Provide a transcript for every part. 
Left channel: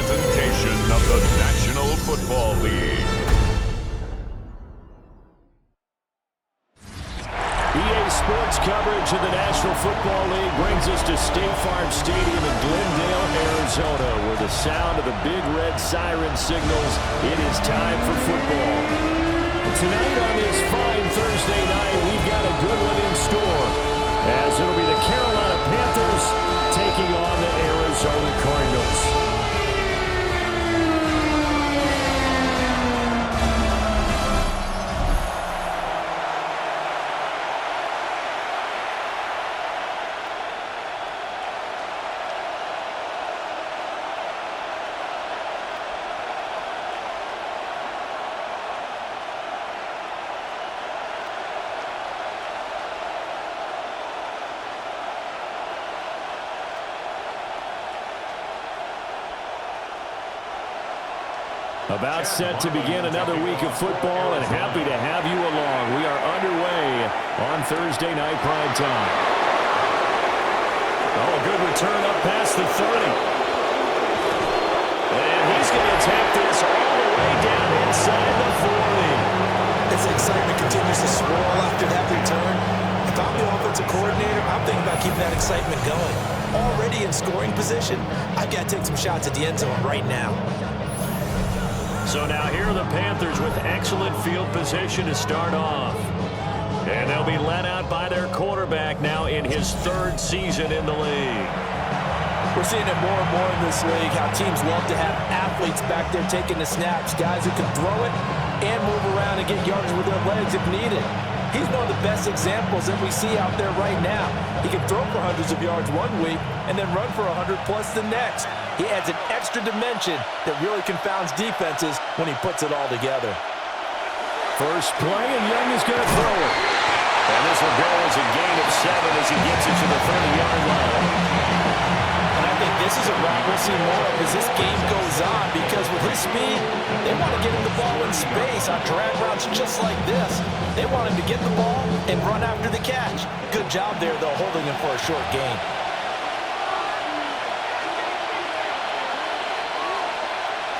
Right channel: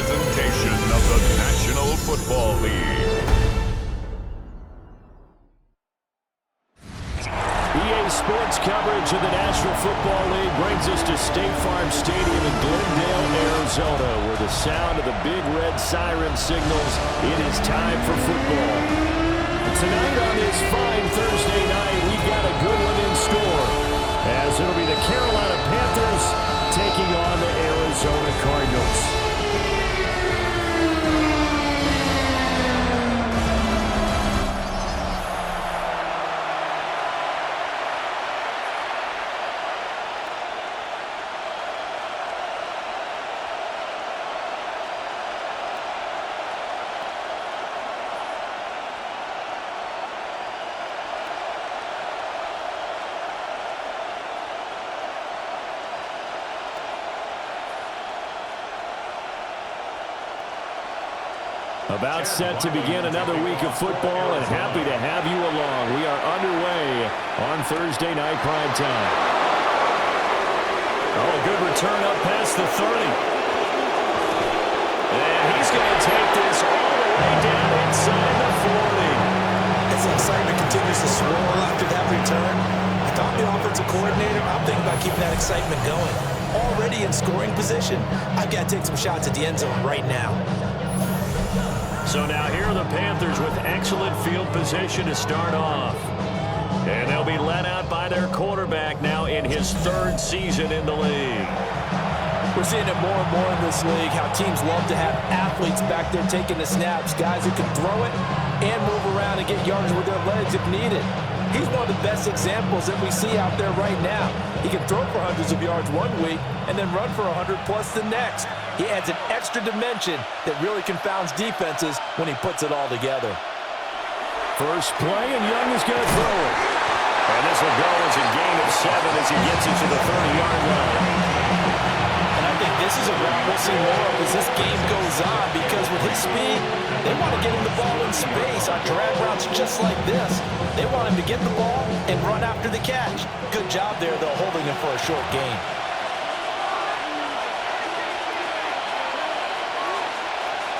presentation of the National Football League. EA Sports coverage of the National Football League brings us to State Farm Stadium in Glendale, Arizona, where the sound of the big red siren signals it is time for football. And tonight on this fine Thursday night, we've got a good one in store, as it'll be the Carolina Panthers taking on the Arizona Cardinals. About set to begin another week of football, and happy to have you along. We are underway on Thursday night prime time. Oh, a good return up past the 30. And he's going to take this all the way down inside the 40. As the excitement continues to swirl after that return, if I'm the offensive coordinator, I'm thinking about keeping that excitement going. Already in scoring position, I've got to take some shots at the end zone right now. So now here are the Panthers with excellent field position to start off. And they'll be led out by their quarterback now in his third season in the league. We're seeing it more and more in this league, how teams love to have athletes back there taking the snaps, guys who can throw it and move around and get yardage with their legs if needed. He's one of the best examples that we see out there right now. He can throw for hundreds of yards one week and then run for 100+ the next. He adds an extra dimension that really confounds defenses when he puts it all together. First play, and Young is going to throw it. And this will go as a gain of 7 as he gets it to the 30-yard line. And I think this is a route we'll see more of as this game goes on, because with his speed, they want to get him the ball in space on drag routes just like this. They want him to get the ball and run after the catch. Good job there, though, holding him for a short gain.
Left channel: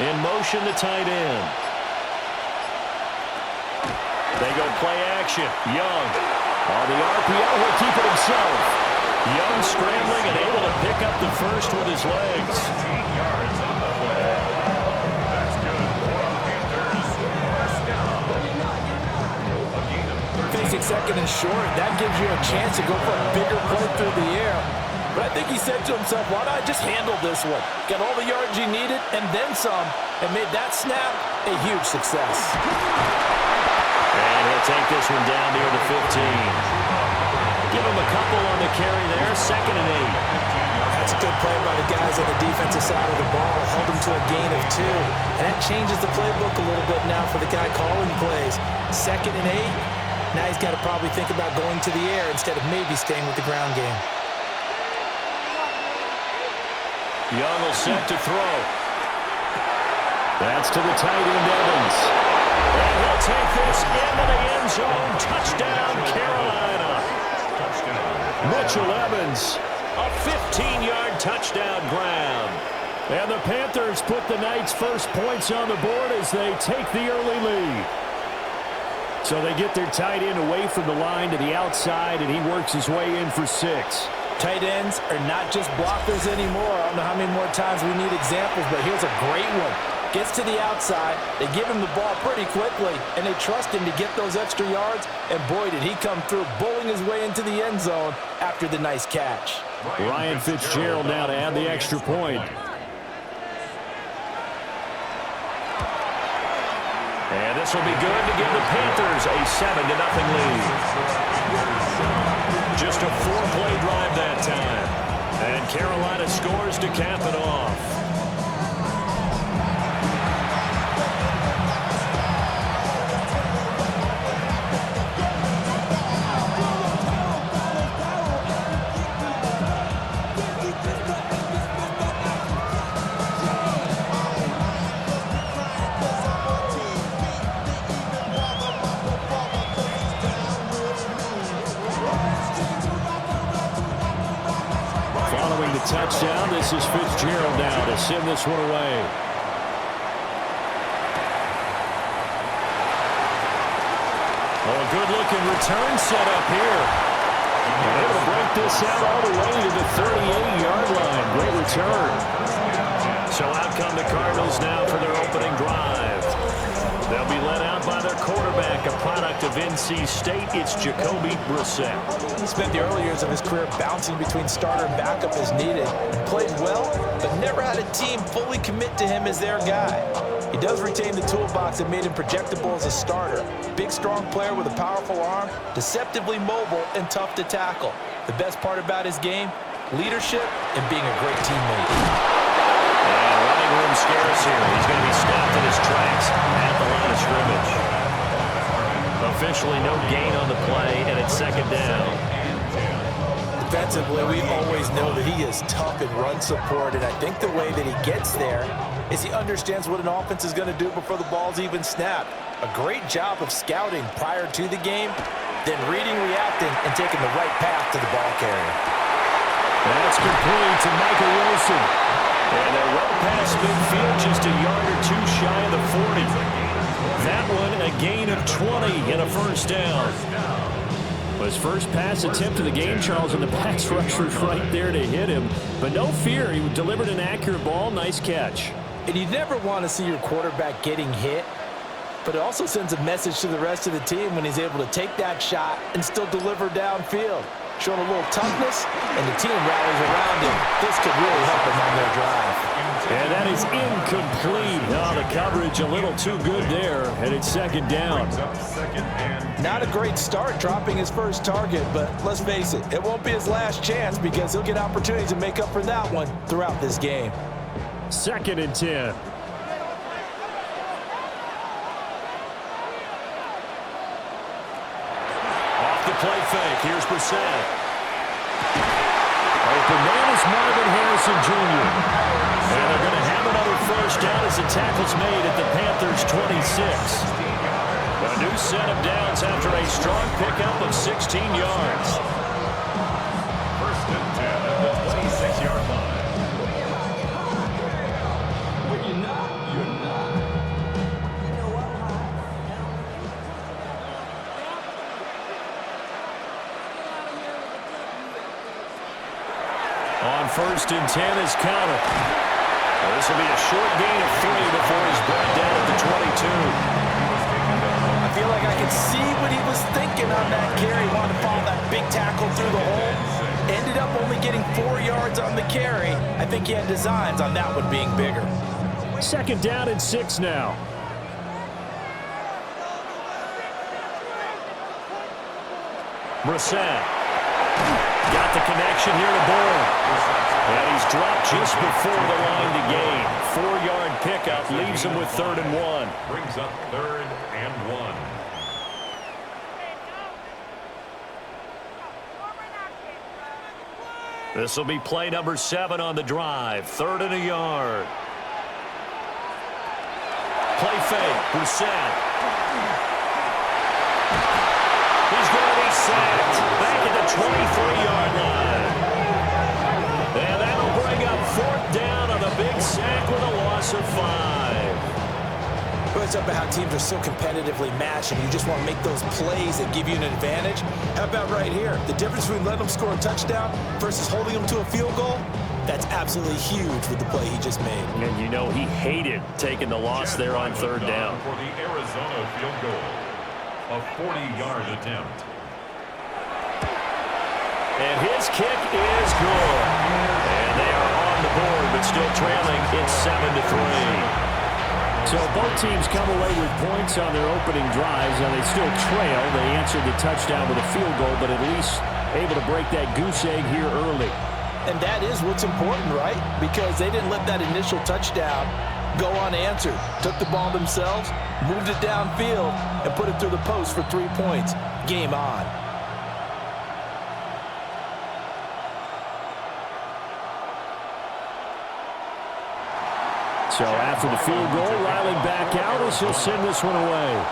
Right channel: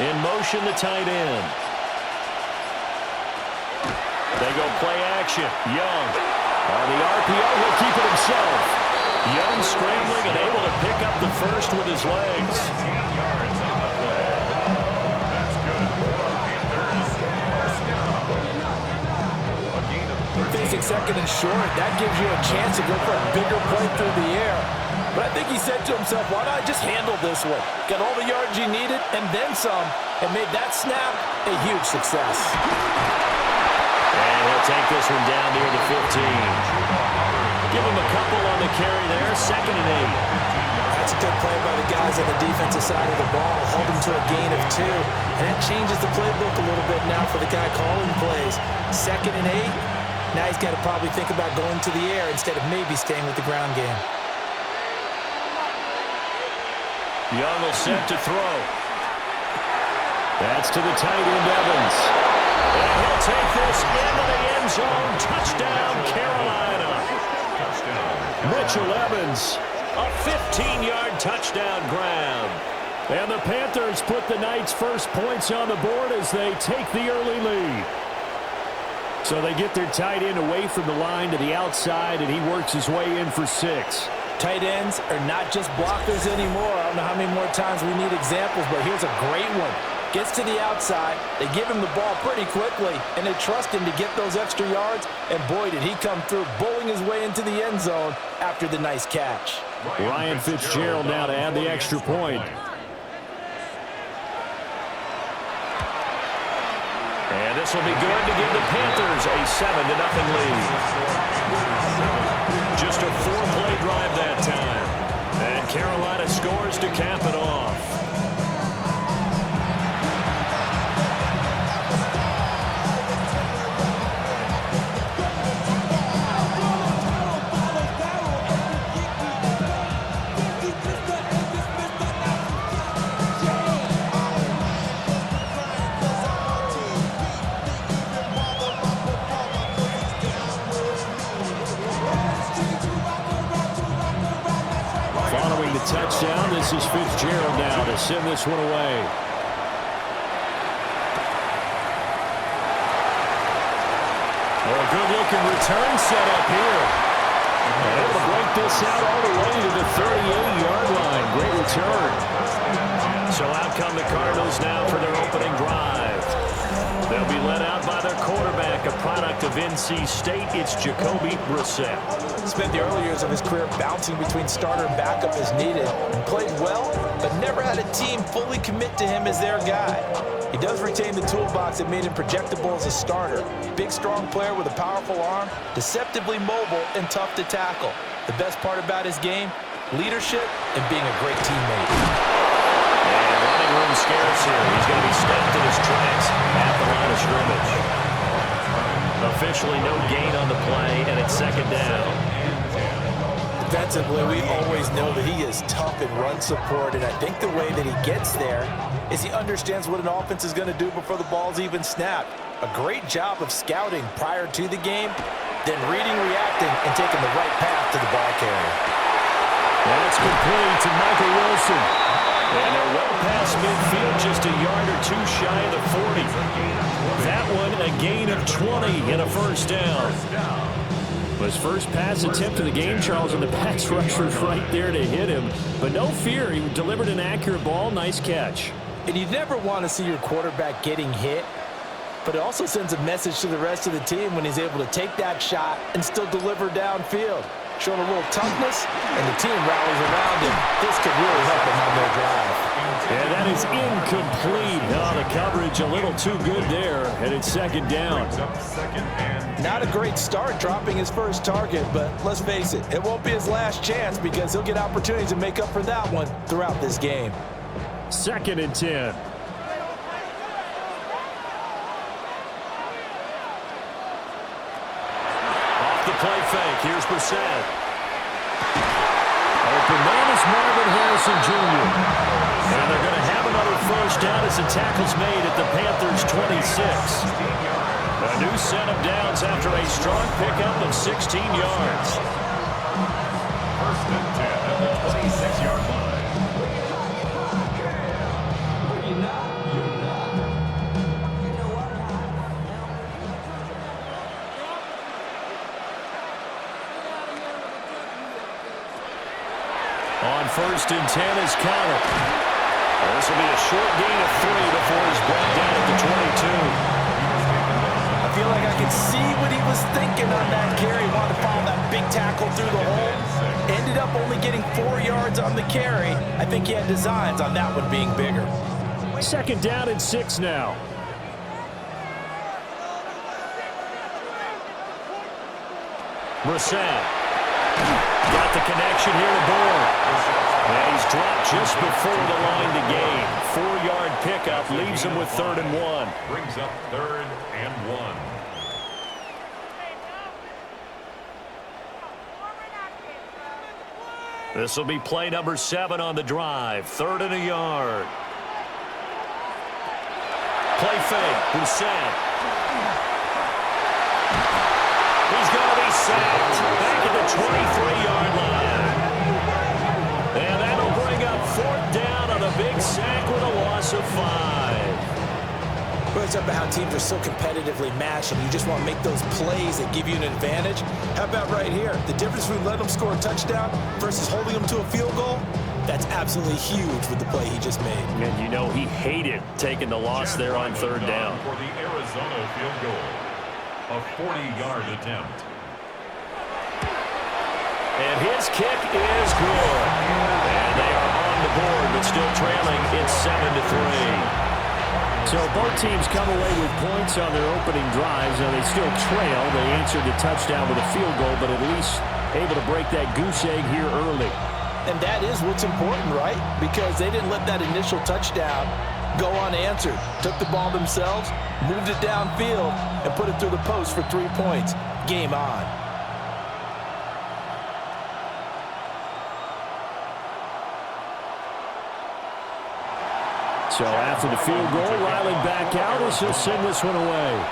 In motion, the tight end. They go play action. Young on the RPO, he'll keep it himself. Young scrambling and able to pick up the first with his legs. 15 yards on the play. That's good for Panthers. First down. A gain of 13. Facing second and short, that gives you a chance to go for a bigger play through the air. But I think he said to himself, why not just handle this one? Got all the yards he needed and then some, and made that snap a huge success. And he'll take this one down near the 15. Give him a couple on the carry there, 2nd and 8. That's a good play by the guys on the defensive side of the ball. Held him to a gain of 2. And that changes the playbook a little bit now for the guy calling plays. 2nd and 8. Now he's got to probably think about going to the air instead of maybe staying with the ground game. Young will set to throw. That's to the tight end, Evans. And he'll take this into the end zone. Touchdown, Carolina. Mitchell Evans, a 15-yard touchdown grab. And the Panthers put the night's first points on the board as they take the early lead. So they get their tight end away from the line to the outside, and he works his way in for 6. Tight ends are not just blockers anymore. I don't know how many more times we need examples, but here's a great one. Gets to the outside, they give him the ball pretty quickly, and they trust him to get those extra yards, and boy, did he come through, bowling his way into the end zone after the nice catch. Ryan Fitzgerald now to add the extra point. And this will be good to give the Panthers a 7-0 lead. Just a 4-play drive that time. And Carolina scores to cap it off. Following the the touchdown. This is Fitzgerald now to send this one away. Oh, a good-looking return set up here. And able to break this out all the way to the 38-yard line. Great return. So out come the Cardinals now for their opening drive. They'll be led out by their quarterback, a product of NC State. It's Jacoby Brissett. Spent the early years of his career bouncing between starter and backup as needed. Played well, but never had a team fully commit to him as their guy. He does retain the toolbox that made him projectable as a starter. Big, strong player with a powerful arm, deceptively mobile, and tough to tackle. The best part about his game, leadership and being a great teammate. And running room scarce here. He's going to be stopped in his tracks at the line of scrimmage. Officially no gain on the play, and it's second down. Defensively, we always know that he is tough in run support, and I think the way that he gets there is he understands what an offense is going to do before the ball's even snapped. A great job of scouting prior to the game, then reading, reacting, and taking the right path to the ball carrier. That's complete to Michael Wilson. And they're well past midfield, just a yard or two shy of the 40. That one a gain of 20 and a first down. His first pass attempt of the game, Charles, and the pass rusher's right there to hit him. But no fear, he delivered an accurate ball. Nice catch. And you never want to see your quarterback getting hit, but it also sends a message to the rest of the team when he's able to take that shot and still deliver downfield. Showing a little toughness, and the team rallies around him. This could really help them on their drive. And that is incomplete. Oh, the coverage a little too good there, and it's second down. Not a great start dropping his first target, but let's face it, it won't be his last chance because he'll get opportunities to make up for that one throughout this game. Second and 10. The play fake. Here's Brissett. Open man is Marvin Harrison Jr. And they're going to have another first down as the tackle's made at the Panthers' 26. A new set of downs after a strong pickup of 16 yards. First and 10 at the 26-yard line. On first and 10 is Connor. This will be a short gain of 3 before he's brought down at the 22. I feel like I can see what he was thinking on that carry. Wanted to follow that big tackle through the hole. Ended up only getting 4 yards on the carry. I think he had designs on that one being bigger. Second down and 6 now. Brissett. Got the connection here to Bourne. And he's dropped just before the line to gain. 4-yard pickup leaves him with 3rd and 1. Brings up 3rd and 1. This will be play number 7 on the drive. 3rd and a yard. Play fake. Brissett. He's going to be sacked back at the 23-yard line. And that'll bring up 4th down on a big sack with a loss of 5. It's up about how teams are so competitively matched and you just want to make those plays that give you an advantage. How about right here? The difference between letting them score a touchdown versus holding them to a field goal, that's absolutely huge with the play he just made. And you know he hated taking the loss there on 3rd down. For the Arizona field goal. A 40-yard attempt. And his kick is good. And they are on the board, but still trailing. It's 7-3. So both teams come away with points on their opening drives. Now they still trail. They answered the touchdown with a field goal, but at least able to break that goose egg here early. And that is what's important, right? Because they didn't let that initial touchdown go unanswered. Took the ball themselves, moved it downfield, and put it through the post for 3 points. Game on. So after the field goal, Riley back out as he'll send this one away.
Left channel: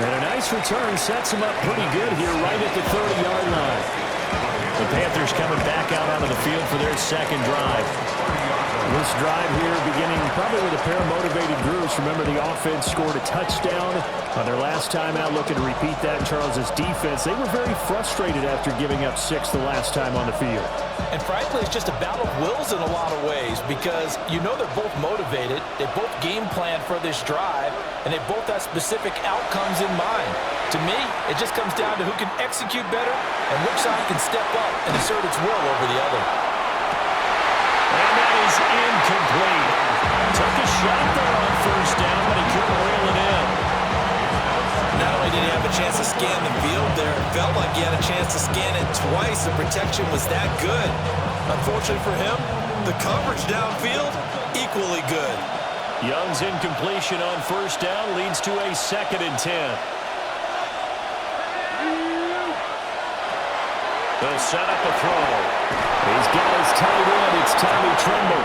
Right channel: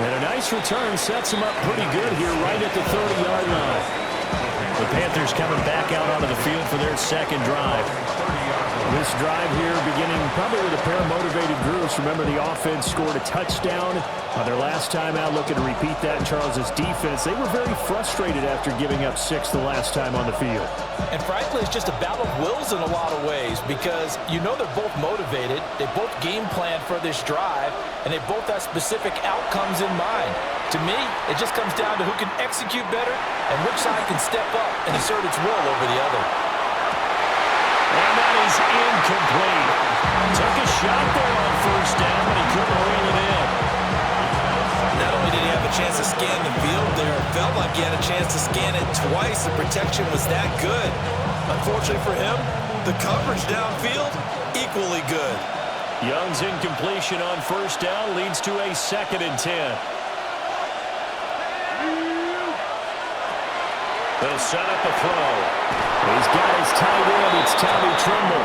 And a nice return sets him up pretty good here right at the 30-yard line. The Panthers coming back out onto the field for their second drive. This drive here beginning probably with a pair of motivated groups. Remember, the offense scored a touchdown on their last time out, looking to repeat that in Charles's defense. They were very frustrated after giving up 6 the last time on the field. And frankly, it's just a battle of wills in a lot of ways because you know they're both motivated, they both game plan for this drive, and they both have specific outcomes in mind. To me, it just comes down to who can execute better and which side can step up and assert its will over the other. And that is incomplete. Took a shot there on first down, but he couldn't reel it in. Not only did he have a chance to scan the field there, it felt like he had a chance to scan it twice. The protection was that good. Unfortunately for him, the coverage downfield, equally good. Young's incompletion on first down leads to a 2nd and 10. They'll set up a throw. He's got his tight end. It's Tommy Tremble.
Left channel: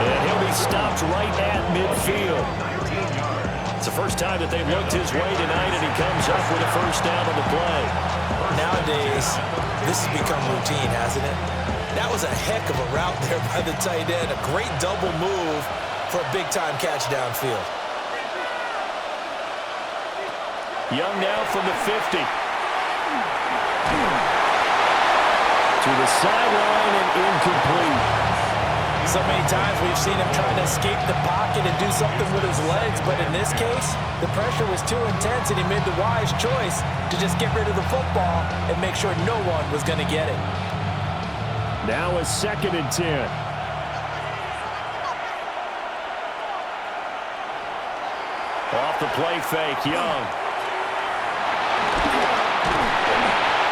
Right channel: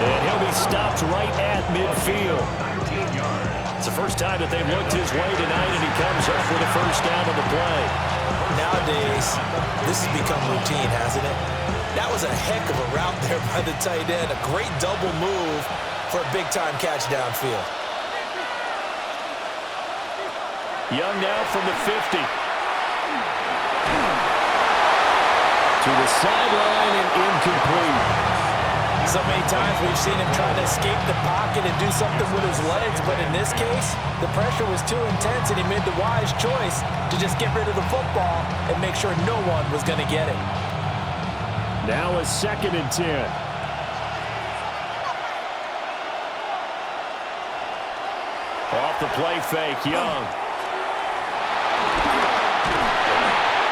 And he'll be stopped right at midfield. 19 yards. It's the first time that they've looked his way tonight, and he comes up with a first down on the play. Nowadays, this has become routine, hasn't it? That was a heck of a route there by the tight end. A great double move for a big-time catch downfield. Young now from the 50. To the sideline and incomplete. So many times we've seen him trying to escape the pocket and do something with his legs, but in this case, the pressure was too intense and he made the wise choice to just get rid of the football and make sure no one was going to get it. Now a 2nd and 10. Off the play fake, Young.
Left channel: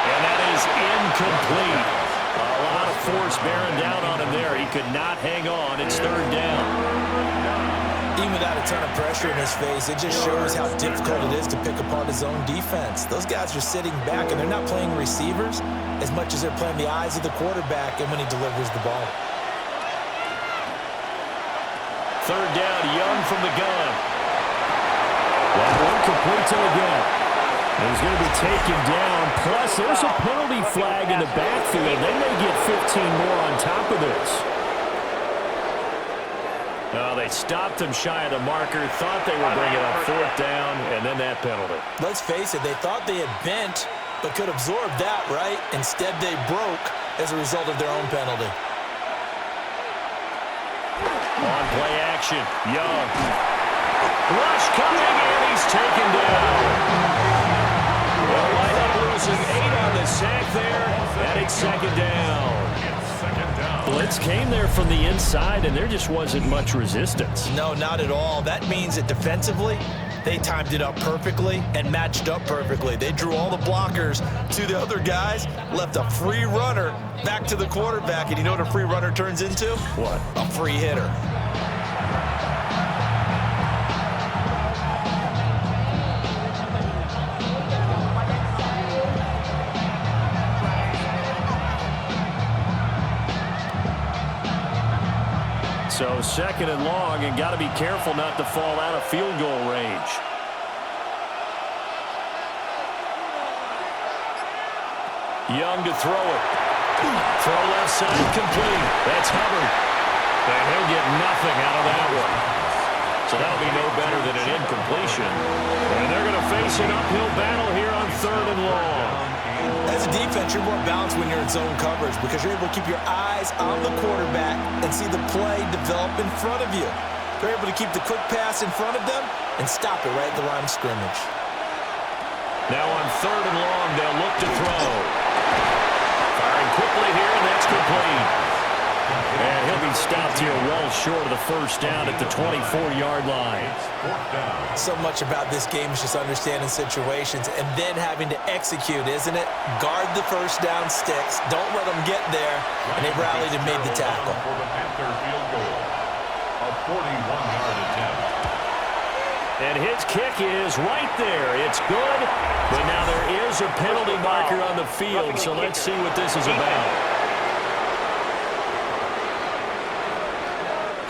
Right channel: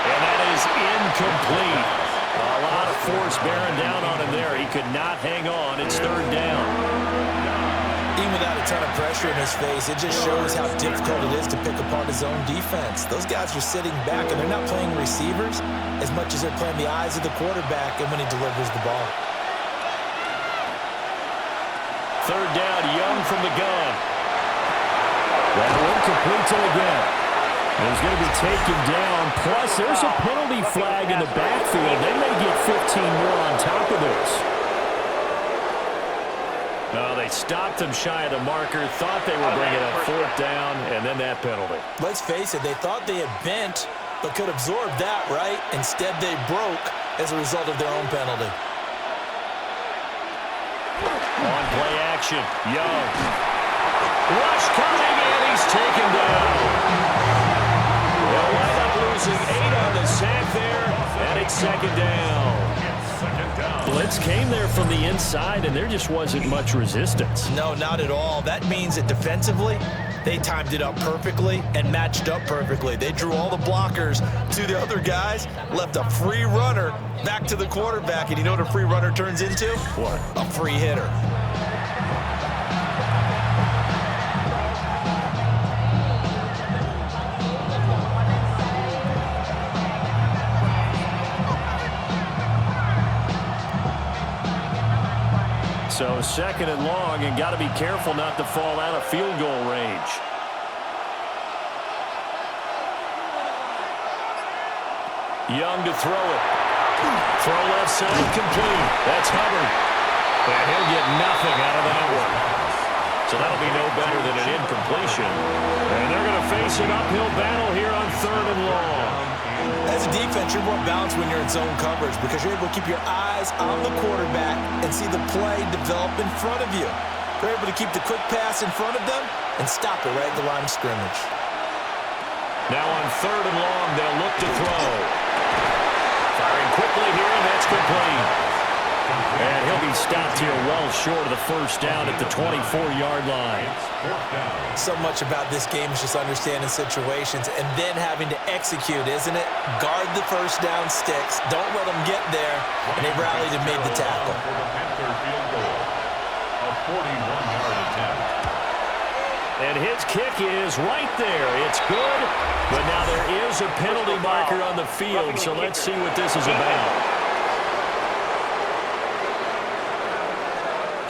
And that is incomplete. A lot of force bearing down on him there. He could not hang on. It's 3rd down. Even without a ton of pressure in his face, it just shows how difficult it is to pick apart his own defense. Those guys are sitting back, and they're not playing receivers as much as they're playing the eyes of the quarterback and when he delivers the ball. 3rd down, Young from the gun. That one complete to again. He's going to be taken down. Plus, there's a penalty flag in the backfield. They may get 15 more on top of this. No, they stopped him shy of the marker, thought they were bringing up 4th down, and then that penalty. Let's face it, they thought they had bent but could absorb that, right? Instead, they broke as a result of their own penalty. On play action, Young. Rush coming, and he's taken down. They'll wind up losing 8 on the sack there, and it's 2nd down. Blitz came there from the inside, and there just wasn't much resistance. No, not at all. That means that defensively, they timed it up perfectly and matched up perfectly. They drew all the blockers to the other guys, left a free runner back to the quarterback, and you know what a free runner turns into? What? A free hitter. So 2nd and long, and got to be careful not to fall out of field goal range. Young to throw it. Throw left side, complete. That's Hubbard. And he'll get nothing out of that one. So that'll be no better than an incompletion. And they're going to face an uphill battle here on 3rd and long. As a defense, you're more balanced when you're in zone coverage because you're able to keep your eyes on the quarterback and see the play develop in front of you. They're able to keep the quick pass in front of them and stop it right at the line of scrimmage. Now on 3rd and long, they'll look to throw. Firing quickly here, and that's complete. And he'll be stopped here well short of the first down at the 24-yard line. So much about this game is just understanding situations and then having to execute, isn't it? Guard the first down sticks. Don't let them get there. And they rallied and made the tackle. For the Panther field goal, a 41-yard attempt. And his kick is right there. It's good, but now there is a penalty marker on the field, so let's see what this is about.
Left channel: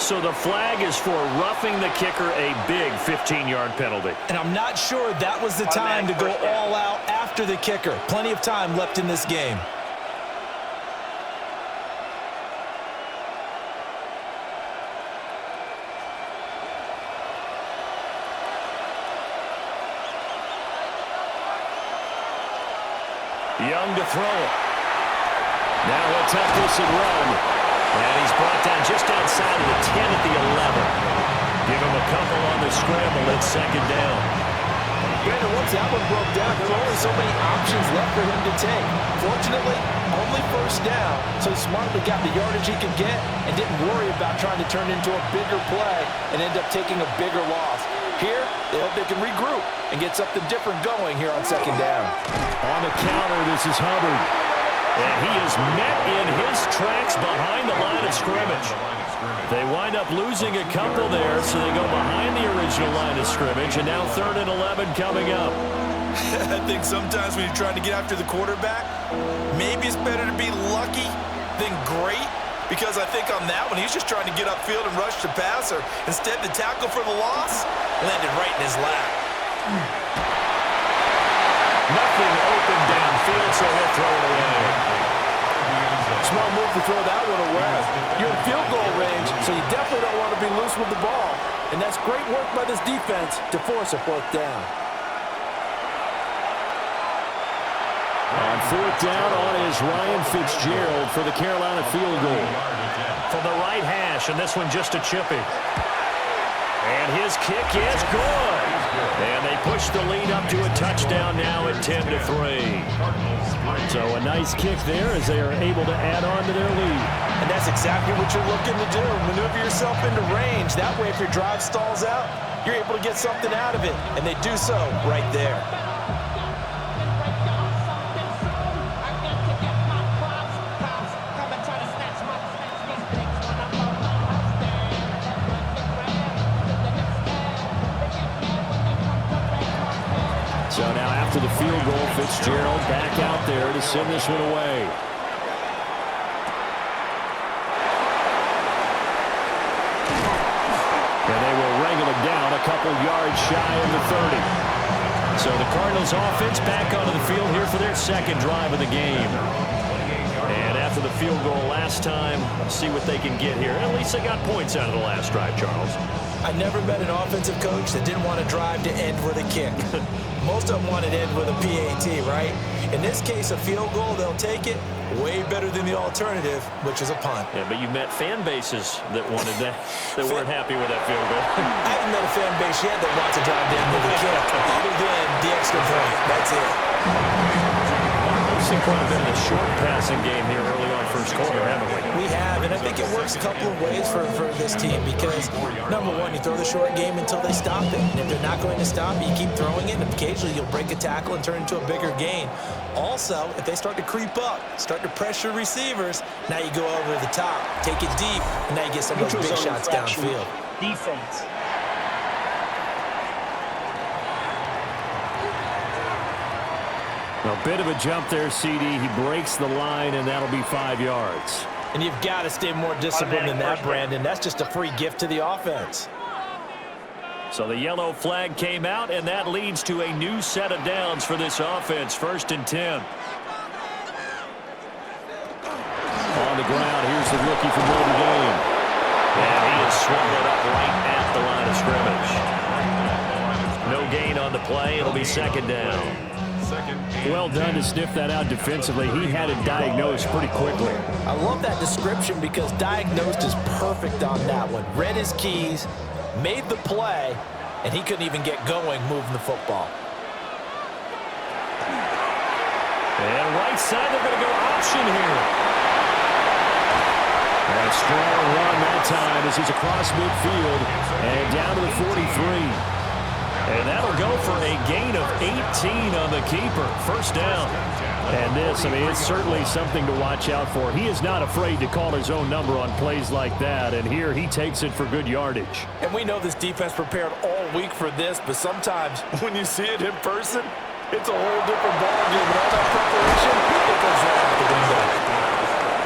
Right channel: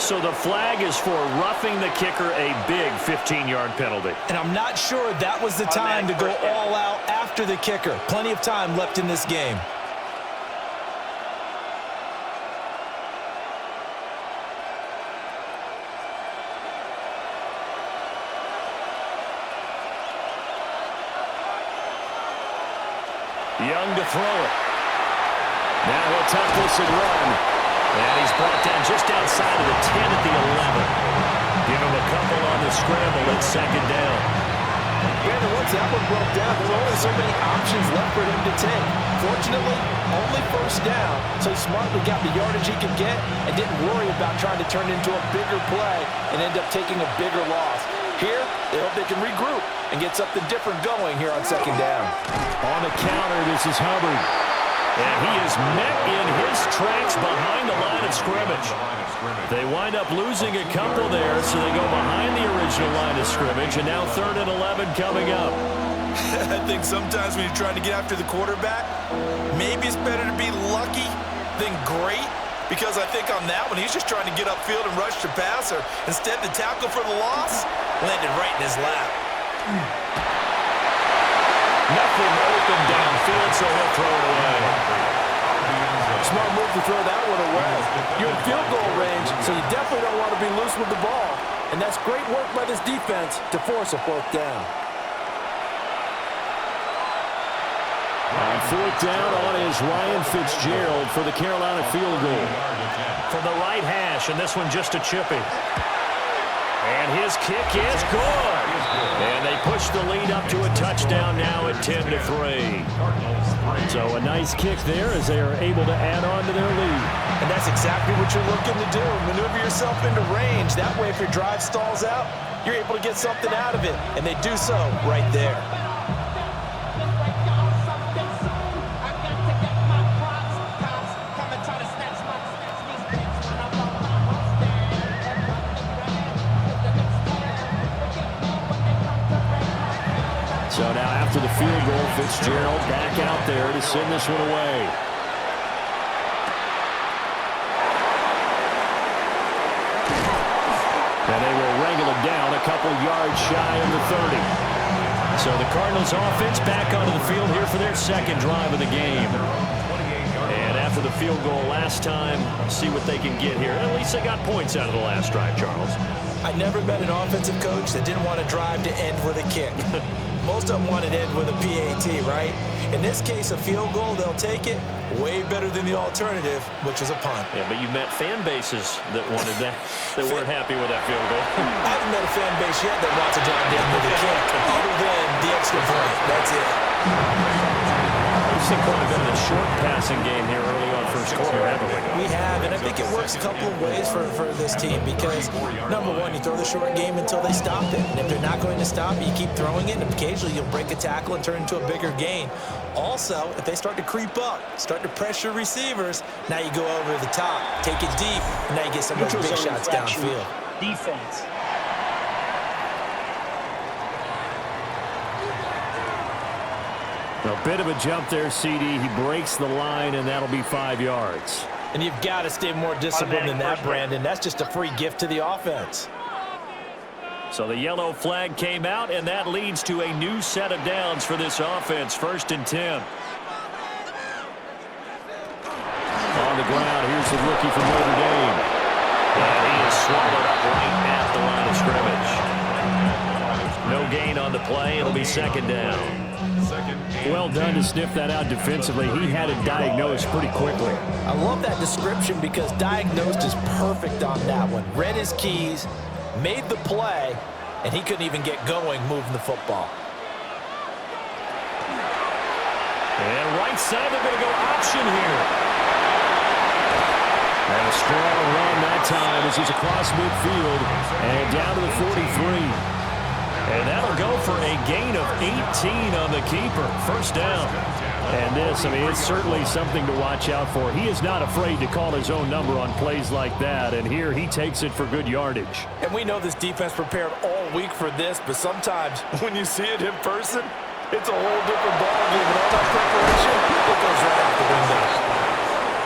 So the flag is for roughing the kicker, a big 15-yard penalty. And I'm not sure that was the time to go all out after the kicker. Plenty of time left in this game. Young to throw it. Now he'll tuck this and run. And he's brought down just outside of the 10 at the 11. Give him a couple on the scramble. It's second down. Brandon, once that one broke down, there were only so many options left for him to take. Fortunately, only first down, so he smartly got the yardage he could get and didn't worry about trying to turn it into a bigger play and end up taking a bigger loss. Here, they hope they can regroup and get something different going here on second down. On the counter, this is Hubbard. And he is met in his tracks behind the line of scrimmage. They wind up losing a couple there, so they go behind the original line of scrimmage, and now 3rd and 11 coming up. I think sometimes when you're trying to get after the quarterback, maybe it's better to be lucky than great, because I think on that one, he's just trying to get upfield and rush the passer. Instead, the tackle for the loss landed right in his lap. Nothing open downfield, so he'll throw it away. Smart move to throw that one away. You're in field goal range, so you definitely don't want to be loose with the ball. And that's great work by this defense to force a 4th down. On 4th down on is Ryan Fitzgerald for the Carolina field goal. From the right hash, and this one just a chippy. And his kick is good. And they push the lead up to a touchdown now at 10-3. So a nice kick there as they are able to add on to their lead. And that's exactly what you're looking to do. Maneuver yourself into range. That way, if your drive stalls out, you're able to get something out of it. And they do so right there. So now after the field goal, Fitzgerald back out there to send this one away. And they will wrangle it down a couple yards shy of the 30. So the Cardinals offense back onto the field here for their second drive of the game. And after the field goal last time, see what they can get here. At least they got points out of the last drive, Charles. I never met an offensive coach that didn't want to drive to end with a kick. Most of them want to end with a PAT, right? In this case, a field goal, they'll take it. Way better than the alternative, which is a punt. Yeah, but you met fan bases that wanted that, that weren't happy with that field goal. I haven't met a fan base yet that wants to drive to end with a kick, other than the extra point. That's it. We've seen quite a bit of the short passing game here early on first quarter, haven't we? We have, and I think it works a couple of ways for this team because, number one, you throw the short game until they stop it. And if they're not going to stop it, you keep throwing it, and occasionally you'll break a tackle and turn into a bigger gain. Also, if they start to creep up, start to pressure receivers, now you go over the top, take it deep, and now you get some of those big shots downfield. Defense. A bit of a jump there, CD. He breaks the line, and that'll be 5 yards. And you've got to stay more disciplined than that, Brandon. That's just a free gift to the offense. So the yellow flag came out, and that leads to a new set of downs for this offense. 1st and 10. On the ground, here's the rookie from Notre Dame. And he is swallowed up right at the line of scrimmage. No gain on the play. It'll be 2nd down. Well done to sniff that out defensively. He had it diagnosed pretty quickly. I love that description because diagnosed is perfect on that one. Read his keys, made the play, and he couldn't even get going moving the football. And right side, they're going to go option here. And a strong run that time as he's across midfield and down to the 43. And that'll go for a gain of 18 on the keeper. 1st down. And this, I mean, it's certainly something to watch out for. He is not afraid to call his own number on plays like that. And here he takes it for good yardage. And we know this defense prepared all week for this, but sometimes when you see it in person, it's a whole different ballgame. And all that preparation, it goes right out the window.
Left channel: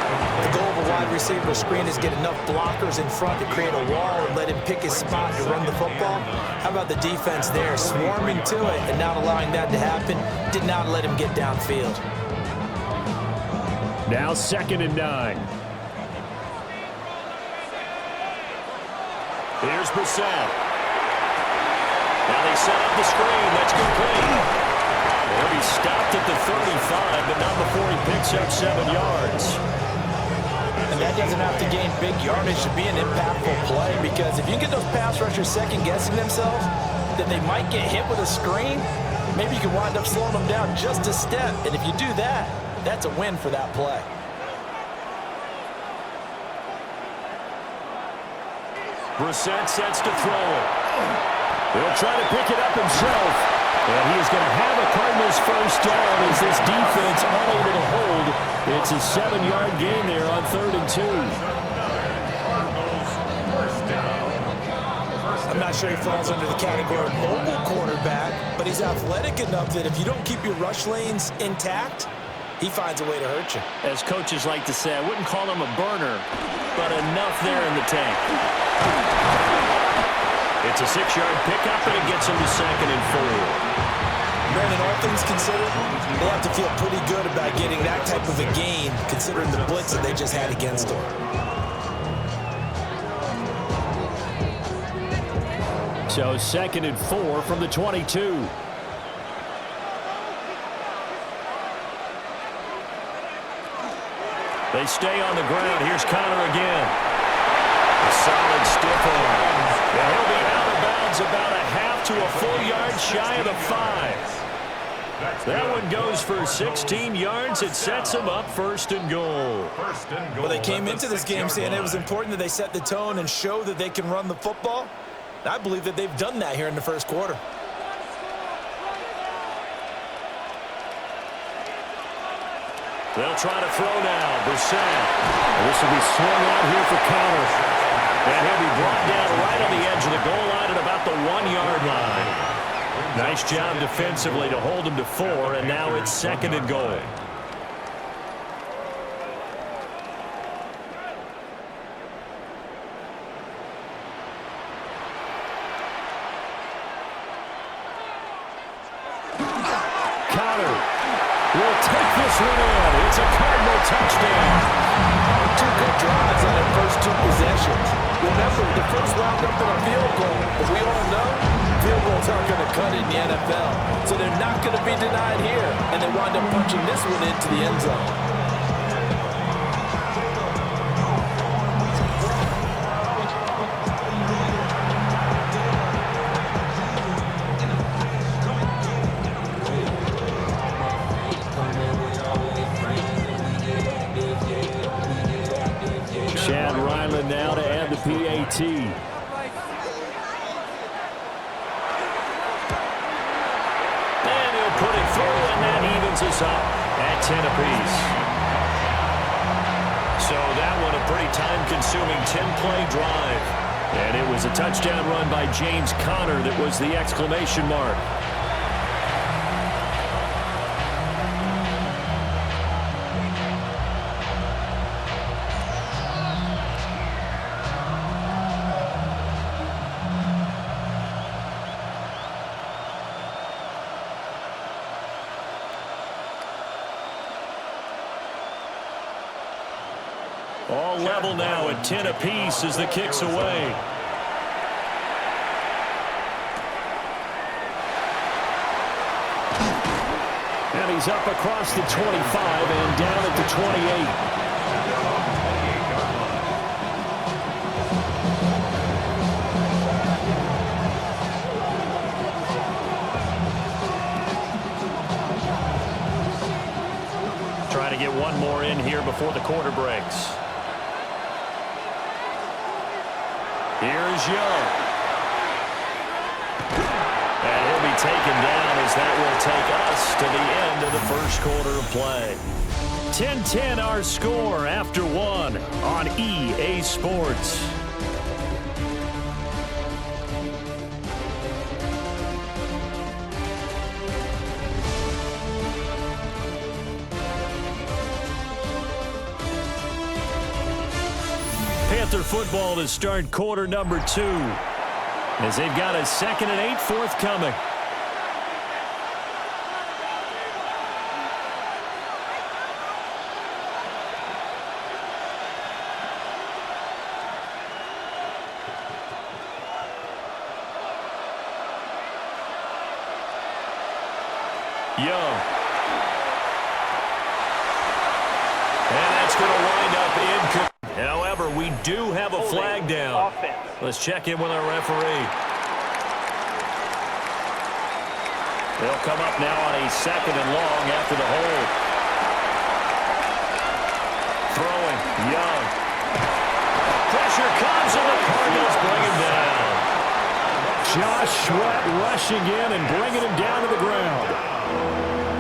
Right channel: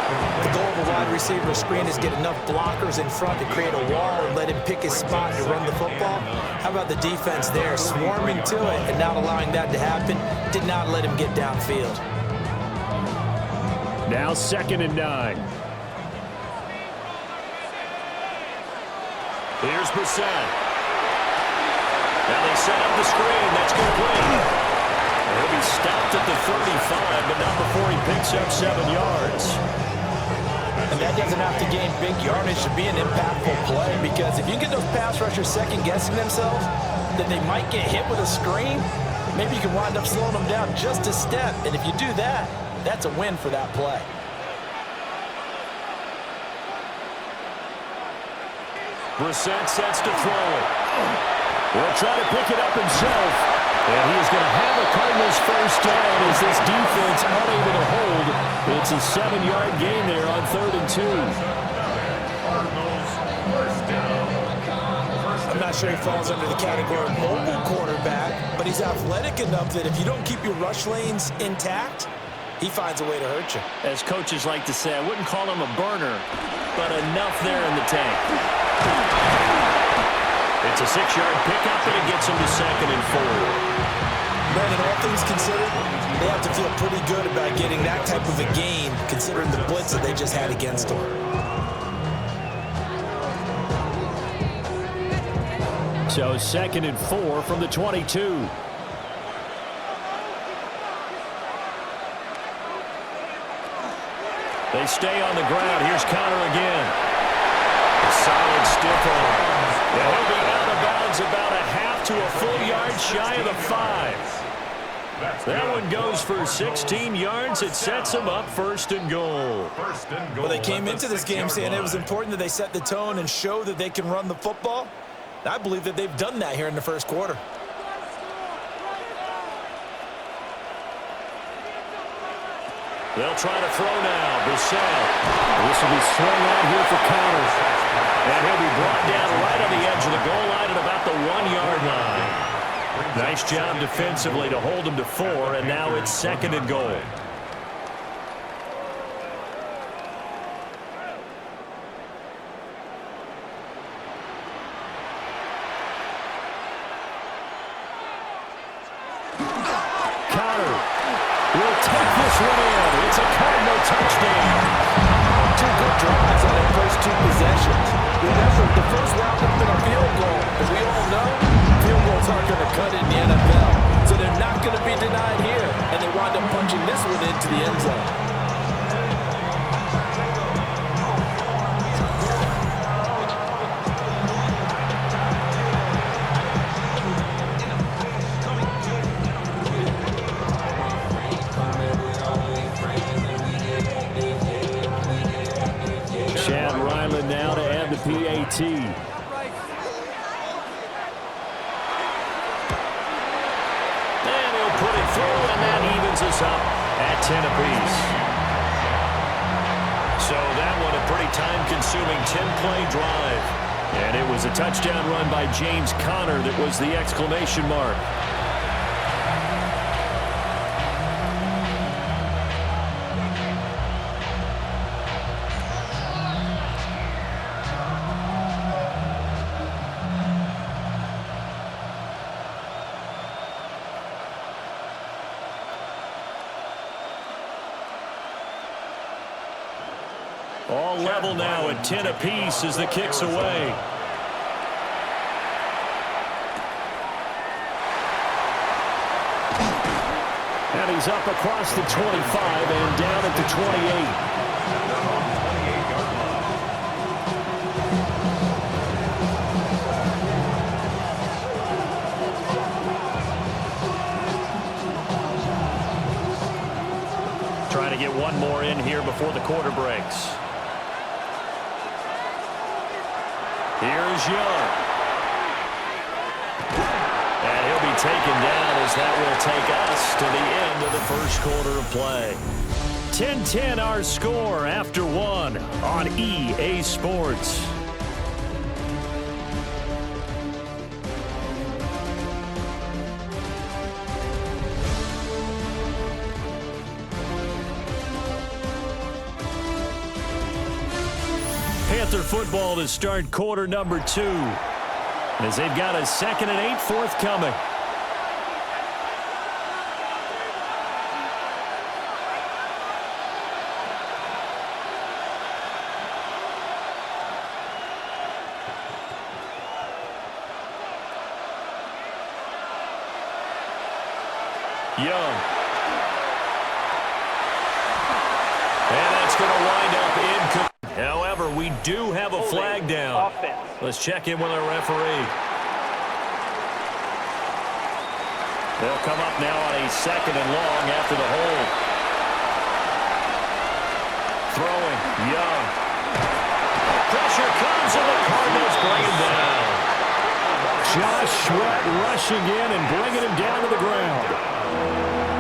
The goal of a wide receiver screen is get enough blockers in front to create a wall and let him pick his spot to run the football. How about the defense there, swarming to it and not allowing that to happen? Did not let him get downfield. Now 2nd and 9. Here's Brissett. Now they set up the screen. That's complete. He'll be stopped at the 35, but not before he picks up 7 yards. And that doesn't have to gain big yardage to be an impactful play, because if you get those pass rushers second-guessing themselves, then they might get hit with a screen. Maybe you can wind up slowing them down just a step, and if you do that, that's a win for that play. Brissett sets to throw it. He'll try to pick it up himself. And he is going to have a Cardinals first down as this defense unable to hold. It's a 7-yard gain there on 3rd and 2. Cardinals first down. I'm not sure he falls under the category of mobile quarterback, but he's athletic enough that if you don't keep your rush lanes intact, he finds a way to hurt you. As coaches like to say, I wouldn't call him a burner, but enough there in the tank. It's a 6-yard pickup, and it gets him to 2nd and 4. Brandon, all things considered, they have to feel pretty good about getting that type of a gain, considering the blitz that they just had against them. So 2nd and 4 from the 22. They stay on the ground. Here's Connor again. A solid stiff arm. And he'll be out of bounds about a half to a full yard shy of the 5. That one goes for 16 yards. It sets them up 1st and goal. Well, they came into this game saying it was important that they set the tone and show that they can run the football. And I believe that they've done that here in the 1st quarter. They'll try to throw now. Brissett. This will be swung out here for Connor. And he'll be brought down right on the edge of the goal line at about the 1-yard line. Nice job defensively to hold him to 4, and now it's 2nd and goal. Connor will take this one in. It's a Cardinal touchdown. 2 good drives on their first 2 possessions. Remember, the first wound up in a field goal. As we all know, field goals aren't going to cut it in the NFL. So they're not going to be denied here. And they wind up punching this one into the end zone. Now to add the PAT. And he'll put it through, and that evens us up at 10 apiece. So that one a pretty time-consuming 10-play drive. And it was a touchdown run by James Conner that was the exclamation mark. All level now at 10 apiece as the kick's away. And he's up across the 25 and down at the 28. Trying to get one more in here before the quarter breaks. Here's Young. And he'll be taken down as that will take us to the end of the 1st quarter of play. 10-10 our score after 1 on EA Sports. Panther football to start quarter number 2. As they've got a 2nd and 8 forthcoming. Young. And that's going to wind up incomplete. However, we do have a flag down. Let's check in with our referee. They'll come up now on a 2nd and long after the hold. Throwing. Young. Pressure comes and the Cardinals bring him down. Josh Sweat rushing in and bringing him down to the ground.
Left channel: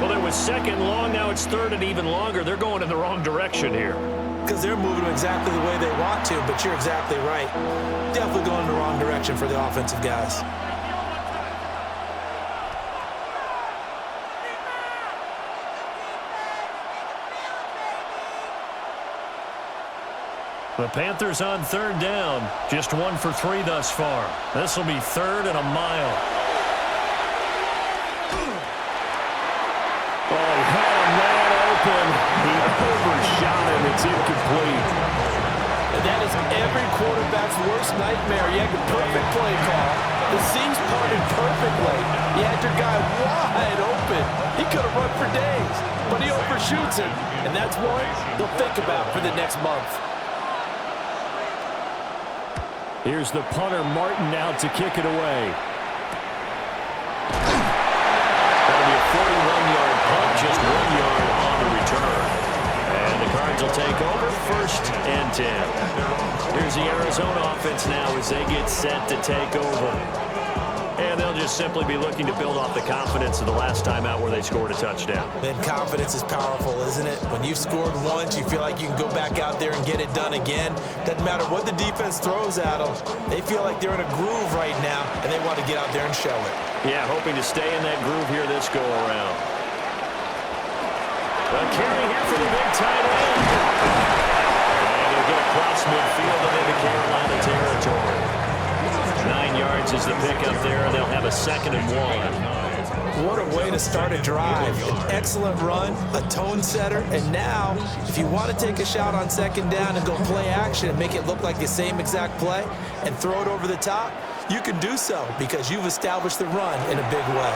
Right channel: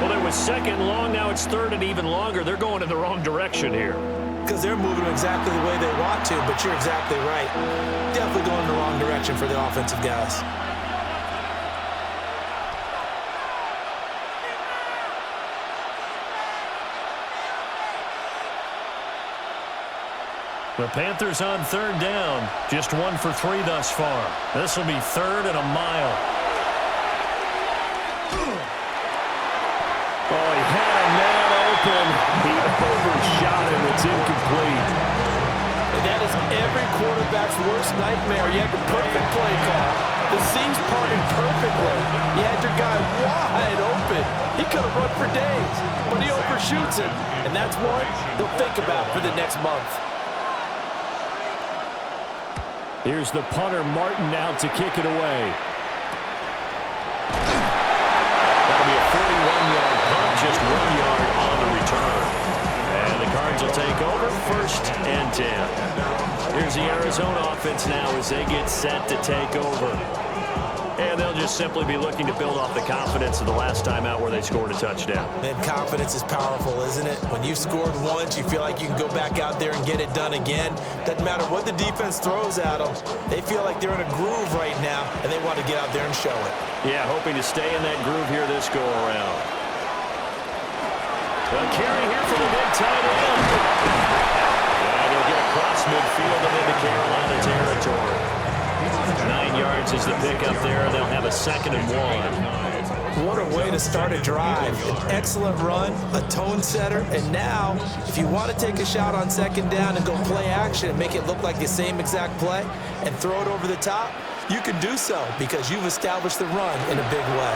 Well, it was 2nd and long. Now it's 3rd and even longer. They're going in the wrong direction here. Because they're moving exactly the way they want to, but you're exactly right. Definitely going in the wrong direction for the offensive guys. The Panthers on 3rd down. Just 1 for 3 thus far. This will be 3rd and a mile. Oh, he had a man open. He overshot him. It's incomplete. And that is every quarterback's worst nightmare. You had the perfect play call. The seams parted perfectly. You had your guy wide open. He could have run for days, but he overshoots it. And that's one they'll think about for the next month. Here's the punter, Martin, out to kick it away. That'll be a 41-yard punt, just 1 yard on the return. And the Cards will take over, 1st and 10. Here's the Arizona offense now as they get set to take over. And they'll just simply be looking to build off the confidence of the last time out where they scored a touchdown. And confidence is powerful, isn't it? When you've scored once, you feel like you can go back out there and get it done again. Doesn't matter what the defense throws at them. They feel like they're in a groove right now, and they want to get out there and show it. Yeah, hoping to stay in that groove here this go-around. A carry here for the big tight end. And he'll get across midfield and into Carolina territory. 9 yards is the pickup there, and they'll have a 2nd and 1. What a way to start a drive. An excellent run, a tone setter, and now, if you want to take a shot on 2nd down and go play action and make it look like the same exact play and throw it over the top, you can do so because you've established the run in a big way.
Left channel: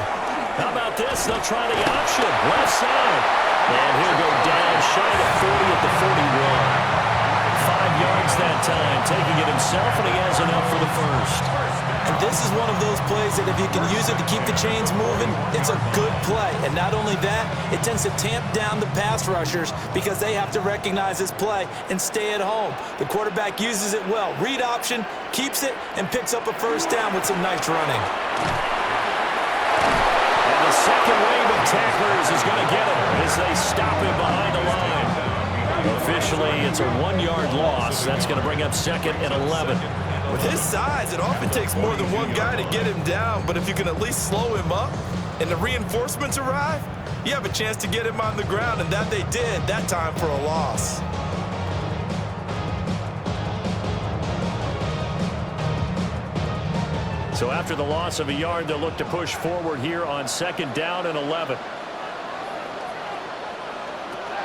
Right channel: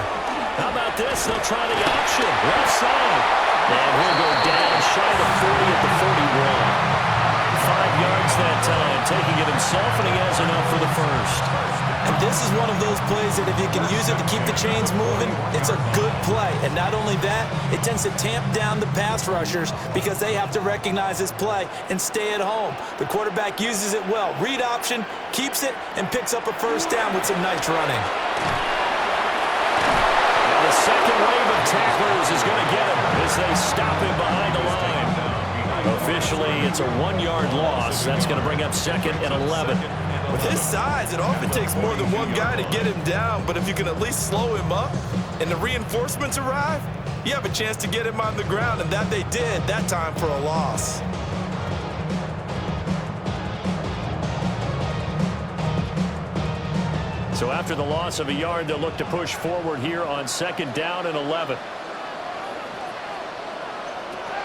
How about this? They'll try the option. Left side. And he'll go down shy of 40 at the 41. 5 yards that time, taking it himself, and he has enough for the 1st. And this is one of those plays that if you can use it to keep the chains moving, it's a good play. And not only that, it tends to tamp down the pass rushers because they have to recognize this play and stay at home. The quarterback uses it well. Read option, keeps it, and picks up a 1st down with some nice running. And the second wave of tacklers is going to get him as they stop him behind the line. Officially, it's a 1-yard loss. That's going to bring up 2nd and 11. With his size, it often takes more than one guy to get him down, but if you can at least slow him up and the reinforcements arrive, you have a chance to get him on the ground, and that they did that time for a loss. So after the loss of a yard, they'll look to push forward here on 2nd down and 11.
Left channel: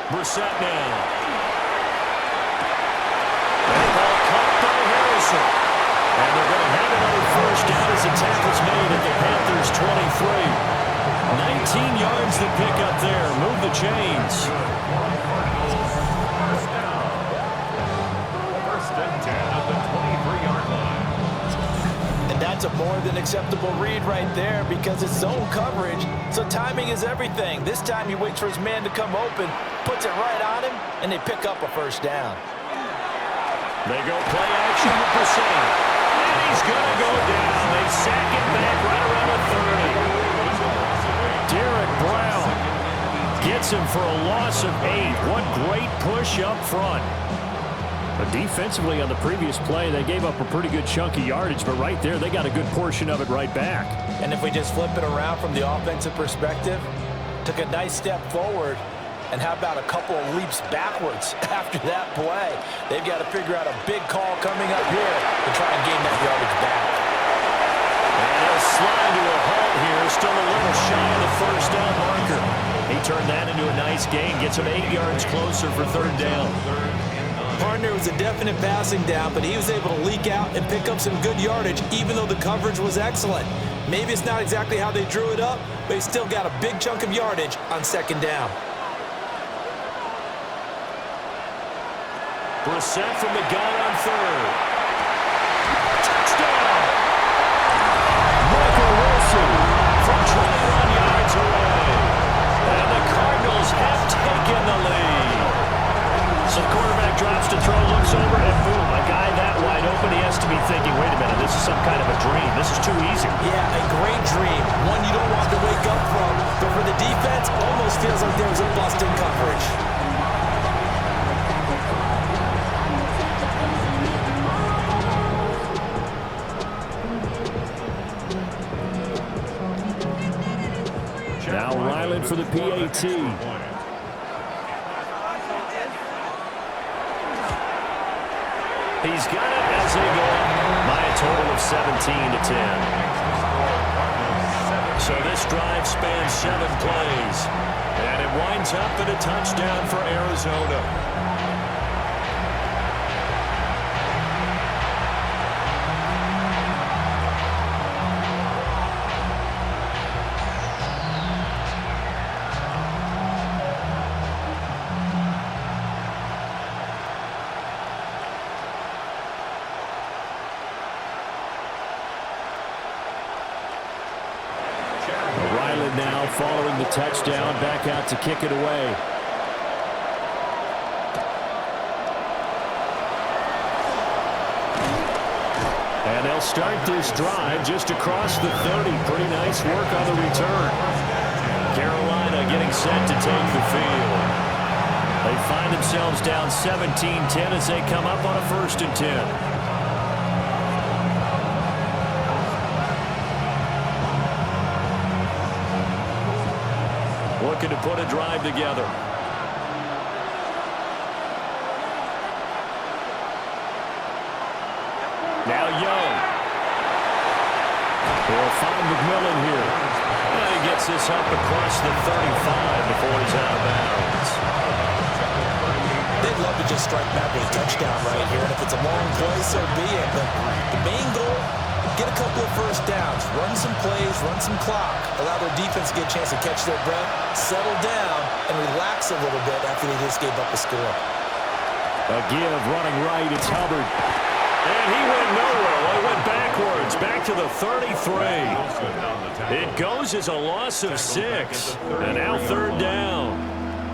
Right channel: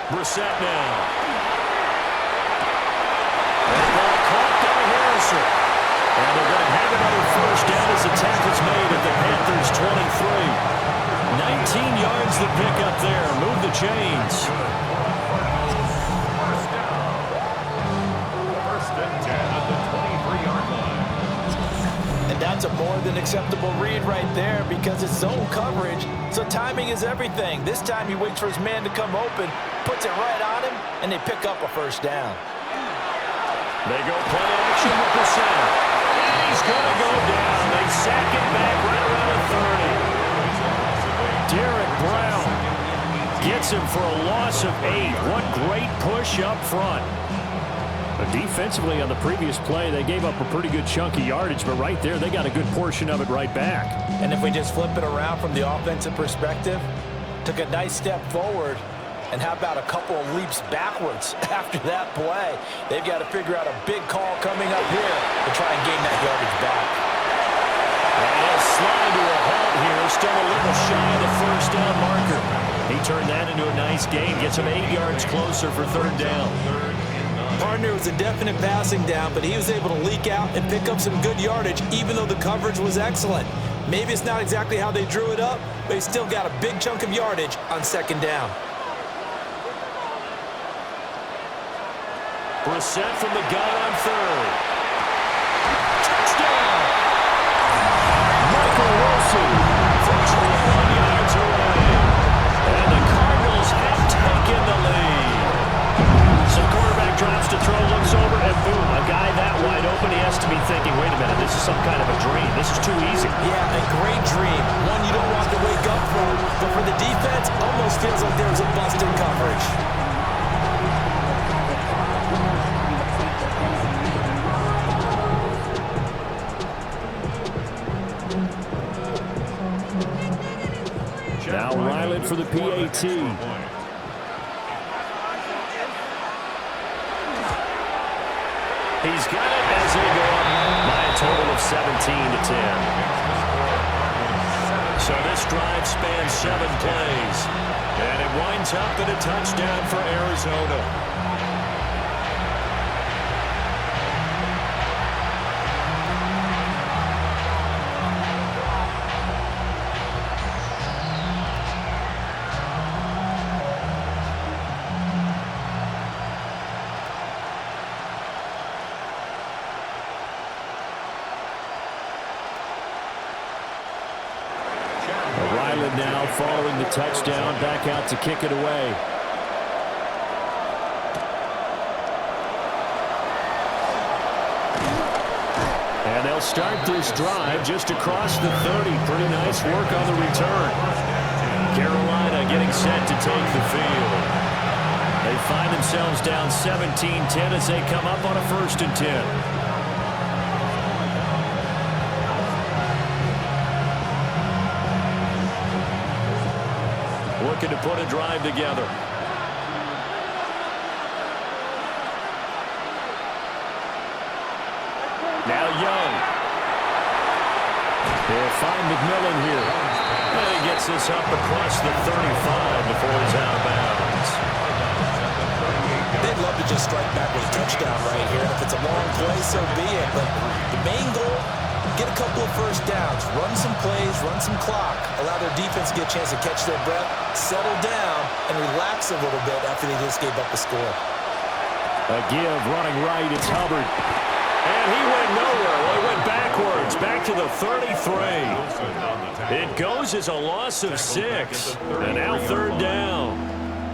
Brissett now. That ball caught by Harrison. And they're going to have another 1st down as the tackle's made at the Panthers' 23. 19 yards to pick up there. Move the chains. 1st down. 1st and 10 at the 23-yard line. And that's a more than acceptable read right there because it's zone coverage, so timing is everything. This time he waits for his man to come open, puts it right on him, and they pick up a 1st down. They go play action with Brissett. And he's going to go down. They sack it back right around the 30. Derek Brown gets him for a loss of 8. What great push up front. But defensively on the previous play, they gave up a pretty good chunk of yardage, but right there, they got a good portion of it right back. And if we just flip it around from the offensive perspective, took a nice step forward, And how about a couple of leaps backwards after that play? They've got to figure out a big call coming up here to try and gain that yardage back. And he'll slide to a halt here, still a little shy of the first down marker. He turned that into a nice gain, gets him 8 yards closer for third down. Partner was a definite passing down, but he was able to leak out and pick up some good yardage, even though the coverage was excellent. Maybe it's not exactly how they drew it up, but he still got a big chunk of yardage on second down. Brissett from the gun on third. Touchdown! Michael Wilson from 21 yards away. And the Cardinals have taken the lead. So the quarterback drops to throw, looks over, and boom, a guy that wide open, he has to be thinking, wait a minute, this is some kind of a dream. This is too easy. Yeah, a great dream. One you don't want to wake up from. But for the defense, almost feels like there was a bust in coverage. Now Ryland for the PAT. He's got it as they go up by a total of 17-10. So this drive spans 7 plays. And it winds up in a touchdown for Arizona. Ryland now following the touchdown, back out to kick it away. And they'll start this drive just across the 30. Pretty nice work on the return. Carolina getting set to take the field. They find themselves down 17-10 as they come up on a 1st and 10. Looking to put a drive together. Now Young. He'll find McMillan here. And he gets this up across the 35 before he's out of bounds. They'd love to just strike back with a touchdown right here. And if it's a long play, so be it. But the main goal, get a couple of first downs, run some plays, run some clock, allow their defense to get a chance to catch their breath, settle down, and relax a little bit after they just gave up a score. A give, running right, it's Hubbard. And he went nowhere. Well, he went backwards, back to the 33. It goes as a loss of 6, and now 3rd down.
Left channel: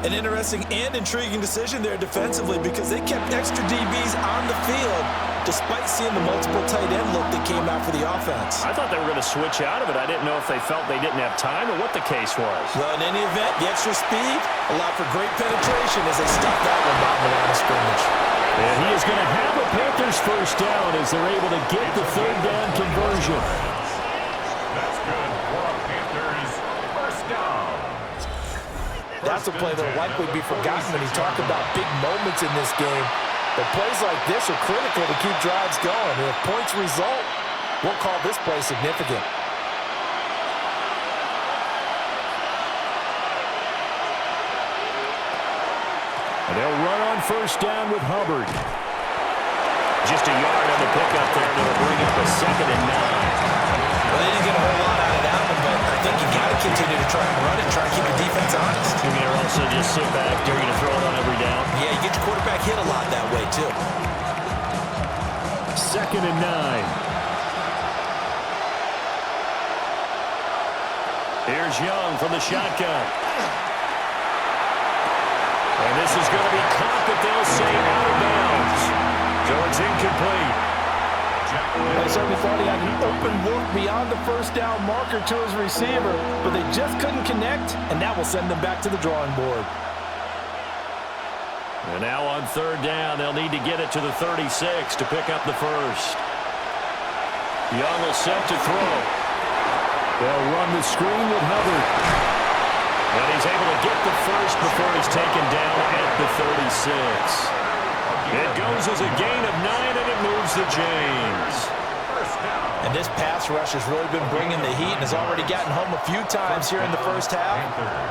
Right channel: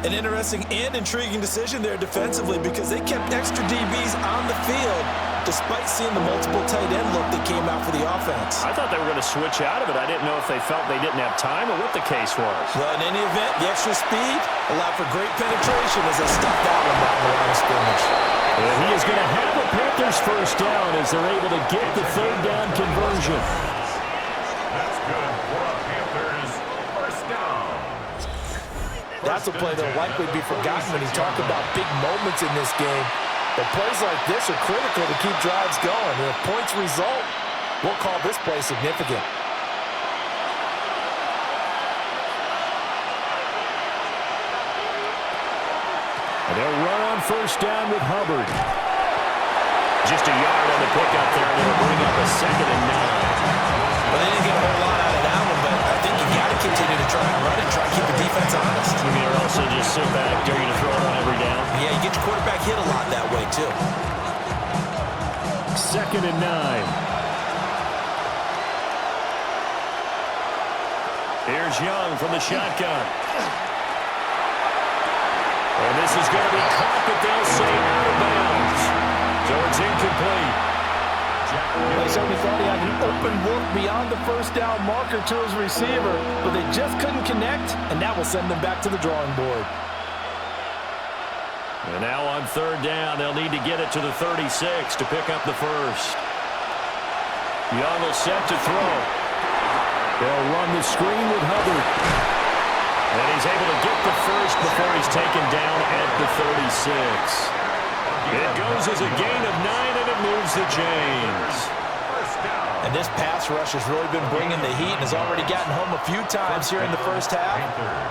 An interesting and intriguing decision there defensively because they kept extra DBs on the field despite seeing the multiple tight end look that came out for the offense. I thought they were going to switch out of it. I didn't know if they felt they didn't have time or what the case was. Well, in any event, the extra speed allowed for great penetration as they stopped that one by the line of scrimmage. And he is going to have a Panthers 1st down as they're able to get the 3rd down conversion. That's good for a Panthers 1st down. That's a play that will likely be forgotten when you talk about big moments in this game. But plays like this are critical to keep drives going. And if points result, we'll call this play significant. And they'll run on 1st down with Hubbard. Just a yard on the pickup there, and it'll bring up a 2nd and 9. Well, they didn't get a whole lot out of that one, but I think you got to continue to try and run it, try and keep the defense honest. You mean, or also just sit back, dare you to throw it on every down? Yeah, you get your quarterback hit a lot that way, too. 2nd and 9. Here's Young from the shotgun. And this is going to be caught, but they'll say out of bounds. So it's incomplete. They certainly thought he had an open look beyond the 1st down marker to his receiver, but they just couldn't connect, and that will send them back to the drawing board. And now on 3rd down, they'll need to get it to the 36 to pick up the 1st. Young will set to throw. They'll run the screen with Hubbard. And he's able to get the first before he's taken down at the 36. It goes as a gain of 9, and it moves the chains. And this pass rush has really been bringing the heat and has already gotten home a few times here in the first half.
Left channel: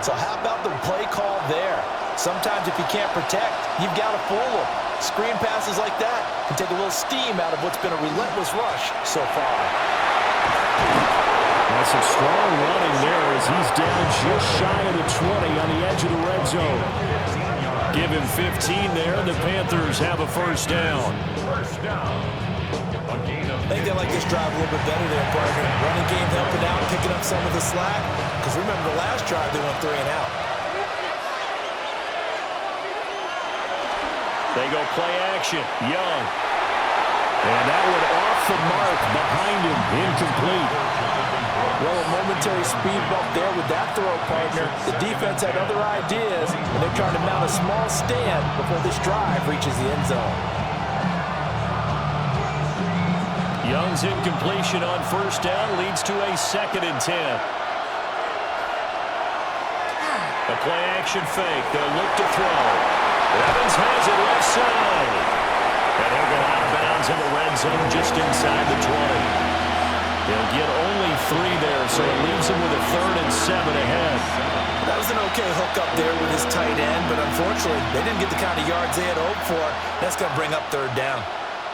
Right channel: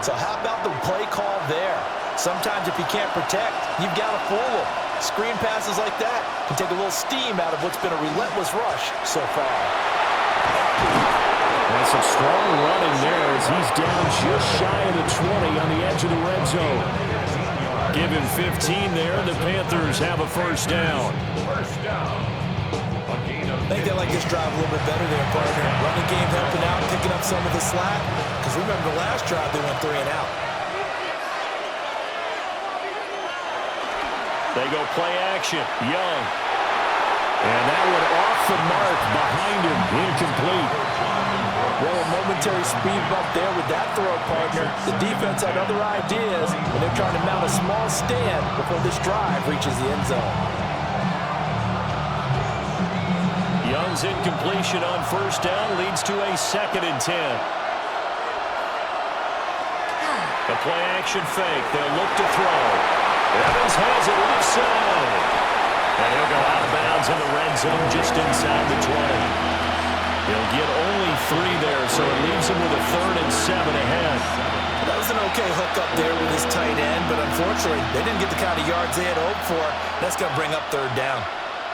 So how about the play call there? Sometimes if you can't protect, you've got to fool them. Screen passes like that can take a little steam out of what's been a relentless rush so far. That's some strong running there as he's down just shy of the 20 on the edge of the red zone. Give him 15 there, and the Panthers have a first down. I think they like this drive a little bit better there, partner. Running game helping out, picking up some of the slack. Because remember the last drive, they went 3 and out. They go play action. Young. And that one off the mark behind him. Incomplete. Well, a momentary speed bump there with that throw, partner. The defense had other ideas, and they're trying to mount a small stand before this drive reaches the end zone. Young's incompletion on first down leads to a 2nd and 10. A play action fake. They'll look to throw. Evans has it left side. And he'll go out of bounds in the red zone just inside the 20. He'll get only 3 there, so it leaves him with a 3rd and 7 ahead. That was an okay hook up there with his tight end, but unfortunately, they didn't get the kind of yards they had hoped for. That's going to bring up 3rd down.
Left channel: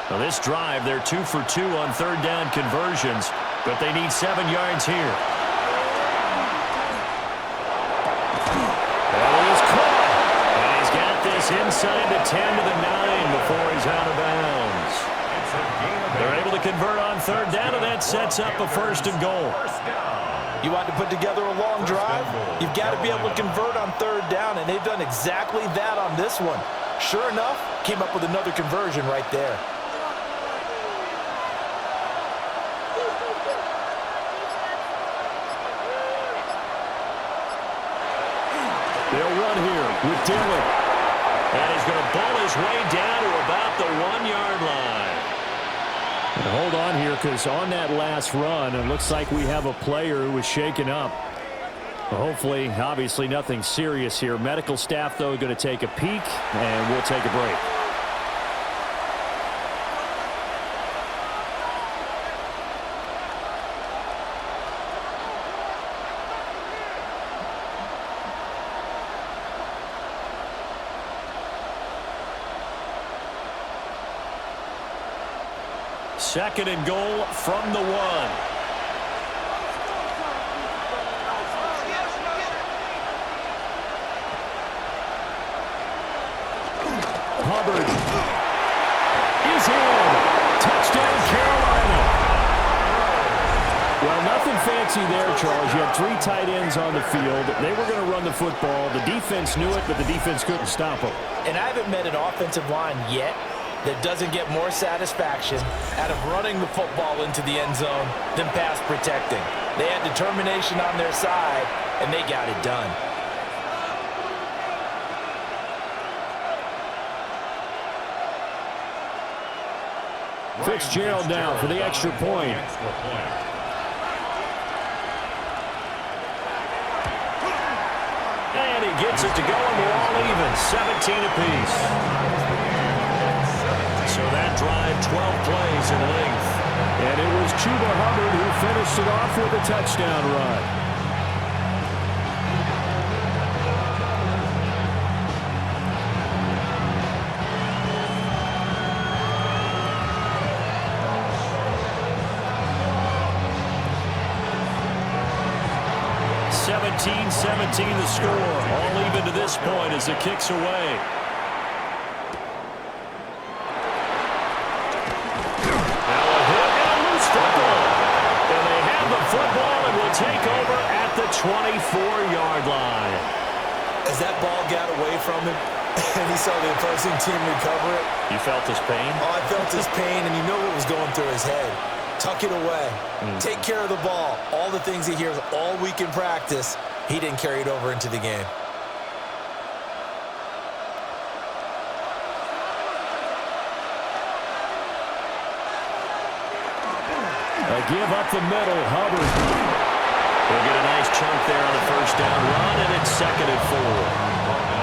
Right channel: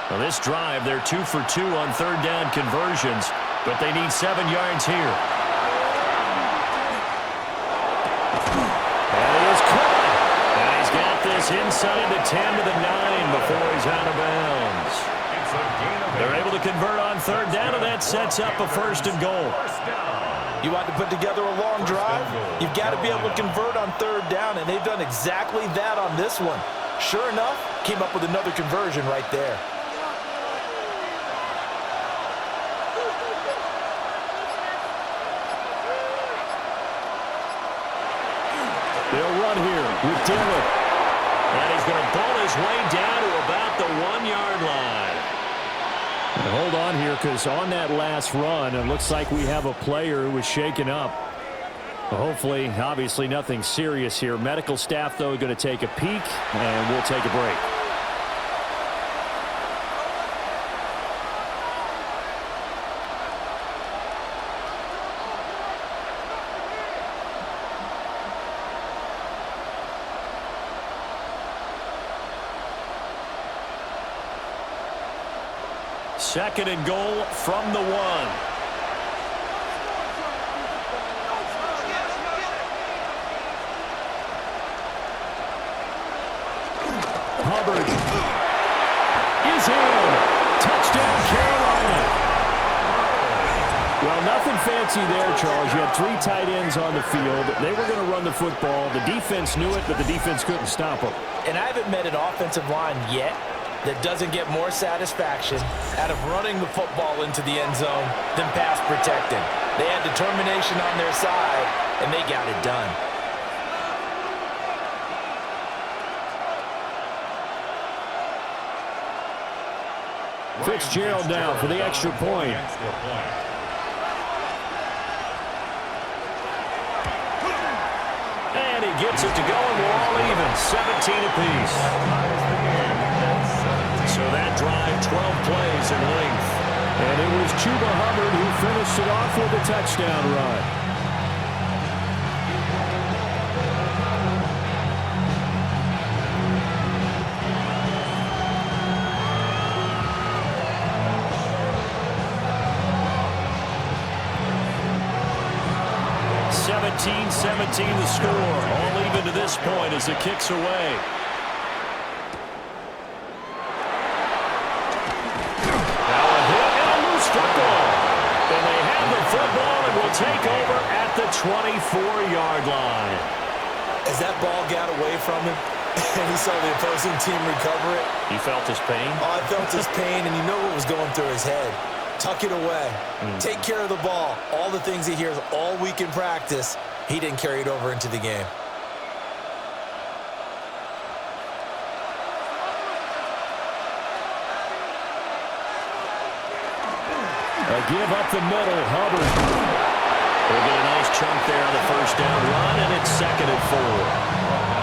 Well, this drive, they're 2 for 2 on 3rd down conversions, but they need 7 yards here. And he is caught. And he's got this inside the 10 to the 9 before he's out of bounds. They're able to convert on 3rd down, and that sets up a 1st and goal. You want to put together a long drive? You've got to be able to convert on 3rd down, and they've done exactly that on this one. Sure enough, came up with another conversion right there. They'll run here with Dillon. And he's going to ball his way down to about the 1-yard line. And hold on here, because on that last run, it looks like we have a player who was shaken up. Hopefully, obviously, nothing serious here. Medical staff, though, going to take a peek, and we'll take a break. Second and goal from the 1. Hubbard is in. Touchdown, Carolina. Well, nothing fancy there, Charles. You had 3 tight ends on the field. They were going to run the football. The defense knew it, but the defense couldn't stop them. And I haven't met an offensive line yet that doesn't get more satisfaction out of running the football into the end zone than pass protecting. They had determination on their side, and they got it done. Fitzgerald now for the extra point. And he gets it to go, and we're all even, 17 apiece. So that drive, 12 plays in length. And it was Chuba Hubbard who finished it off with a touchdown run. (17-17) the score. All even to this point as the kick's away. Football. And they have the football and will take over at the 24-yard line. As that ball got away from him and he saw the opposing team recover it. You felt his pain? Oh, I felt his pain, and you know what was going through his head. Tuck it away. Take care of the ball. All the things he hears all week in practice, he didn't carry it over into the game. A give up the middle, Hubbard. We'll get a nice chunk there on the first down run, and it's 2nd and 4.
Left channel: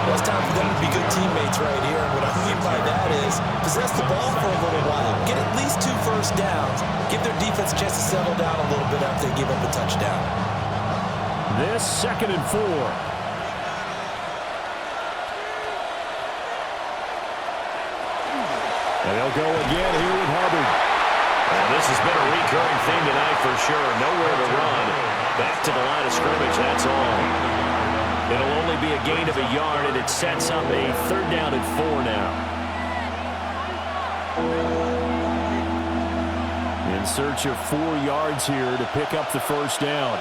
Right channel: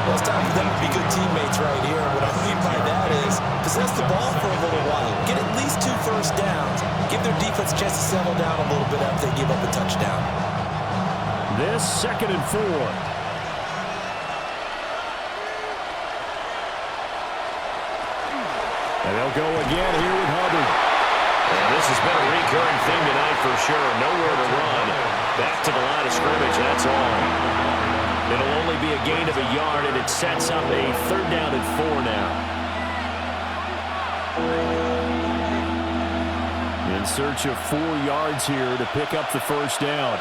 Well, it's time for them to be good teammates right here. What I mean by that is possess the ball for a little while. Get at least 2 first downs. Give their defense a chance to settle down a little bit after they give up a touchdown. This 2nd and 4. And they'll go again here with Hubbard. And this has been a recurring theme tonight for sure. Nowhere to run. Back to the line of scrimmage, that's all. It'll only be a gain of a yard, and it sets up a 3rd down and 4 now. In search of 4 yards here to pick up the 1st down.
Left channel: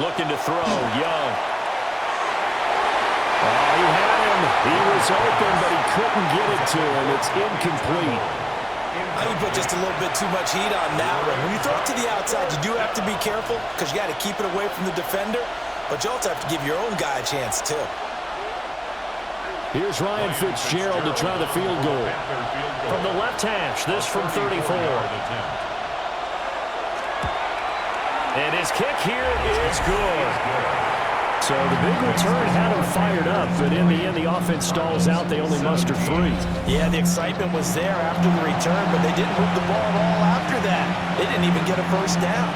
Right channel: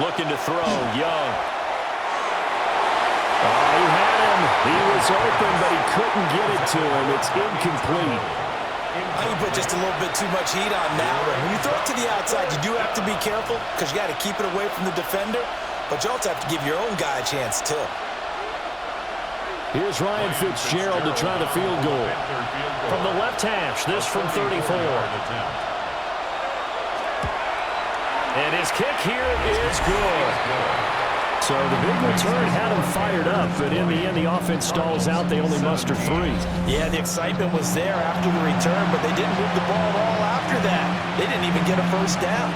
Looking to throw, Young. Oh, he had him. He was open, but he couldn't get it to him. It's incomplete. I think you put just a little bit too much heat on that one. When you throw it to the outside, you do have to be careful because you got to keep it away from the defender, but you also have to give your own guy a chance too. Here's Ryan Fitzgerald to try the field goal. From the left hash, this from 34. And his kick here is good. So the big return had him fired up, but in the end, the offense stalls out. They only muster 3. Yeah, the excitement was there after the return, but they didn't move the ball at all after that. They didn't even get a 1st down.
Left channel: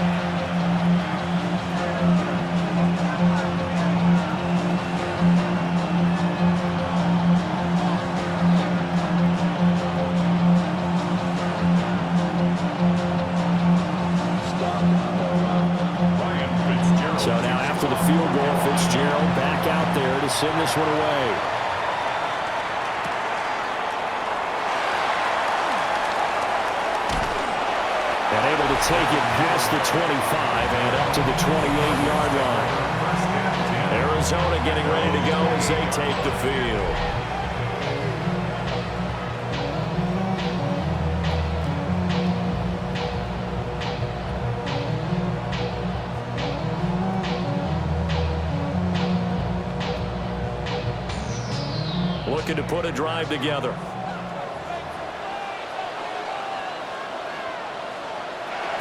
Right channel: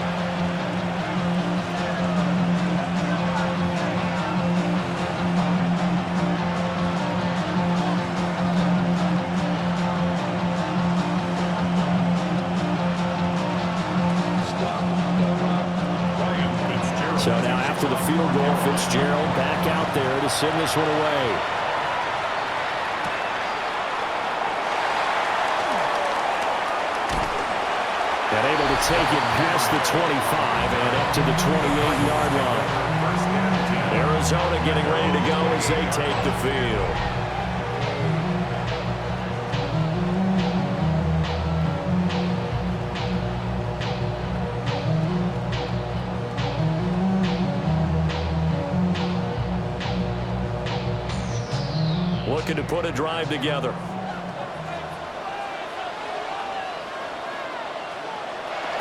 So now after the field goal, Fitzgerald back out there to send this one away. And able to take it past the 25 and up to the 28-yard line. Arizona getting ready to go as they take the field. Looking to put a drive together.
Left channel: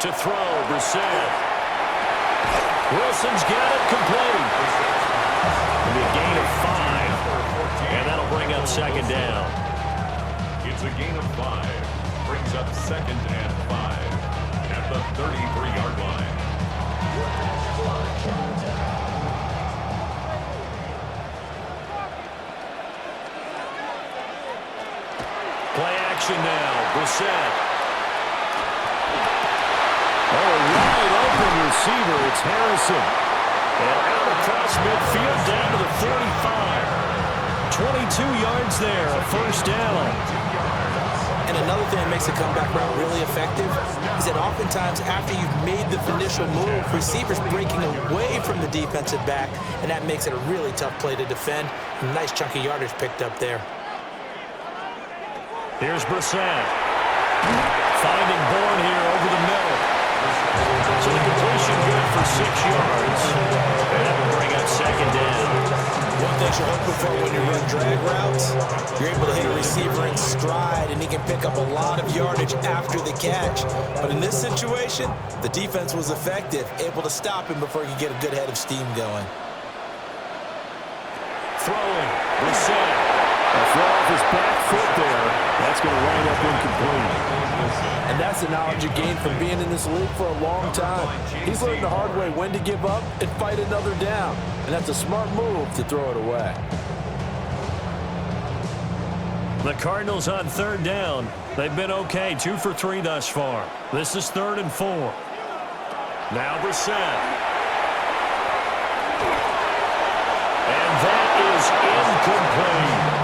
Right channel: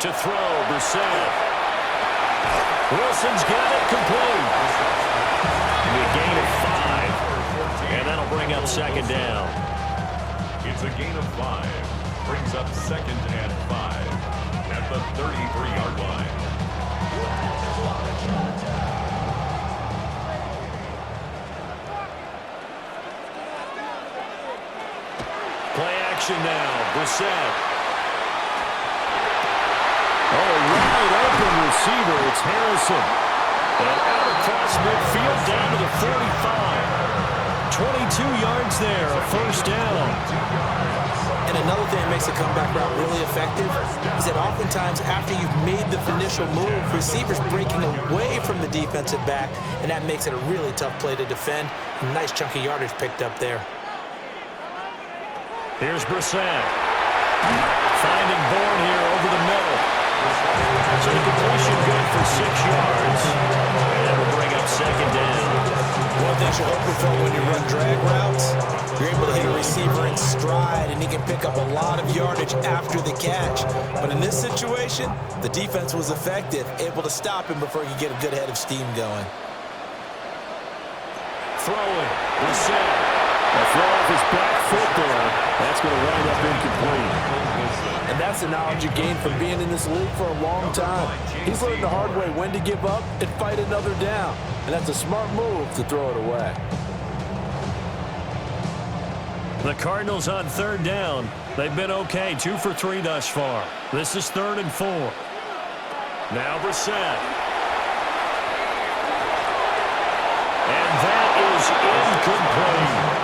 To throw, Brissett. Wilson's got it complete. It'll be a gain of 5, and that'll bring up 2nd down. It's a gain of 5. Brings up 2nd and 5 at the 33-yard line. Play action now. Brissett. Oh, wide open receiver. It's Harrison. And out across midfield down to the 45. 22 yards there, a 1st down. And another thing that makes a comeback route really effective is that oftentimes after you've made the initial move, receivers breaking away from the defensive back, and that makes it a really tough play to defend. A nice chunk of yardage picked up there. Here's Brissett. Finding Bourne here over the middle. So the completion good for 6 yards. And that will bring up 2nd down. One thing you're hoping for when you run drag routes, you're able to hit a receiver in stride, and he can pick up a lot of yardage after the catch. But in this situation, the defense was effective, able to stop him before he could get a good head of steam going. Throwing. Brissett. A throw off his back foot there. That's going to wind up incomplete. And that's the knowledge you gain from being in this league for a long time. He's learned the hard way when to give up and fight another down. And that's a smart move to throw it away. The Cardinals on 3rd down. They've been okay, 2 for 3 thus far. This is 3rd and 4. Now Brissett. And that is incomplete.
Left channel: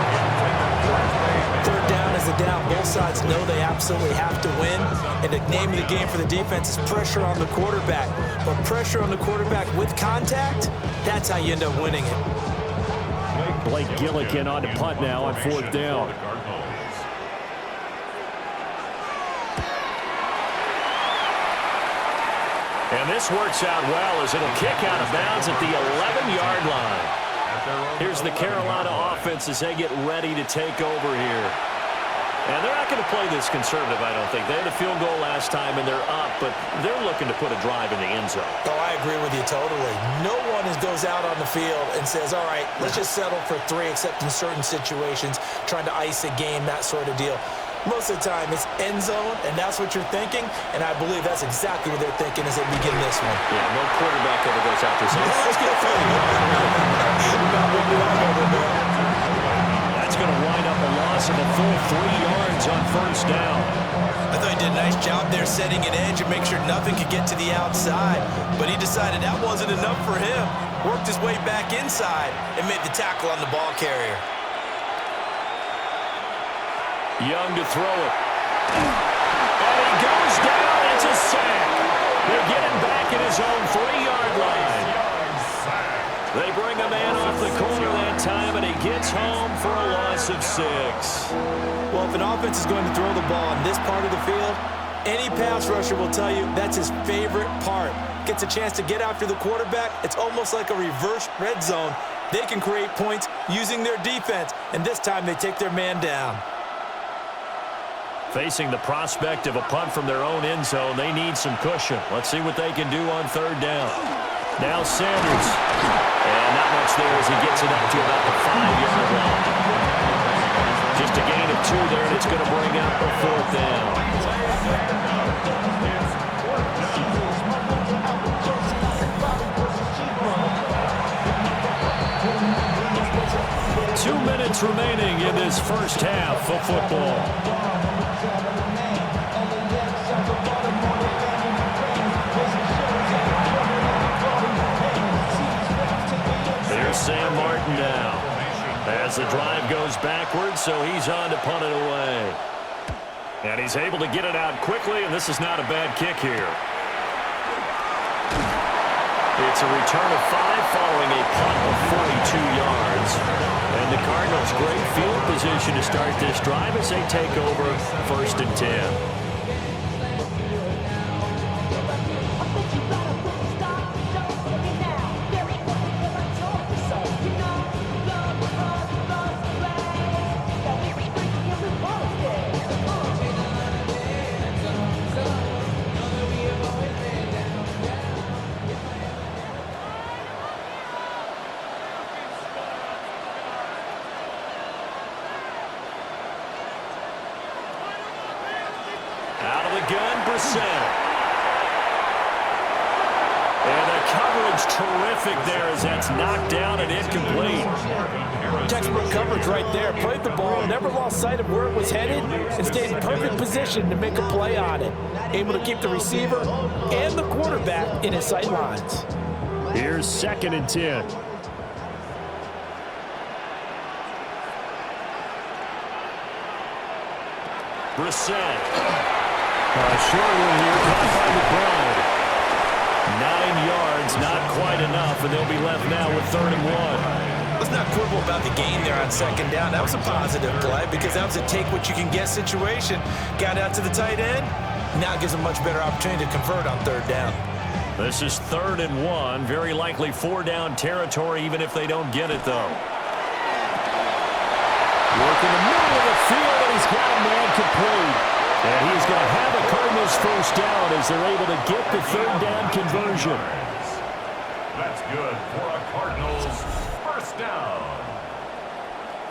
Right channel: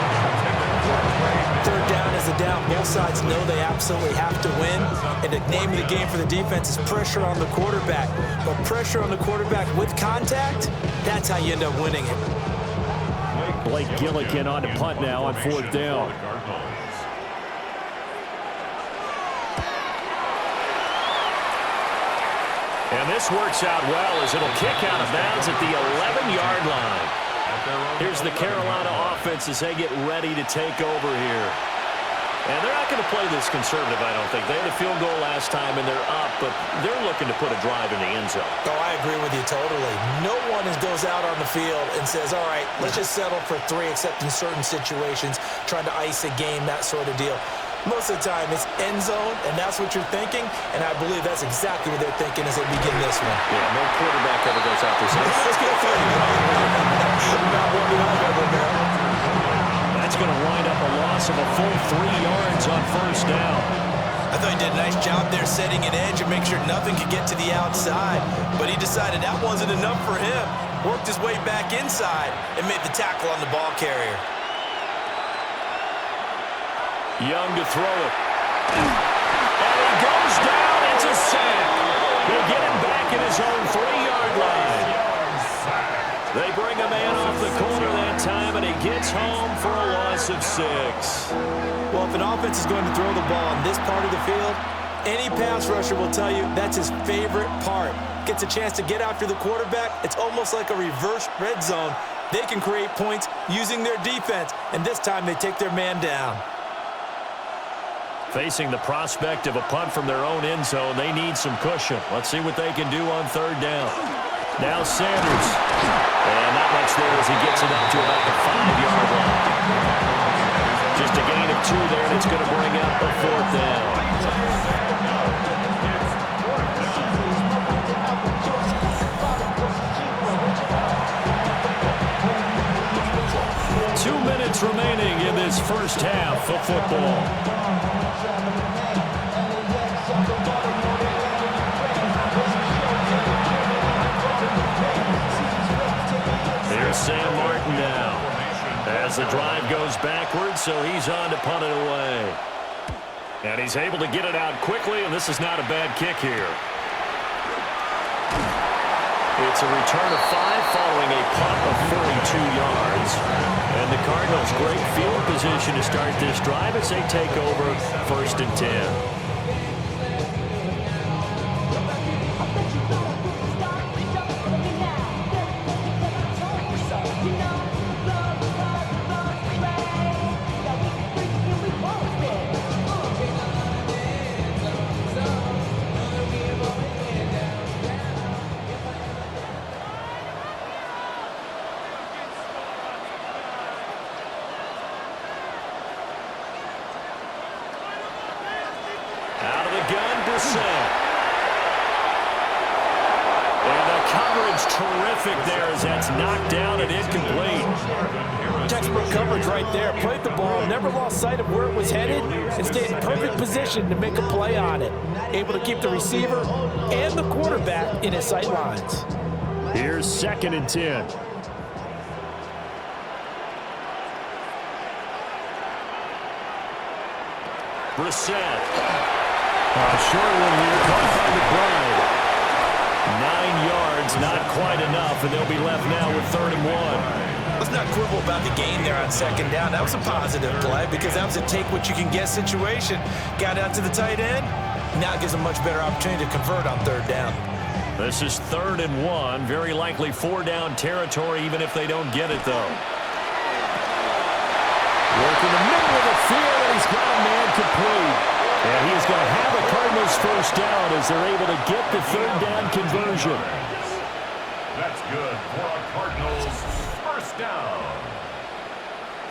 3rd down is a down. Both sides know they absolutely have to win. And the name of the game for the defense is pressure on the quarterback. But pressure on the quarterback with contact, that's how you end up winning it. Blake Gillikin on to punt now on 4th down. And this works out well as it'll kick out of bounds at the 11-yard line. Here's the Carolina offense as they get ready to take over here. And they're not going to play this conservative, I don't think. They had a field goal last time, and they're up, but they're looking to put a drive in the end zone. Oh, I agree with you totally. No one goes out on the field and says, all right, let's just settle for 3, except in certain situations, trying to ice a game, that sort of deal. Most of the time, it's end zone, and that's what you're thinking, and I believe that's exactly what they're thinking as they begin this one. Yeah, no quarterback ever goes out there saying, let's get 3. Not one that I've ever known. That's going to wind up a loss of a full 3 yards on first down. I thought he did a nice job there setting an edge and make sure nothing could get to the outside, but he decided that wasn't enough for him. Worked his way back inside and made the tackle on the ball carrier. Young to throw it. And he goes down. It's a sack. They get him back at his own 3-yard line. They bring a man off the corner that time, and he gets home for a loss of 6. Well, if an offense is going to throw the ball in this part of the field, any pass rusher will tell you that's his favorite part. Gets a chance to get after the quarterback. It's almost like a reverse red zone. They can create points using their defense, and this time they take their man down. Facing the prospect of a punt from their own end zone, they need some cushion. Let's see what they can do on 3rd down. Now Sanders. And not much there as he gets it up to about the 5-yard line. Just a gain of 2 there, and it's going to bring up a 4th down. 2 minutes remaining in this first half of football. Here's Sam Martin now as the drive goes backwards, so he's on to punt it away. And he's able to get it out quickly, and this is not a bad kick here. It's a return of 5 following a punt of 42 yards. And the Cardinals, great field position to start this drive as they take over 1st and 10. Out of the gun, Brissett. And the coverage terrific there as that's knocked down and incomplete. Textbook coverage right there. Played the ball, never lost sight of where it was headed, and stayed in perfect position to make a play on it. Able to keep the receiver and the quarterback in his sight lines. Here's 2nd and 10. Brissett. A short one here, caught by McBride. 9 yards, not quite enough, and they'll be left now with 3rd and 1. Let's not quibble about the gain there on 2nd down. That was a positive play because that was a take-what-you-can-get situation. Got out to the tight end. Now it gives them a much better opportunity to convert on 3rd down. This is 3rd and 1. Very likely 4-down territory, even if they don't get it, though. Work in the middle of the field, and he's got a man complete. And he is going to have a Cardinals 1st down as they're able to get the 3rd down conversion. That's good for a Cardinals 1st down.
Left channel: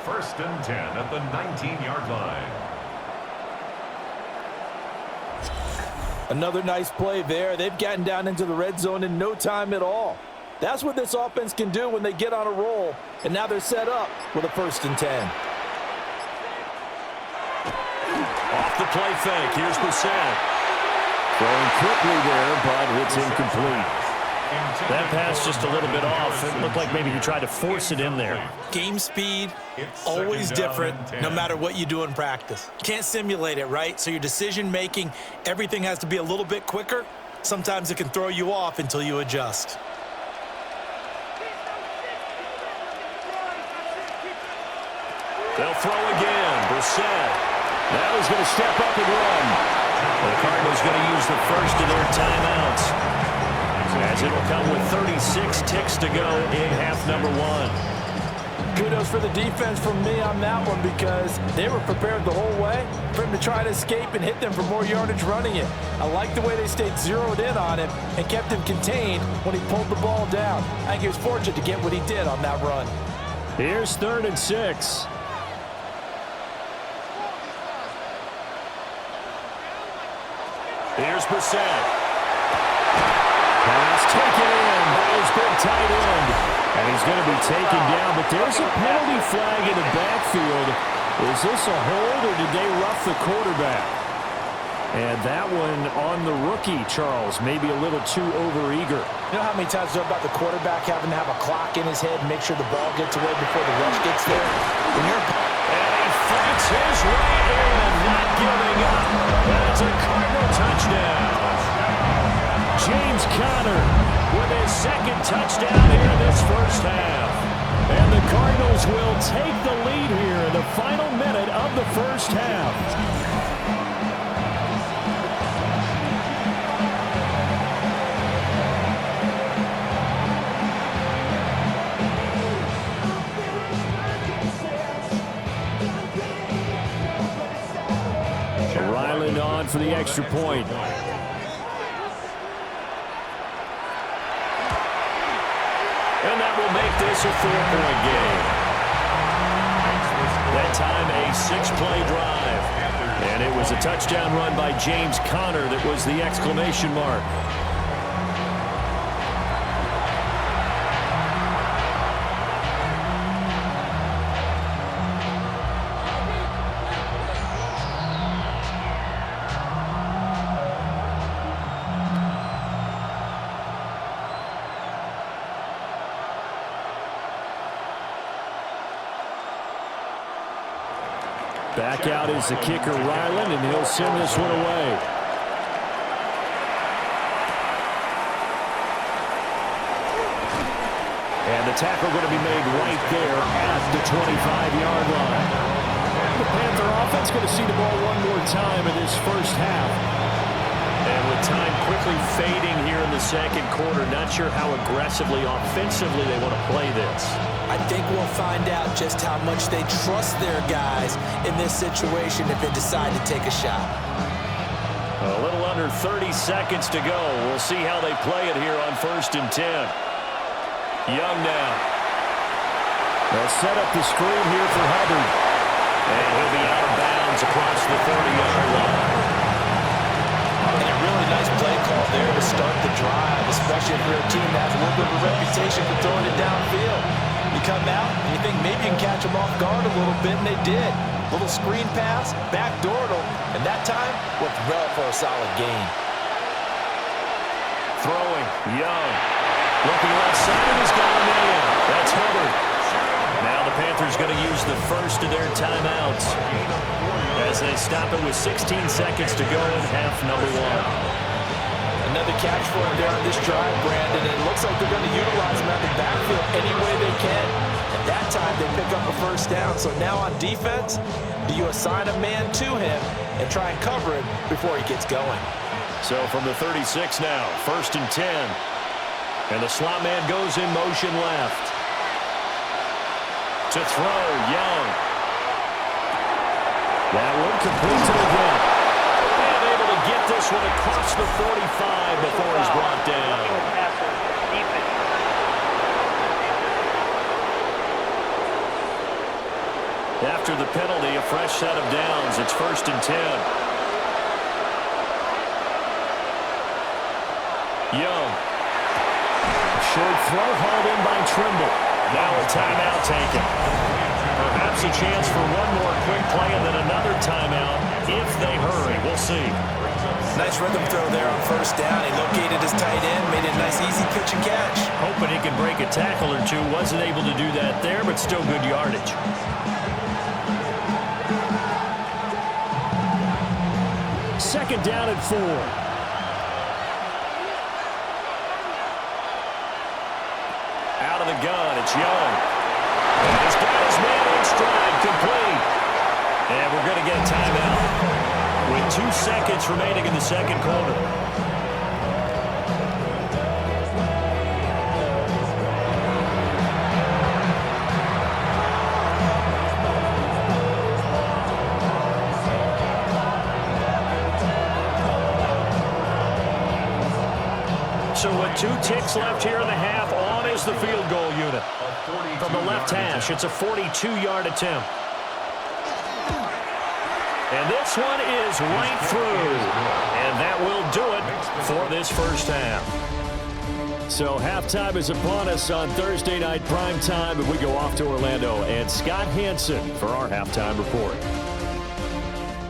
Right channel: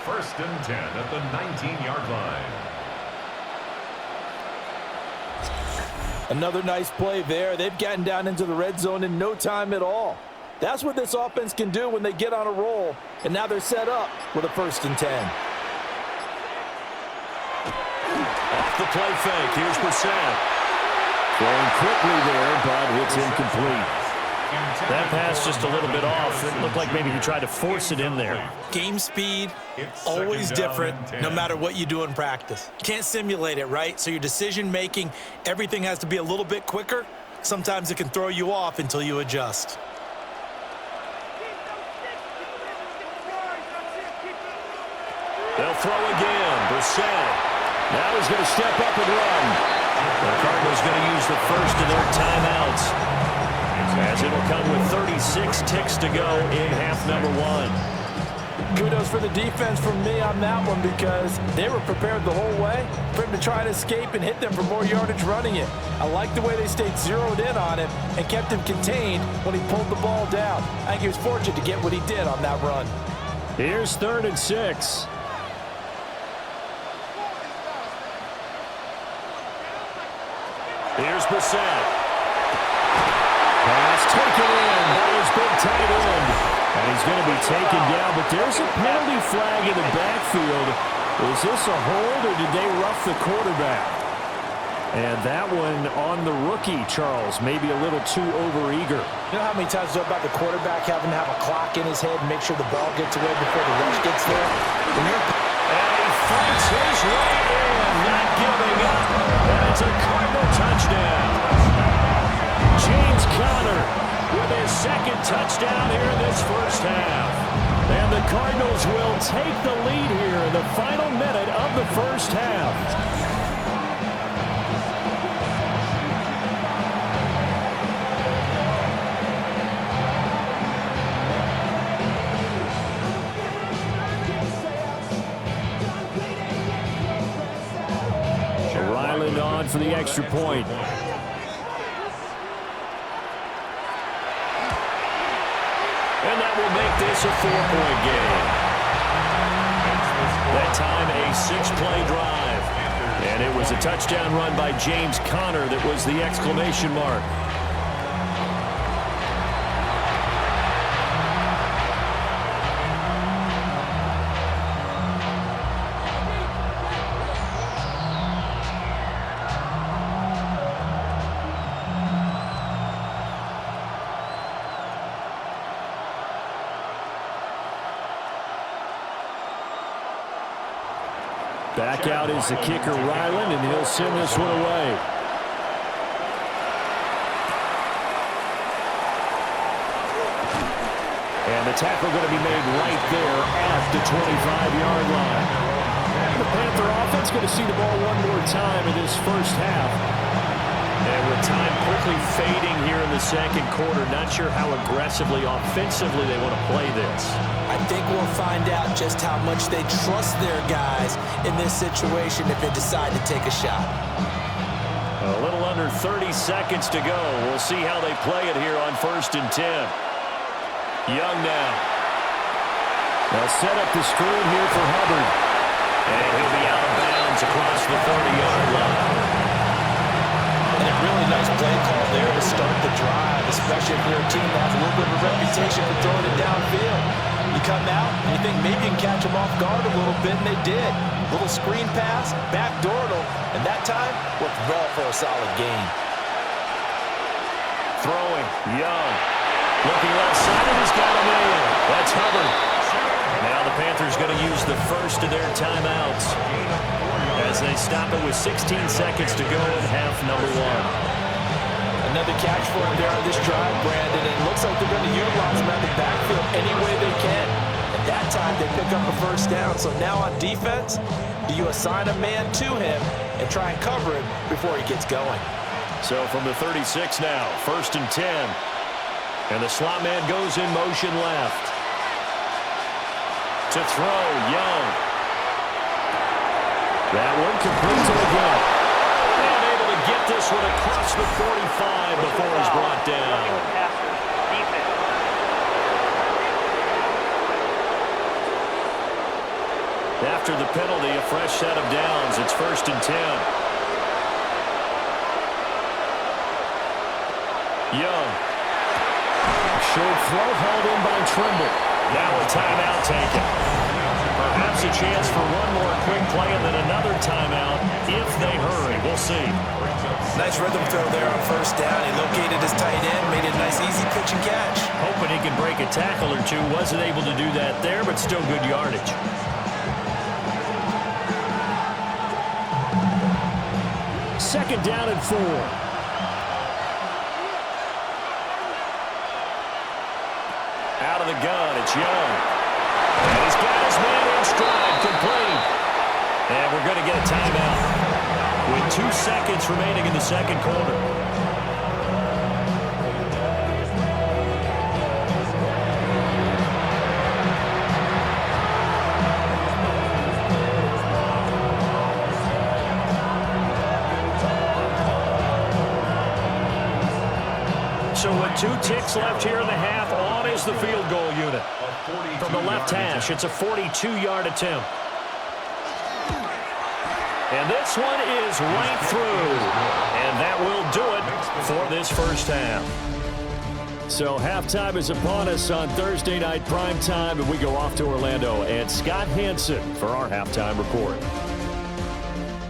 1st and 10 at the 19-yard line. Another nice play there. They've gotten down into the red zone in no time at all. That's what this offense can do when they get on a roll. And now they're set up with a 1st and 10. Off the play fake, here's Brissett. Throwing quickly there, but it's incomplete. That pass just a little bit off. It looked like maybe he tried to force it in there. Game speed, always different, no matter what you do in practice. Can't simulate it, right? So your decision-making, everything has to be a little bit quicker. Sometimes it can throw you off until you adjust. They'll throw again. Brissett. Now he's going to step up and run. The Cardinals going to use the first of their timeouts, as it'll come with 36 ticks to go in half number 1. Kudos for the defense from me on that one because they were prepared the whole way for him to try to escape and hit them for more yardage running it. I like the way they stayed zeroed in on him and kept him contained when he pulled the ball down. I think he was fortunate to get what he did on that run. Here's 3rd and 6. Here's Brissett. Pass taken in by his big tight end. And he's going to be taken down, but there's a penalty flag in the backfield. Is this a hold or did they rough the quarterback? And that one on the rookie, Charles, maybe a little too overeager. You know how many times it's about the quarterback having to have a clock in his head and make sure the ball gets away before the rush gets there? When you're... And he fights his way in, not giving up. And it's a Cardinal touchdown. James Conner with his 2nd touchdown here in this first half. And the Cardinals will take the lead here in the final minute of the first half. Ryland on for the extra point. And that will make this a 4-point game. That time a 6-play drive. And it was a touchdown run by James Conner that was the exclamation mark. Back out is the kicker, Ryland, and he'll send this one away. And the tackle going to be made right there at the 25-yard line. The Panther offense going to see the ball one more time in this first half. And with time quickly fading here in the second quarter, not sure how aggressively, offensively they want to play this. I think we'll find out just how much they trust their guys in this situation if they decide to take a shot. A little under 30 seconds to go. We'll see how they play it here on 1st and 10. Young now. They'll set up the screen here for Hubbard. And he'll be out of bounds across the 30-yard line. And a really nice play call there to start the drive, especially if you're a team that has a little bit of a reputation for throwing it downfield. You come out and you think maybe you can catch them off guard a little bit, and they did. Little screen pass, backdoored them, and that time worked well for a solid gain. Throwing, Young. Looking left-sided, he's got a man. That's Hubbard. Now the Panthers going to use the first of their timeouts as they stop it with 16 seconds to go in half number 1. Another catch for him there on this drive, Brandon, and it looks like they're going to utilize him out of the backfield any way they can. At that time, they pick up a first down. So now on defense, do you assign a man to him and try and cover him before he gets going? So from the 36 now, 1st and 10. And the slot man goes in motion left. To throw, Young. That one complete to the gap. And able to get this one across the 45 before he's brought down. After the penalty, a fresh set of downs. It's 1st and 10. Young. Short throw hauled in by Trimble. Now a timeout taken. Perhaps a chance for one more quick play and then another timeout if they hurry. We'll see. Nice rhythm throw there on 1st down. He located his tight end, made a nice easy pitch and catch. Hoping he can break a tackle or two. Wasn't able to do that there, but still good yardage. Second down and 4. Out of the gun, it's Young. And he's got his man in stride, complete. And we're going to get a timeout with 2 seconds remaining in the second quarter. So with 2 ticks left here in the half, on is the field goal unit. From the left hash, it's a 42-yard attempt. And this one is right through. And that will do it for this first half. So halftime is upon us on Thursday night primetime, and we go off to Orlando. And Scott Hansen for our halftime report.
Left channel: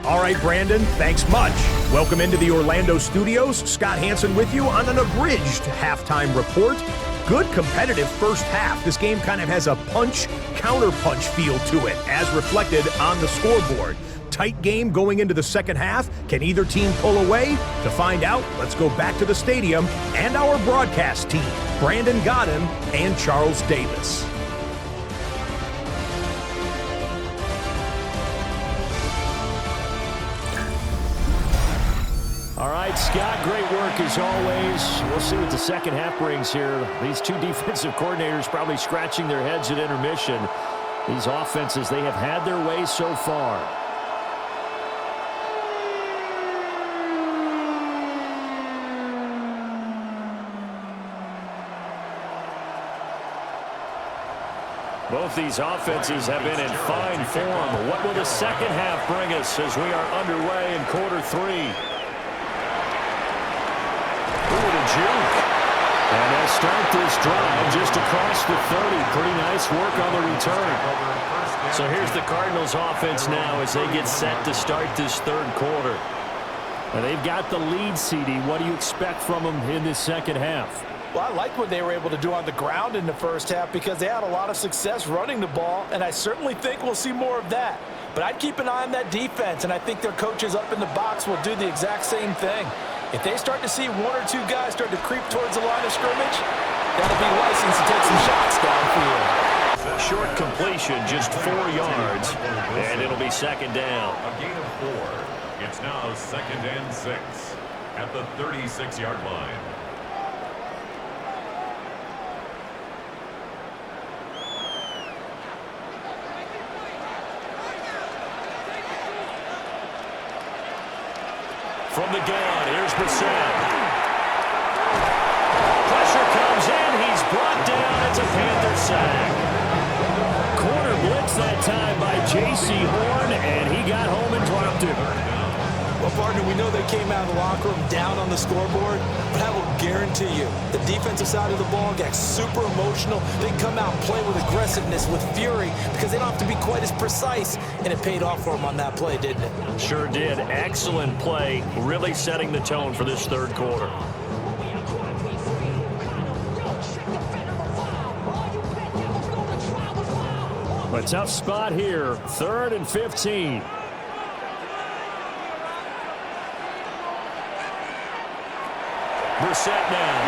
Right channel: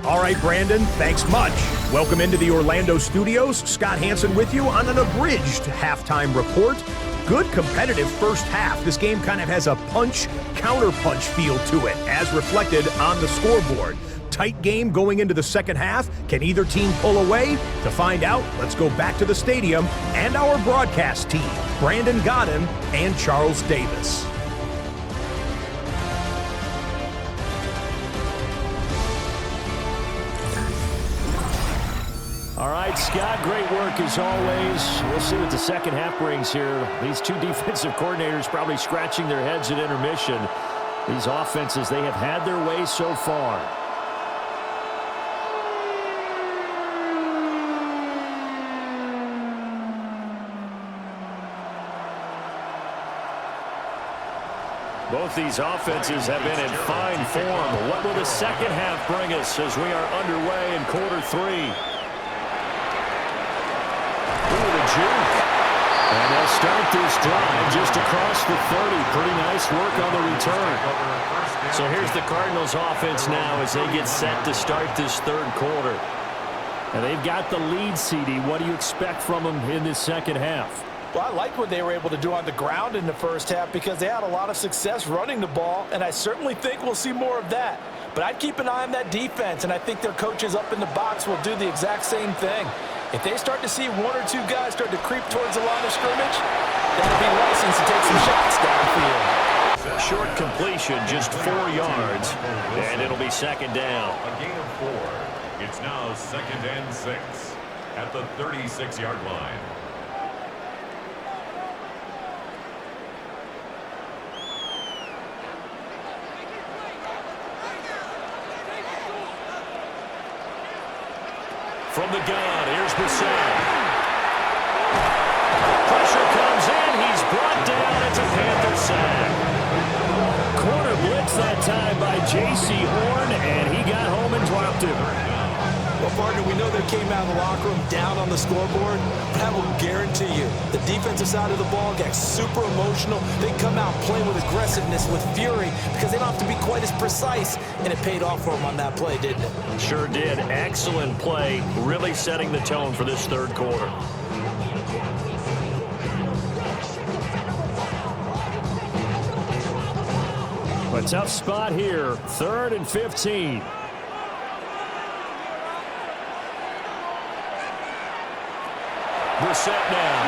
All right, Brandon, thanks much. Welcome into the Orlando studios. Scott Hansen with you on an abridged halftime report. Good competitive first half. This game kind of has a punch-counter-punch feel to it, as reflected on the scoreboard. Tight game going into the second half. Can either team pull away? To find out, let's go back to the stadium and our broadcast team, Brandon Guadin and Charles Davis. All right, Scott, great work as always. We'll see what the second half brings here. These 2 defensive coordinators probably scratching their heads at intermission. These offenses, they have had their way so far. Both these offenses have been in fine form. What will the second half bring us as we are underway in quarter 3? Juke. And they'll start this drive just across the 30. Pretty nice work on the return. So here's the Cardinals offense now as they get set to start this third quarter. And they've got the lead, CD. What do you expect from them in this second half? Well, I liked what they were able to do on the ground in the first half because they had a lot of success running the ball, and I certainly think we'll see more of that. But I'd keep an eye on that defense, and I think their coaches up in the box will do the exact same thing. If they start to see 1 or 2 guys start to creep towards the line of scrimmage, that'll be licensed to take some shots downfield. Short completion, just 4 yards, and it'll be second down. A gain of 4. It's now 2nd and 6 at the 36-yard line. From the gun, here's Brissett. Pressure comes in. He's brought down. It's a Panther sack. Corner blitz that time by J.C. Horn, and he got home and dropped him. Well, partner, we know they came out of the locker room down on the scoreboard, but I will guarantee you the defensive side of the ball got super emotional. They come out and play with aggressiveness, with fury, because they don't have to be quite as precise, and it paid off for them on that play, didn't it? Sure did. Excellent play, really setting the tone for this third quarter. A tough spot here, 3rd and 15. Brissett now.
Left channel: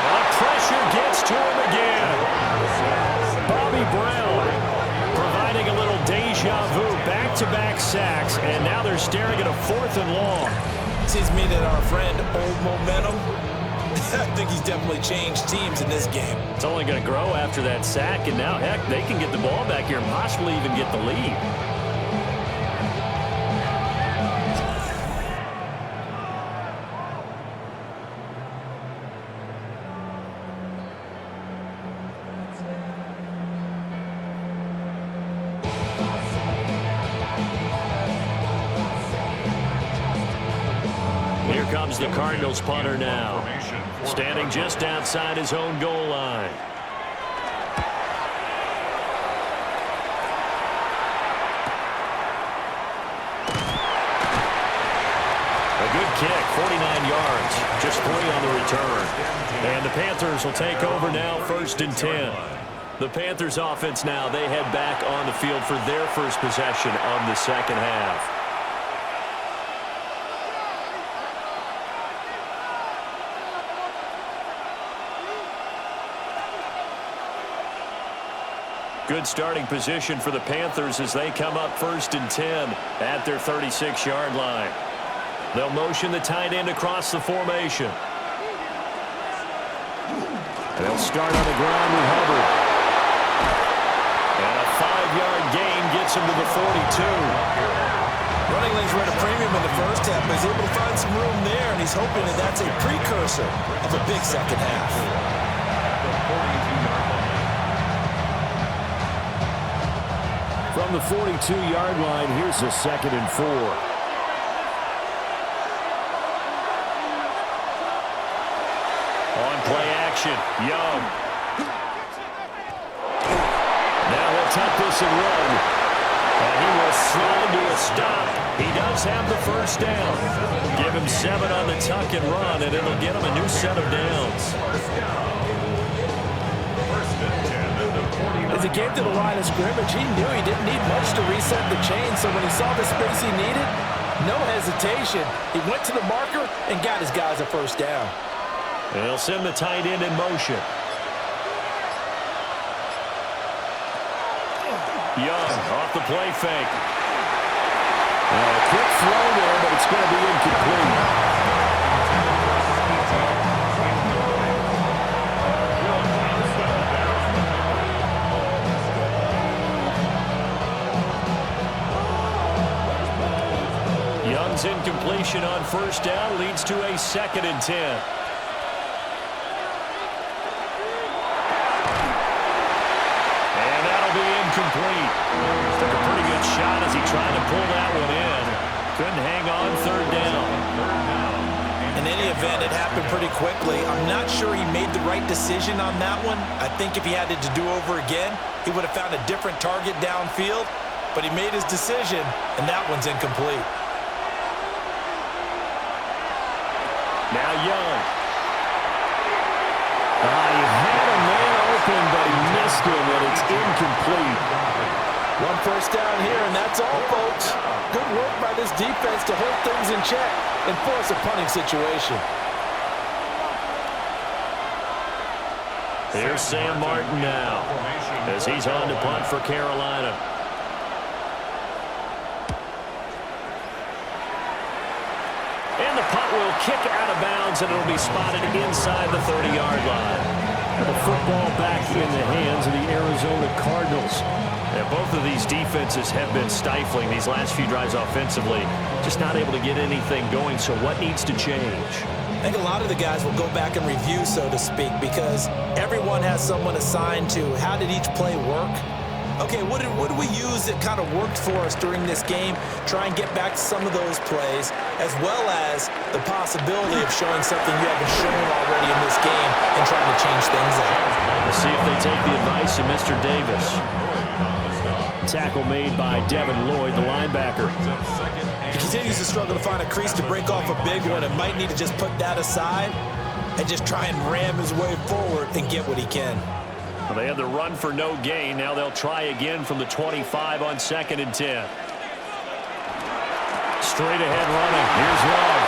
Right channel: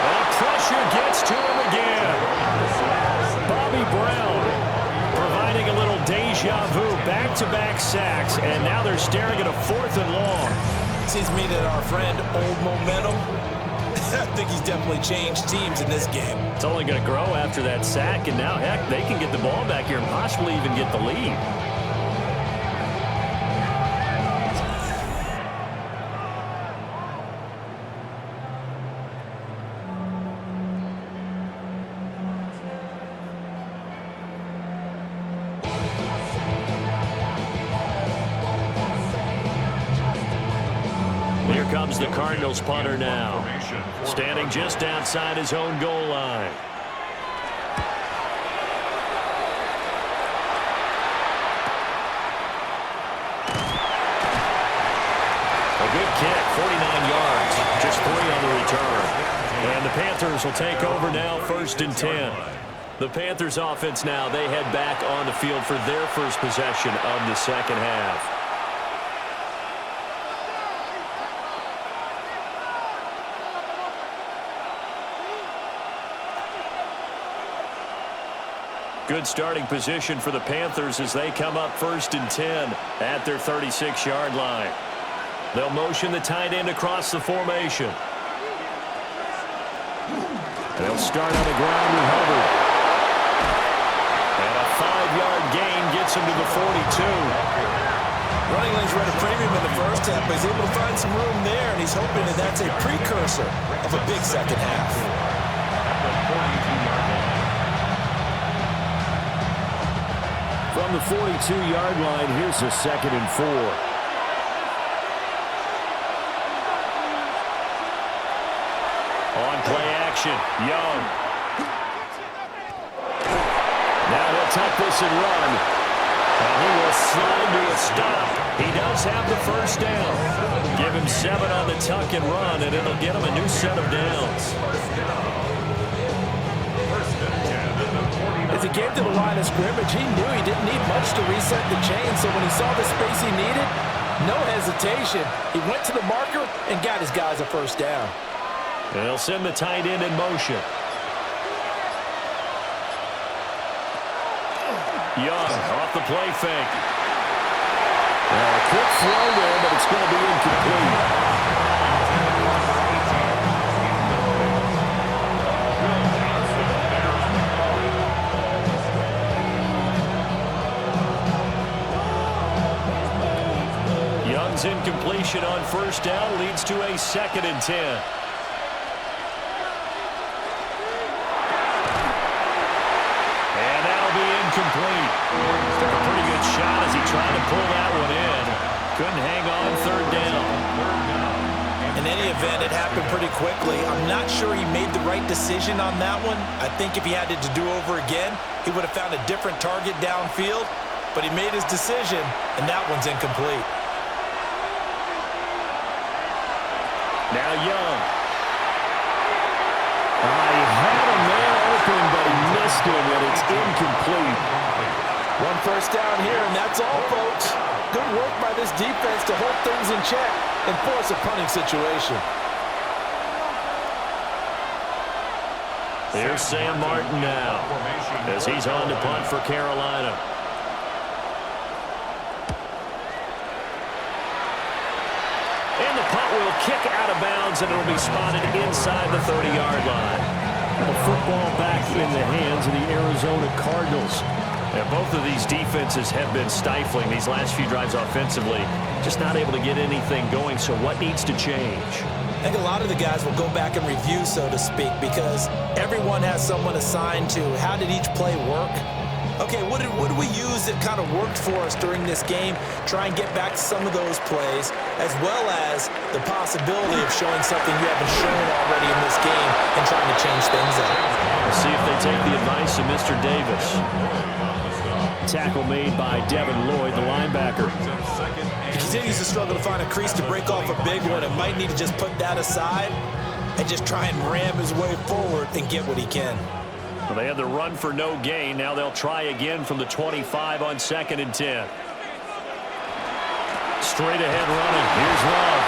And the pressure gets to him again. Bobby Brown providing a little deja vu. Back-to-back sacks, and now they're staring at a 4th and long. Seems to me that our friend, old momentum, I think he's definitely changed teams in this game. It's only going to grow after that sack, and now, heck, they can get the ball back here and possibly even get the lead. Here comes the Cardinals punter now, standing just outside his own goal line. A good kick, 49 yards, just 3 on the return. And the Panthers will take over now, 1st and 10. The Panthers offense now, they head back on the field for their first possession of the second half. Good starting position for the Panthers as they come up 1st and 10 at their 36-yard line. They'll motion the tight end across the formation. They'll start on the ground with Hubbard. And a 5-yard gain gets him to the 42. Running lanes were at a premium in the first half, but he's able to find some room there, and he's hoping that that's a precursor of a big second half. At the 42-yard line. From the 42-yard line, here's a 2nd and 4. On play action, Young. Now he'll tuck this and run. And he will slide to a stop. He does have the first down. Give him 7 on the tuck and run, and it'll get him a new set of downs. As he came to the line of scrimmage, he knew he didn't need much to reset the chain, so when he saw the space he needed, no hesitation. He went to the marker and got his guys a first down. And they'll send the tight end in motion. Young off the play fake. Now a quick throw there, but it's going to be incomplete. Young's incompletion on first down leads to a 2nd and 10. And that'll be incomplete. Took a pretty good shot as he tried to pull that one in. Couldn't hang on 3rd down. In any event, it happened pretty quickly. I'm not sure he made the right decision on that one. I think if he had it to do over again, he would have found a different target downfield. But he made his decision, and that one's incomplete. Now Young. He had a man open, but he missed him, and it's incomplete. One first down here, and that's all, folks. Good work by this defense to hold things in check and force a punting situation. Here's Sam Martin now as he's on to punt for Carolina. And the punt will kick out of bounds, and it'll be spotted inside the 30-yard line. The football back in the hands of the Arizona Cardinals. And both of these defenses have been stifling these last few drives offensively. Just not able to get anything going, so what needs to change? I think a lot of the guys will go back and review, so to speak, because everyone has someone assigned to how did each play work. Okay, what did we use that kind of worked for us during this game? Try and get back to some of those plays, as well as the possibility of showing something you haven't shown already in this game and trying to change things up. We'll see if they take the advice of Mr. Davis. Tackle made by Devin Lloyd, the linebacker. He continues to struggle to find a crease to break off a big one and might need to just put that aside and just try and ram his way forward and get what he can. Well, they had the run for no gain. Now they'll try again from the 25 on 2nd and 10. Straight ahead running. Here's Love.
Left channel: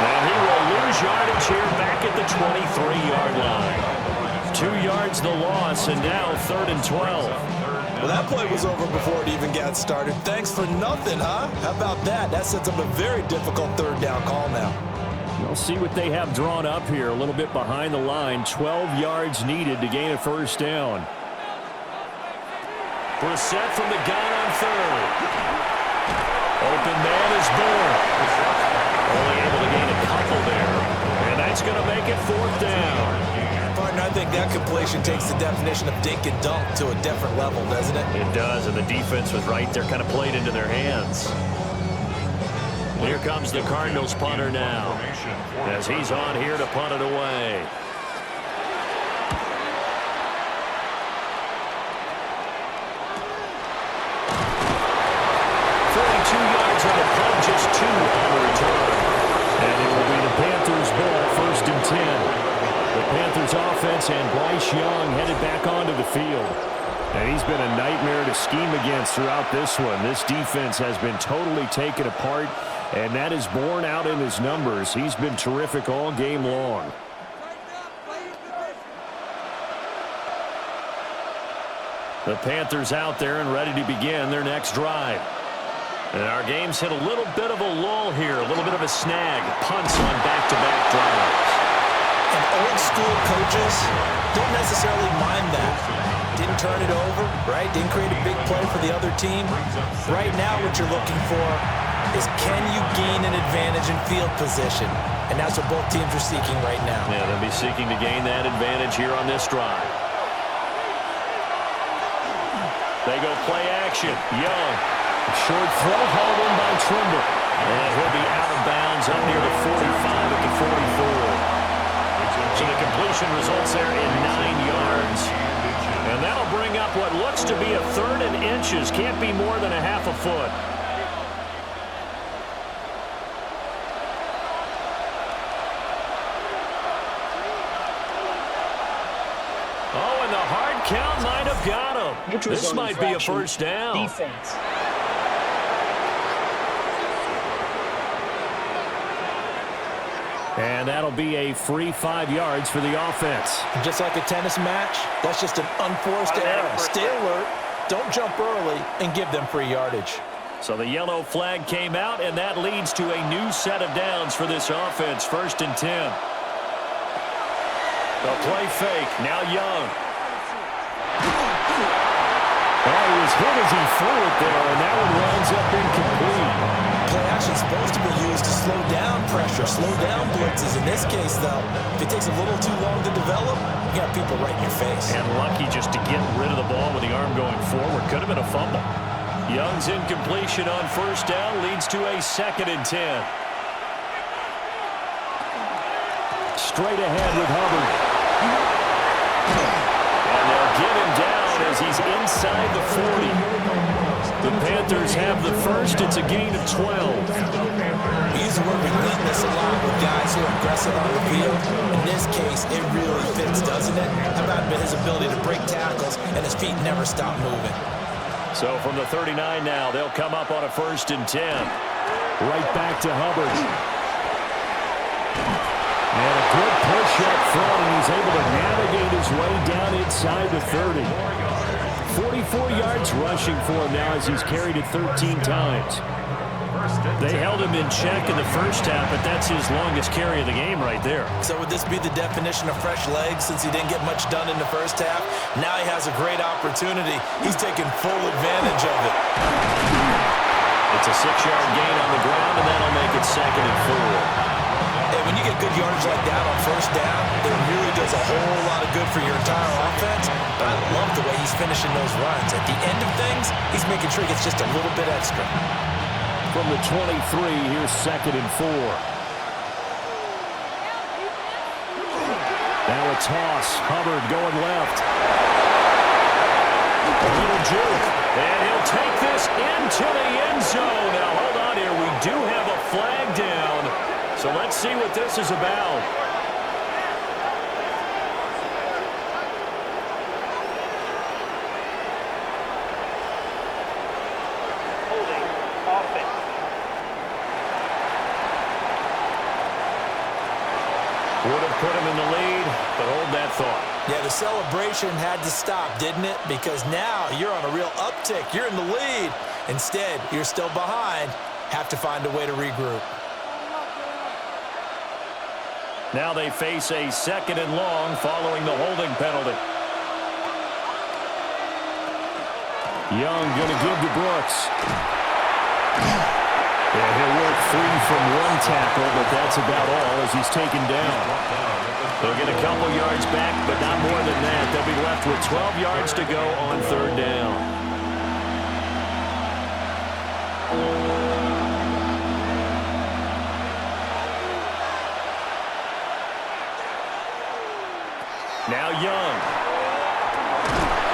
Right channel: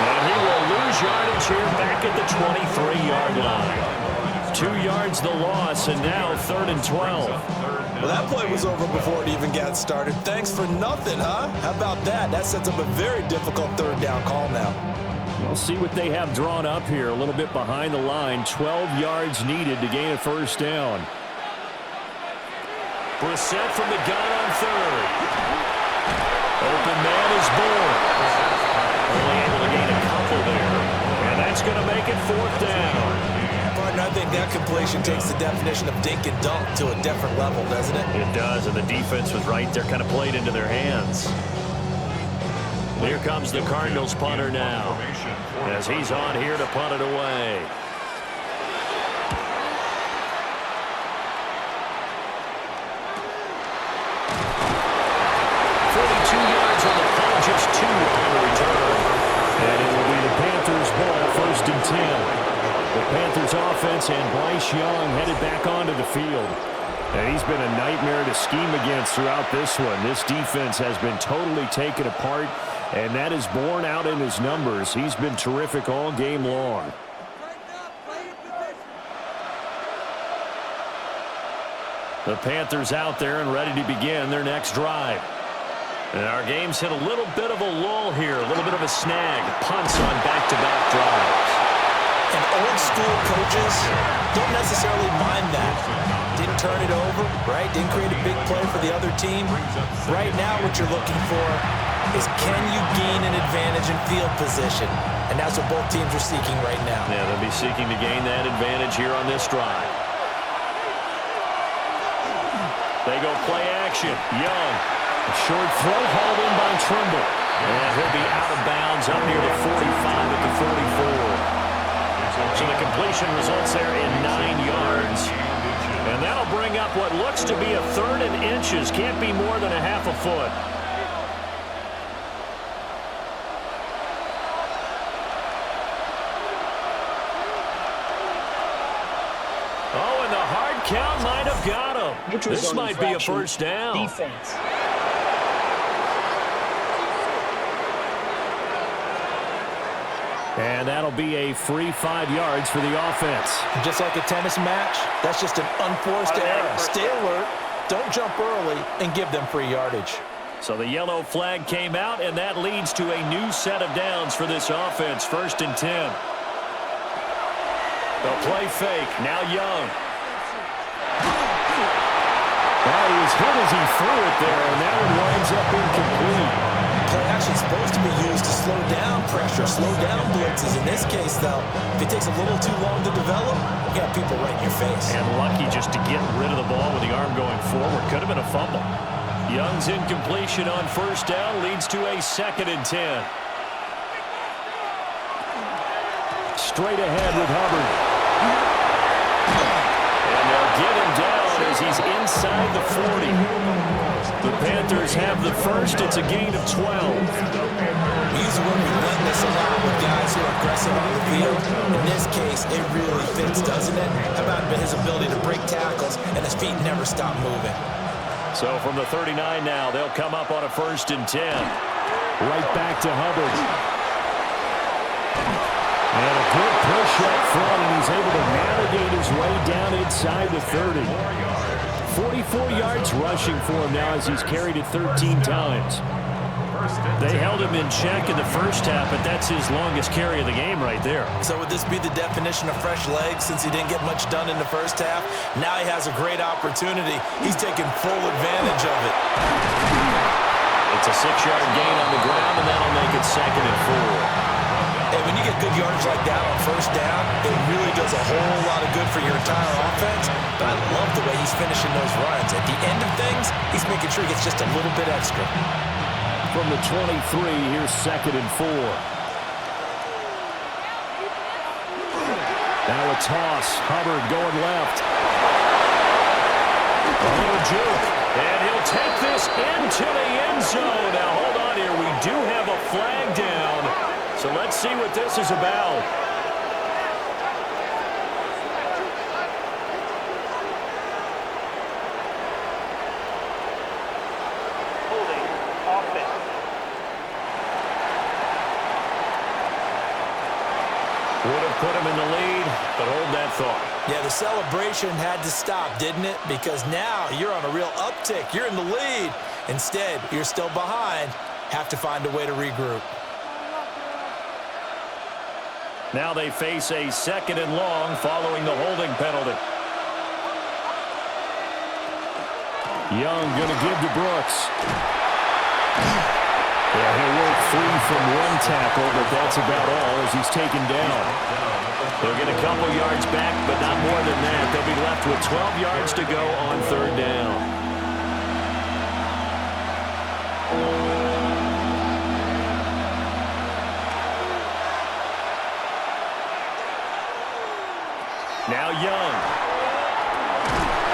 And he will lose yardage here back at the 23-yard line. 2 yards the loss, and now 3rd and 12. Well, that play was over before it even got started. Thanks for nothing, huh? How about that? That sets up a very difficult 3rd down call now. We'll see what they have drawn up here. A little bit behind the line. 12 yards needed to gain a first down. Brissett from the gun on 3rd. Open man is born. Only able to gain a couple there. And that's going to make it 4th down. Partner, I think that completion takes the definition of dink and dunk to a different level, doesn't it? It does, and the defense was right there, kind of played into their hands. Here comes the Cardinals punter now, as he's on here to punt it away. Yards on the punt, just 2 on the return. And it will be the Panthers' ball, 1st and 10. The Panthers offense and Bryce Young headed back onto the field. And he's been a nightmare to scheme against throughout this one. This defense has been totally taken apart, and that is borne out in his numbers. He's been terrific all game long. The Panthers out there and ready to begin their next drive. And our game's hit a little bit of a lull here, a little bit of a snag. Punts on back-to-back drives. And old school coaches don't necessarily mind that. Didn't turn it over, right? Didn't create a big play for the other team. Right now what you're looking for is can you gain an advantage in field position? And that's what both teams are seeking right now. Yeah, they'll be seeking to gain that advantage here on this drive. They go play action. Young. A short throw hauled in by Trimble. And he'll be out of bounds up near the 45 at the 44. So the completion results there in 9 yards. And that'll bring up what looks to be a 3rd and inches. Can't be more than a half a foot. Oh, and the hard count might have got him. This might be a first down. Defense. And that'll be a free 5 yards for the offense. Just like a tennis match, that's just an unforced error. Stay alert, don't jump early, and give them free yardage. So the yellow flag came out, and that leads to a new set of downs for this offense. 1st and 10. The play fake. Now Young. Oh, he was hit as he threw it there, and that one winds up incomplete. Play action is supposed to be used to slow down pressure, slow down blitzes. In this case, though, if it takes a little too long to develop, you got people right in your face. And lucky just to get rid of the ball with the arm going forward. Could have been a fumble. Young's incompletion on 1st down leads to a 2nd and 10. Straight ahead with Hubbard. And they'll get him down as he's inside the 40. The Panthers have the first. It's a gain of 12. We use the word relentless a lot with guys who are aggressive on the field. In this case, it really fits, doesn't it? How about his ability to break tackles and his feet never stop moving? So from the 39 now, they'll come up on a 1st and 10. Right back to Hubbard. And a good push up front, and he's able to navigate his way down inside the 30. 44 yards rushing for him now as he's carried it 13 times. They held him in check in the first half, but that's his longest carry of the game right there. So would this be the definition of fresh legs since he didn't get much done in the first half? Now he has a great opportunity. He's taking full advantage of it. It's a 6-yard gain on the ground, and that'll make it 2nd and 4. Hey, when you get good yardage like that on 1st down, it really does a whole lot of good for your entire offense. But I love the way he's finishing those runs. At the end of things, he's making sure he gets just a little bit extra. From the 23, here's 2nd and 4. Now a toss. Hubbard going left. A little juke. And he'll take this into the end zone. Now hold on here. We do have a flag down. So let's see what this is about. Holding offense. Would have put him in the lead, but hold that thought. Yeah, the celebration had to stop, didn't it? Because now you're on a real uptick. You're in the lead. Instead, you're still behind. Have to find a way to regroup. Now they face a 2nd and long following the holding penalty. Young going to give to Brooks. Yeah, he'll work free from one tackle, but that's about all as he's taken down. They'll get a couple yards back, but not more than that. They'll be left with 12 yards to go on 3rd down. Now Young.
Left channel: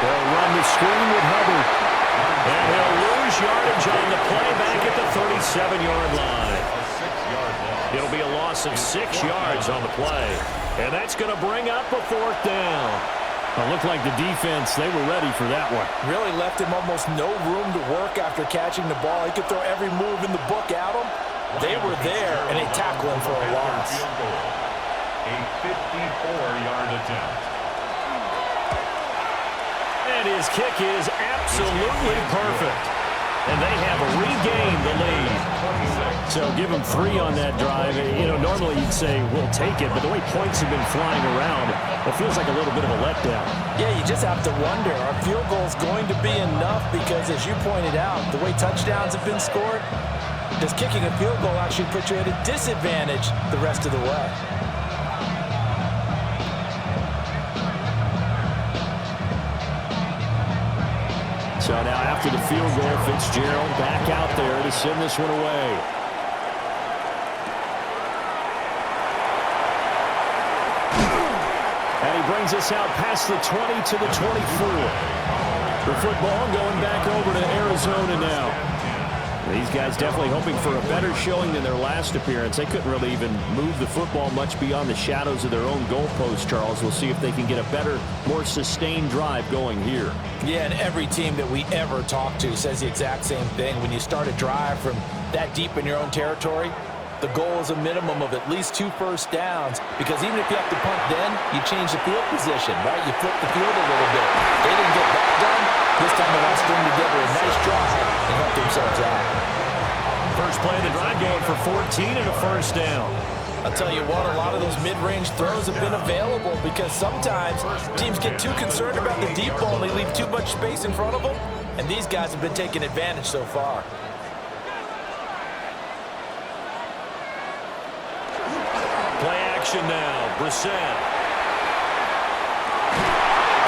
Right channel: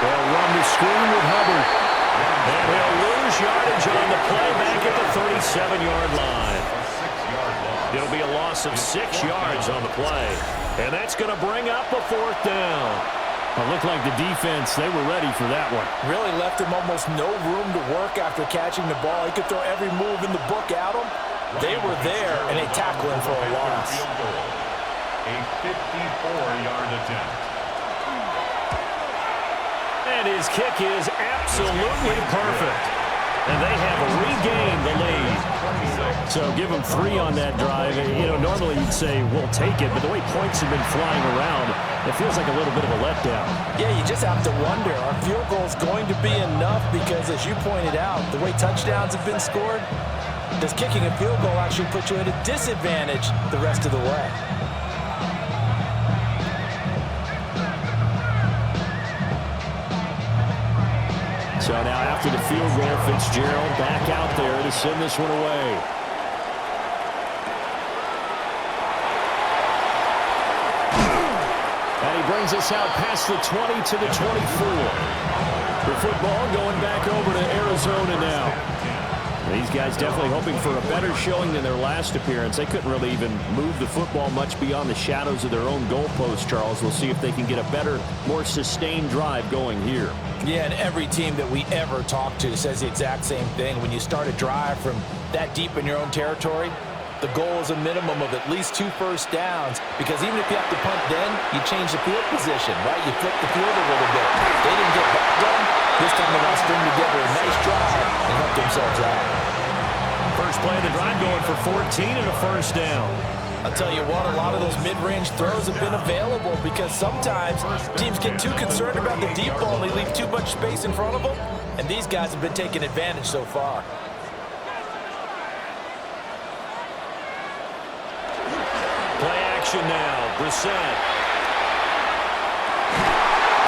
They'll run the screen with Hubbard. And he'll lose yardage on the play back at the 37-yard line. It'll be a loss of 6 yards on the play. And that's going to bring up a 4th down. It looked like the defense, they were ready for that one. Really left him almost no room to work after catching the ball. He could throw every move in the book at him. They were there, and they tackled him for a loss. A 54-yard attempt. And his kick is absolutely perfect. And they have regained the lead. So give them 3 on that drive. You know, normally you'd say, we'll take it. But the way points have been flying around, it feels like a little bit of a letdown. Yeah, you just have to wonder, are field goals going to be enough? Because as you pointed out, the way touchdowns have been scored, Does kicking a field goal actually put you at a disadvantage the rest of the way? So now after the field goal, Fitzgerald back out there to send this one away. And he brings us out past the 20 to the 24. The football going back over to Arizona now. These guys definitely hoping for a better showing than their last appearance. They couldn't really even move the football much beyond the shadows of their own goalpost, Charles. We'll see if they can get a better, more sustained drive going here. Yeah, and every team that we ever talk to says the exact same thing. When you start a drive from that deep in your own territory, the goal is a minimum of at least 2 first downs, because even if you have to punt then, you change the field position, right? You flip the field a little bit. They didn't get that done. This time they want to string together a nice drive and help themselves out. First play of the drive going for 14 and a first down. I'll tell you what, a lot of those mid-range throws have been available because sometimes teams get too concerned about the deep ball and they leave too much space in front of them, and these guys have been taking advantage so far. Play action now. Brissett.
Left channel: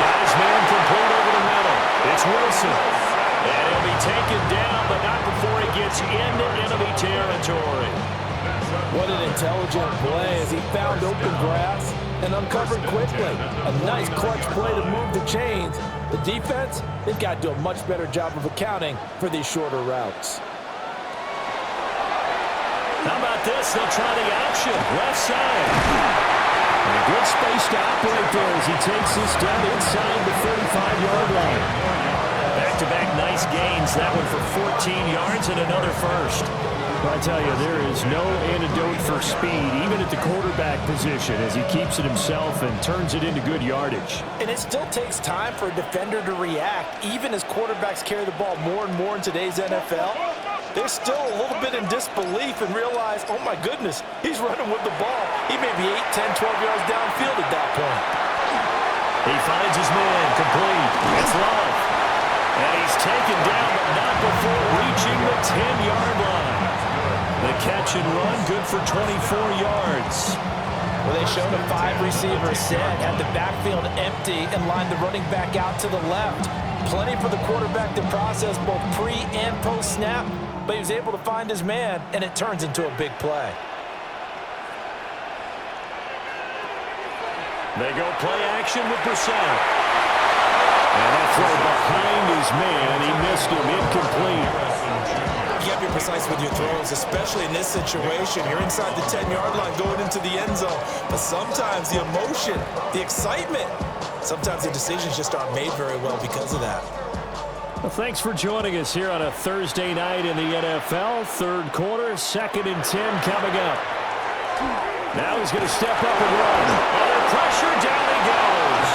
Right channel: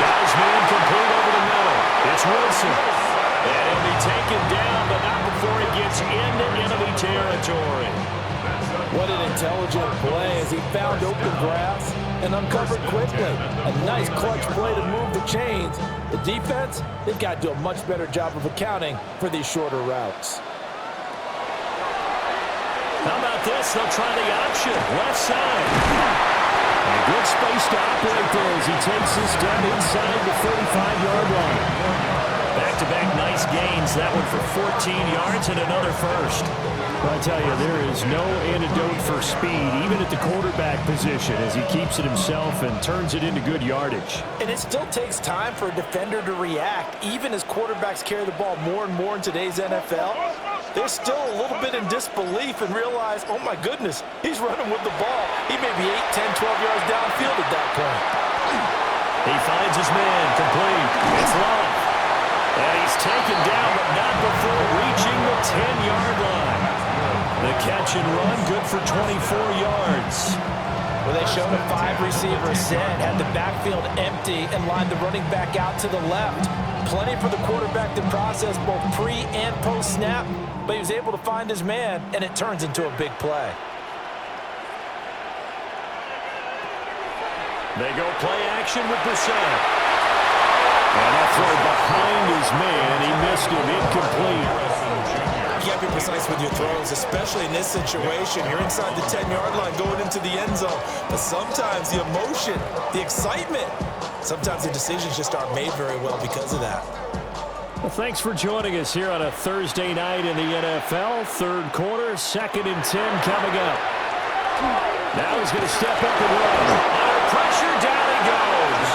Got his man complete over the middle. It's Wilson. And he'll be taken down, but not before he gets into enemy territory. What an intelligent play as he found open grass and uncovered quickly. A nice clutch play to move the chains. The defense, they've got to do a much better job of accounting for these shorter routes. How about this? They'll try the option. Left side. And a good space to operate there as he takes this down inside the 35-yard line. Back-to-back nice gains. That one for 14 yards and another first. Well, I tell you, there is no antidote for speed, even at the quarterback position, as he keeps it himself and turns it into good yardage. And it still takes time for a defender to react, even as quarterbacks carry the ball more and more in today's NFL. They're still a little bit in disbelief and realize, oh my goodness, he's running with the ball. He may be 8, 10, 12 yards downfield at that point. He finds his man complete. It's Love. And he's taken down, but not before reaching the 10-yard line. The catch and run, good for 24 yards. Well, they showed a 5-receiver set, had the backfield empty, and lined the running back out to the left. Plenty for the quarterback to process both pre- and post-snap, but he was able to find his man, and it turns into a big play. They go play action with Brissett. And that throw behind his man, he missed him, incomplete. You got to be precise with your throws, especially in this situation. You're inside the 10-yard line going into the end zone. But sometimes the emotion, the excitement, sometimes the decisions just aren't made very well because of that. Well, thanks for joining us here on a Thursday night in the NFL. Third quarter, 2nd and 10 coming up. Now he's going to step up and run. Under pressure, down he goes.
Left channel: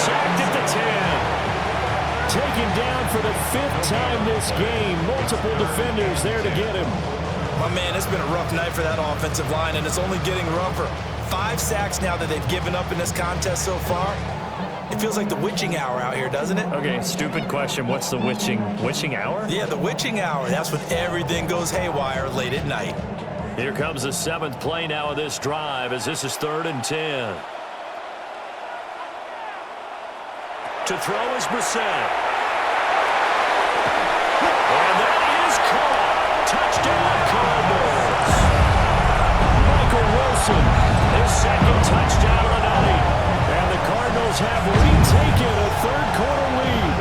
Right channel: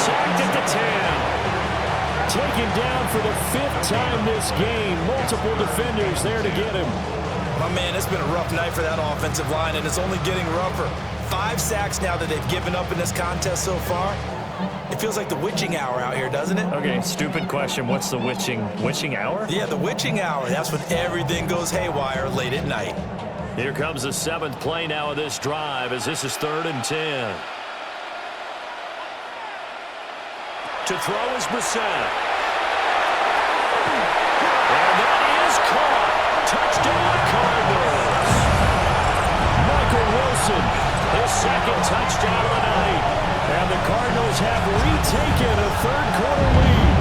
Sacked at the 10. Taken down for the 5th time this game. Multiple defenders there to get him. My man, it's been a rough night for that offensive line, and it's only getting rougher. 5 sacks now that they've given up in this contest so far. It feels like the witching hour out here, doesn't it? Okay, stupid question. What's the witching hour? Yeah, the witching hour. That's when everything goes haywire late at night. Here comes the 7th play now of this drive as this is 3rd and 10. To throw is Brissett. And that is caught. Touchdown, Cardinals. Michael Wilson, his 2nd touchdown of the night. And the Cardinals have retaken a 3rd quarter lead.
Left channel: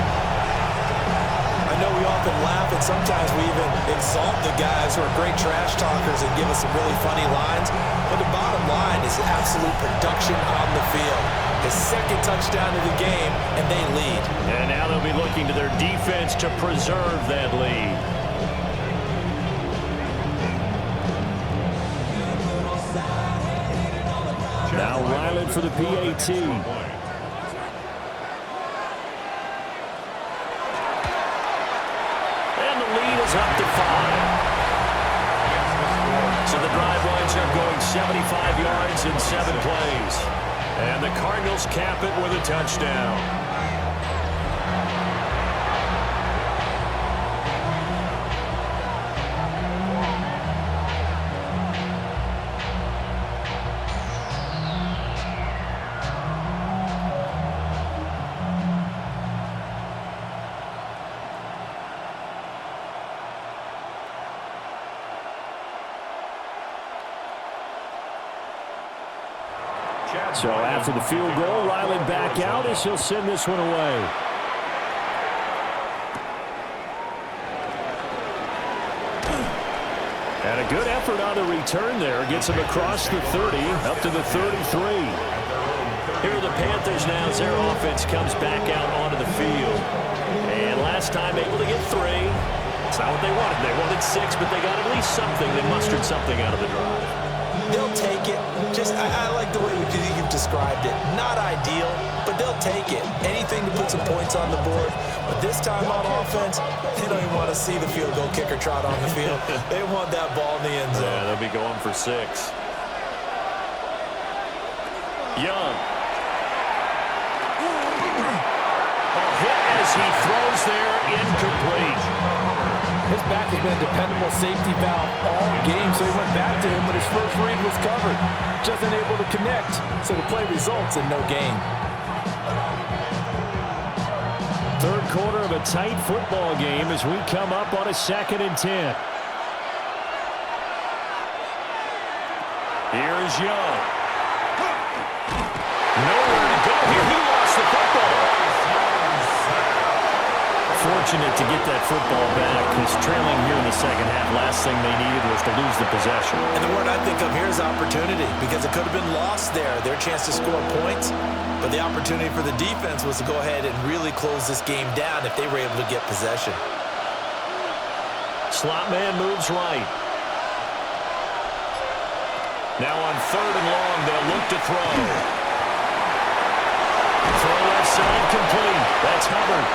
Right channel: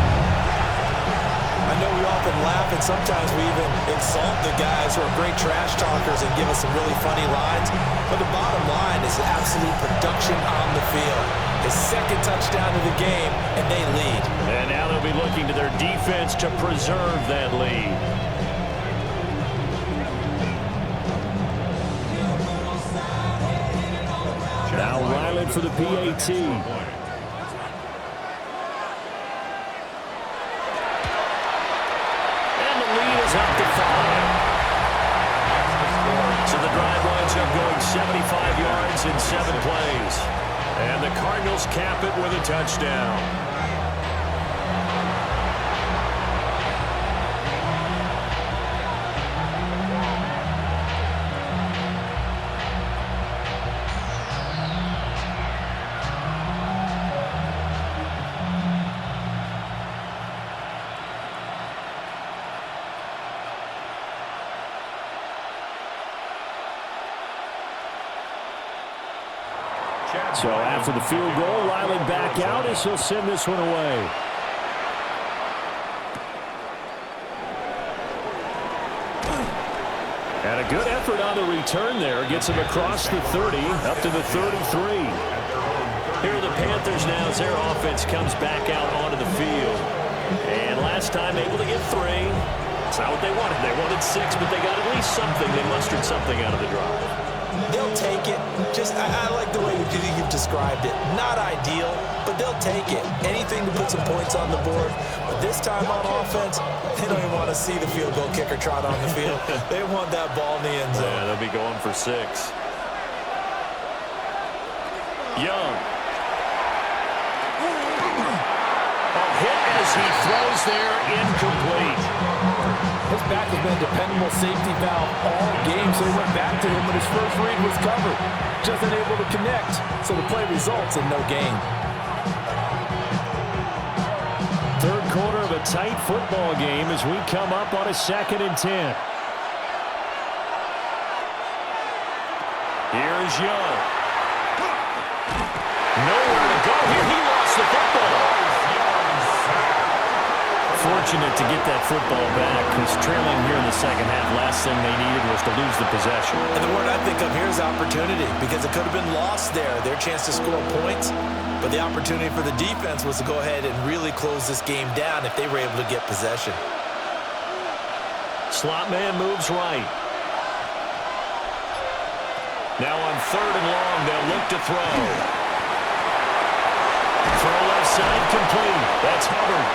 I know we often laugh and sometimes we even insult the guys who are great trash talkers and give us some really funny lines. But the bottom line is absolute production on the field. His 2nd touchdown of the game, and they lead. And now they'll be looking to their defense to preserve that lead. Now Ryland for the PAT. And the lead is up to 5. So the drive winds up going 75 yards in 7 plays. And the Cardinals cap it with a touchdown. So after the field goal, Riley back out as he'll send this one away. And a good effort on the return there. Gets him across the 30, up to the 33. Here are the Panthers now as their offense comes back out onto the field. And last time able to get 3. It's not what they wanted. They wanted 6, but they got at least something. They mustered something out of the drive. They'll take it. I like the way you've described it. Not ideal, but they'll take it. Anything to put some points on the board. But this time on offense, they don't even want to see the field goal kicker trot on the field. They want that ball in the end zone. Yeah, they'll be going for 6. Young. Hit as he throws there, incomplete. His back has been a dependable safety valve all game, so he went back to him when his first read was covered. Just unable to connect, so the play results in no gain. Third quarter of a tight football game as we come up on a 2nd and 10. Here's Young. Nowhere to go here. He lost the football. Fortunate to get that football back because trailing here in the second half, last thing they needed was to lose the possession. And the word I think of here is opportunity because it could have been lost there. Their chance to score points, but the opportunity for the defense was to go ahead and really close this game down if they were able to get possession. Slot man moves right. Now on 3rd and long, they'll look to throw. Throw left side complete. That's Hubbard.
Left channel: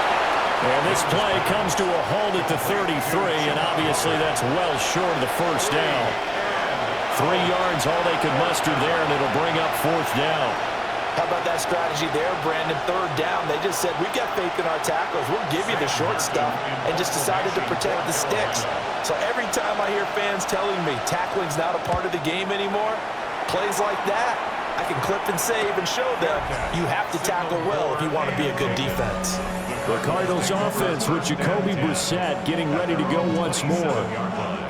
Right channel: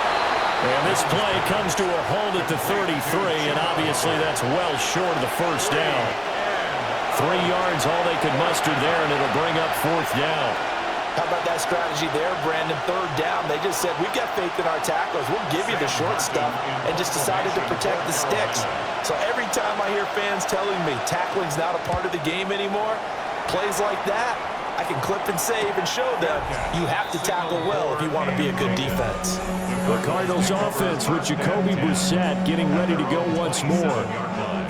And this play comes to a halt at the 33, and obviously that's well short of the first down. 3 yards, all they could muster there, and it'll bring up 4th down. How about that strategy there, Brandon? 3rd down, they just said, we've got faith in our tacklers. We'll give you the short stuff, and just decided to protect the sticks. So every time I hear fans telling me tackling's not a part of the game anymore, plays like that, I can clip and save and show them you have to tackle well if you want to be a good defense. The Cardinals offense with Jacoby Brissett getting ready to go once more.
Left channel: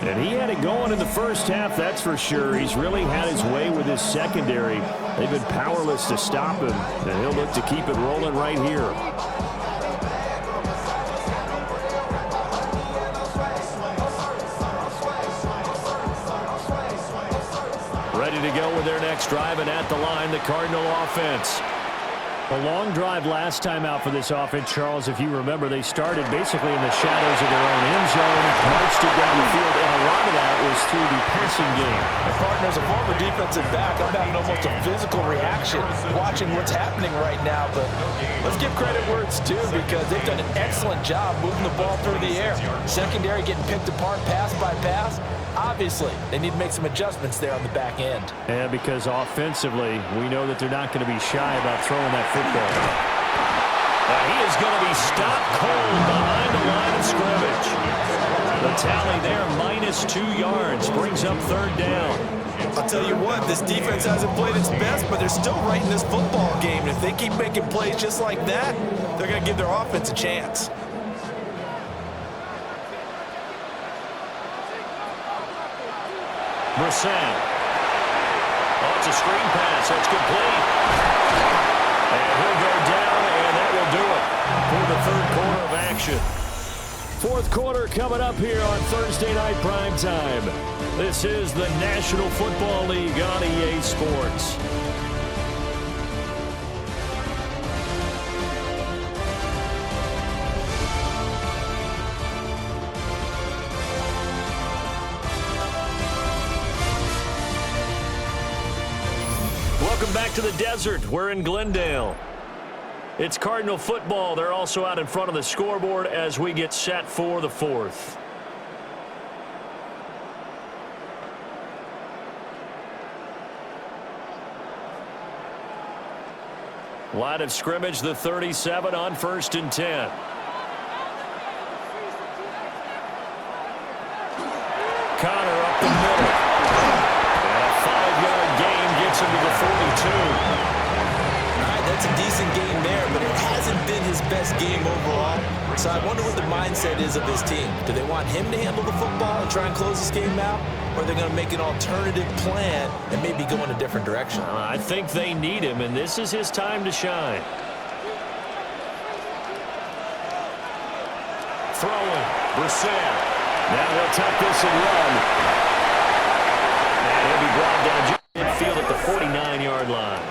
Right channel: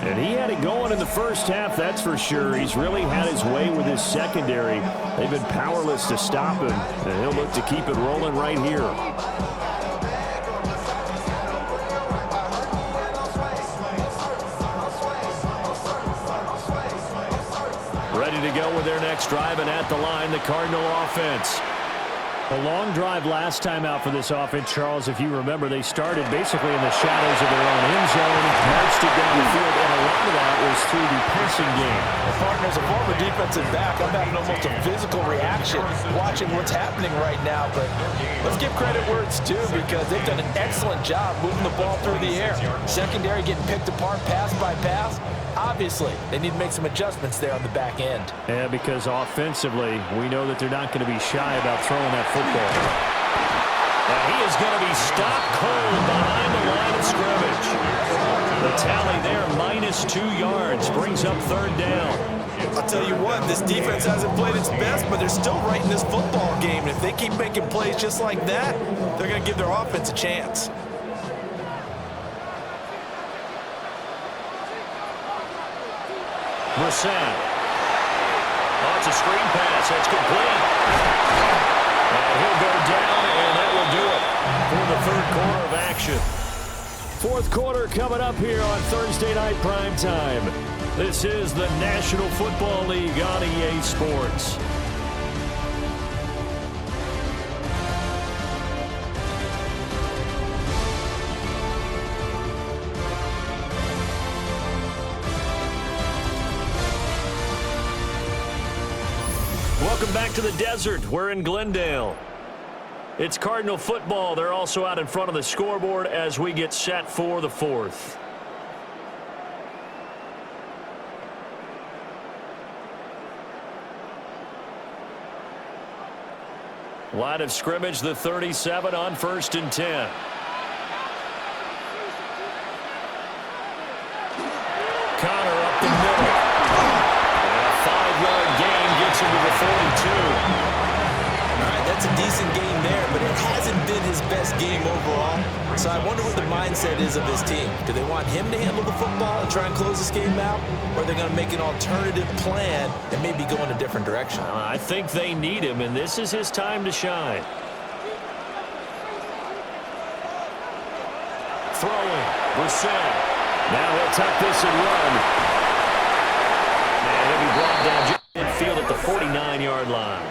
And he had it going in the first half, that's for sure. He's really had his way with his secondary. They've been powerless to stop him, and he'll look to keep it rolling right here. Ready to go with their next drive, and at the line, the Cardinal offense. A long drive last time out for this offense, Charles. If you remember, they started basically in the shadows of their own end zone, marched it down the field, and a lot of that was through the passing game. And partner, as a former defensive back, I'm having almost a physical reaction watching what's happening right now. But let's give credit where it's due because they've done an excellent job moving the ball through the air. Secondary getting picked apart pass by pass. Obviously, they need to make some adjustments there on the back end. Yeah, because offensively, we know that they're not going to be shy about throwing that football. He is going to be stopped cold behind the line of scrimmage. The tally there, -2 yards, brings up 3rd down. I'll tell you what, this defense hasn't played its best, but they're still right in this football game. And if they keep making plays just like that, they're going to give their offense a chance. Brissett. Oh, it's a screen pass. That's complete. And he'll go down, and that will do it for the 3rd quarter of action. 4th quarter coming up here on Thursday Night Primetime. This is the National Football League on EA Sports. Welcome back to the desert. We're in Glendale. It's Cardinal football. They're also out in front of the scoreboard as we get set for the 4th. Line of scrimmage, the 37 on 1st and 10. Connor up the middle. And a 5-yard gain gets him to the 42. All right, that's a decent game there, but it hasn't been his best game overall. So I wonder what the mindset is of his team. Do they want him to handle the football and try and close this game out? Or are they going to make an alternative plan and maybe go in a different direction? I think they need him, and this is his time to shine. Throwing, Brissett. Now he'll tuck this and run. And he'll be brought down just midfield at the 49-yard line.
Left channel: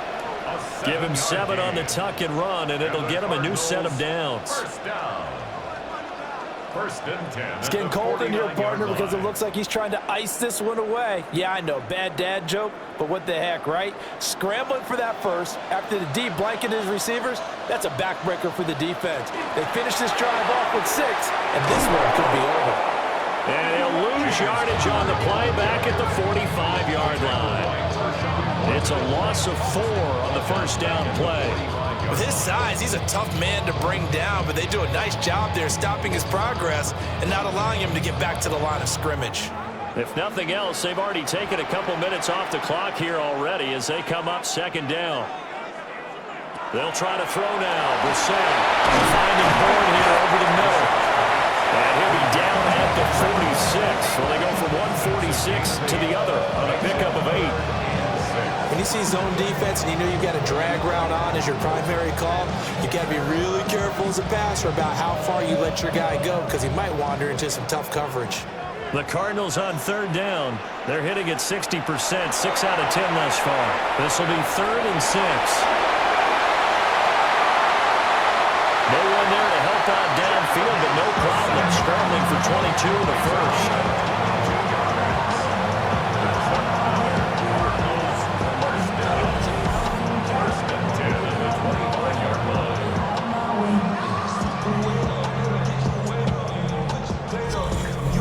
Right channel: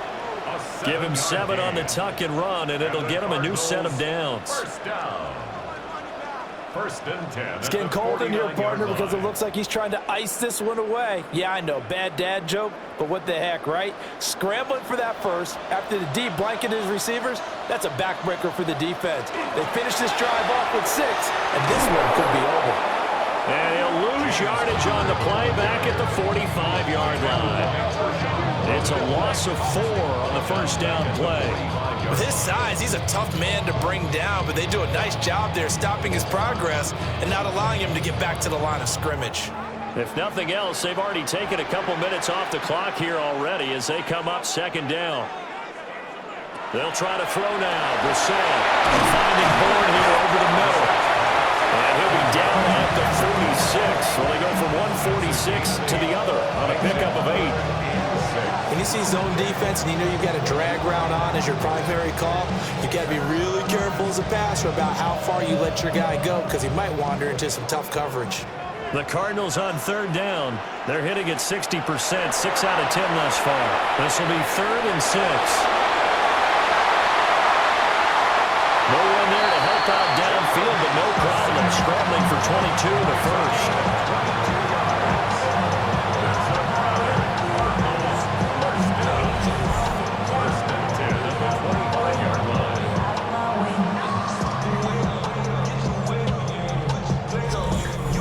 Give him 7 on the tuck and run, and it'll get him a new set of downs. First down. First and 10. It's getting cold in here, partner, because it looks like he's trying to ice this one away. Yeah, I know, bad dad joke, but what the heck, right? Scrambling for that first after the D blanketed his receivers, that's a backbreaker for the defense. They finish this drive off with 6, and this one could be over. And he'll lose yardage on the play back at the 45-yard line. It's a loss of 4 on the first down play. With his size, he's a tough man to bring down, but they do a nice job there stopping his progress and not allowing him to get back to the line of scrimmage. If nothing else, they've already taken a couple minutes off the clock here already as they come up second down. They'll try to throw now. Brissett finding Bourne here over the middle. And he'll be down at the 46. So they go from 146 to the other on a pickup of 8. When you see zone defense and you know you've got a drag route on as your primary call, you've got to be really careful as a passer about how far you let your guy go because he might wander into some tough coverage. The Cardinals on third down. They're hitting at 60%, 6 out of 10 thus far. This will be 3rd and 6. No one there to help out downfield, but no problem. Scrambling for 22 in the first. First and 10 at the 25-yard line.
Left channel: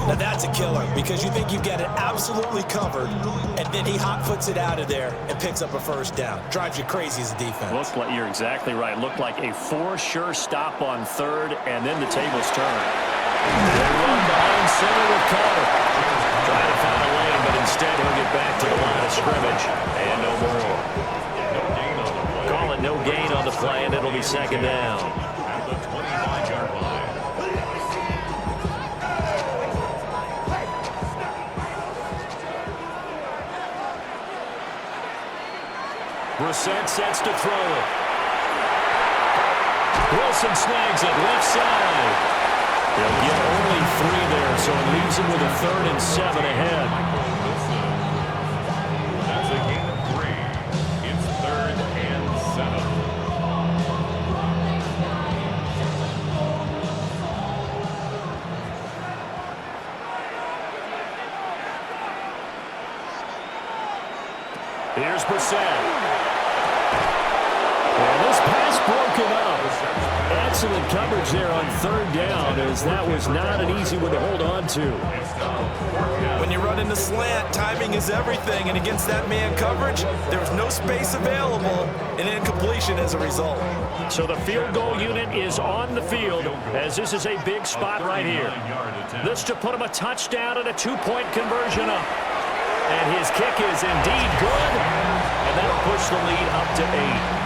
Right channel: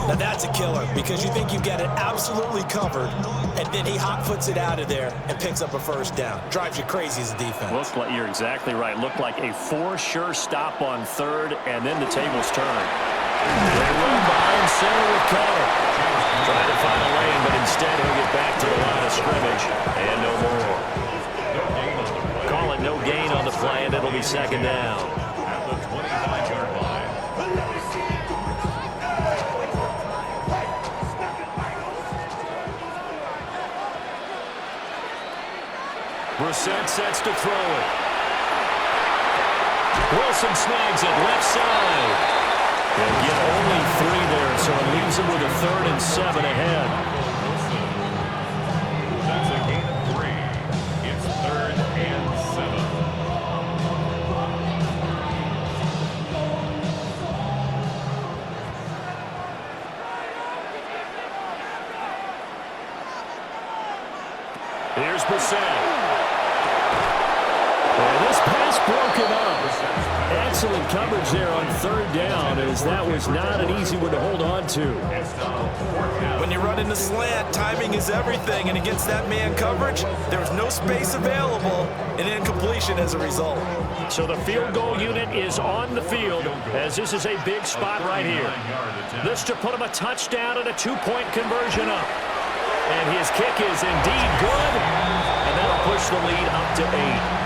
Now that's a killer because you think you've got it absolutely covered, and then he hot-foots it out of there and picks up a first down. Drives you crazy as a defense. Looked like, you're exactly right. Looked like a 4-sure stop on 3rd, and then the tables turn. They run behind center with Carter. Trying to find a lane, but instead he'll get back to the line of scrimmage, and no more. No gain on the play. Call it no gain on the play, and it'll be second down. At the 25-yard line. Brissett sets to throw it. Wilson snags it left side. He'll get only 3 there, so it leaves him with a 3rd and 7 ahead. That's a gain of 3. It's 3rd and 7. Here's Brissett. And this pass broken up. Excellent coverage there on 3rd down, as that was not an easy one to hold on to. When you run in the slant, timing is everything, and against that man coverage, there was no space available, and incompletion as a result. So the field goal unit is on the field, as this is a big spot right here. This to put him a touchdown and a 2-point conversion up. And his kick is indeed good, and that'll push the lead up to 8.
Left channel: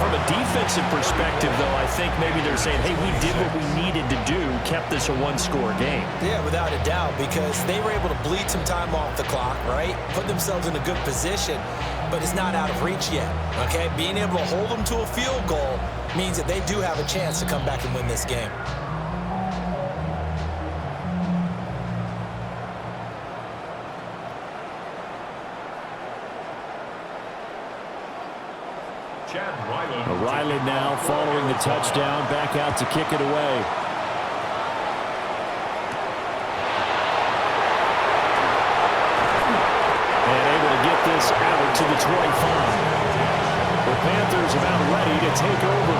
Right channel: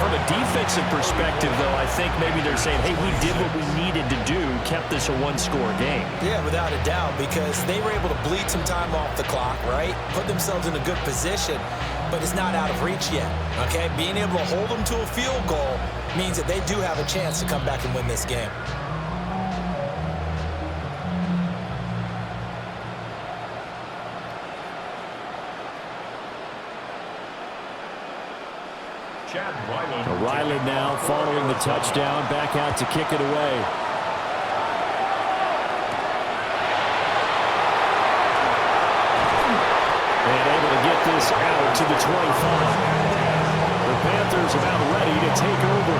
From a defensive perspective, though, I think maybe they're saying, hey, we did what we needed to do, kept this a 1-score game. Yeah, without a doubt, because they were able to bleed some time off the clock, right? Put themselves in a good position, but it's not out of reach yet, okay? Being able to hold them to a field goal means that they do have a chance to come back and win this game. Riley now following the touchdown, back out to kick it away. And able to get this out to the 25. The Panthers about ready to take over.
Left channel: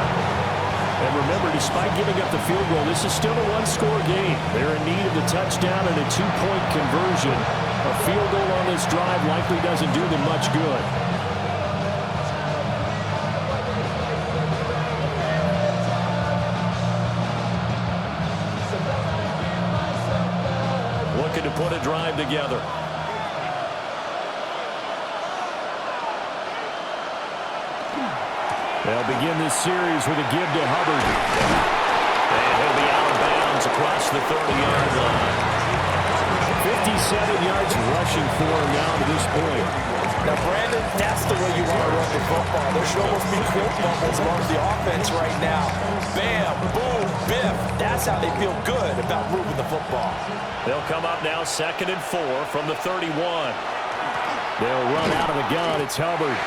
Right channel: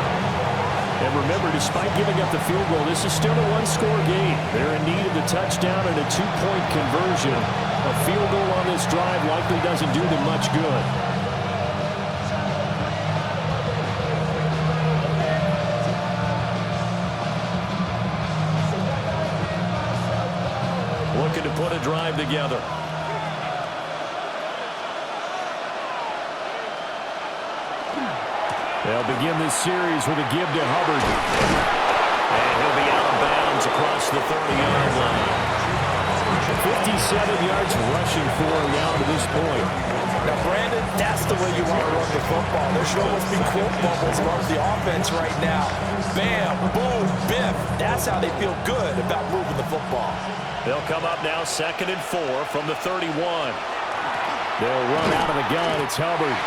And remember, despite giving up the field goal, this is still a 1-score game. They're in need of the touchdown and a 2-point conversion. A field goal on this drive likely doesn't do them much good. Looking to put a drive together. They'll begin this series with a give to Hubbard. And he'll be out of bounds across the 30-yard line. 57 yards rushing for him now to this point. Now, Brandon, that's the way you want to run the football. There should almost be quote bubbles among the offense right now. Bam, boom, biff. That's how they feel good about moving the football. They'll come up now 2nd and 4 from the 31. They'll run out of the gun. It's Hubbard.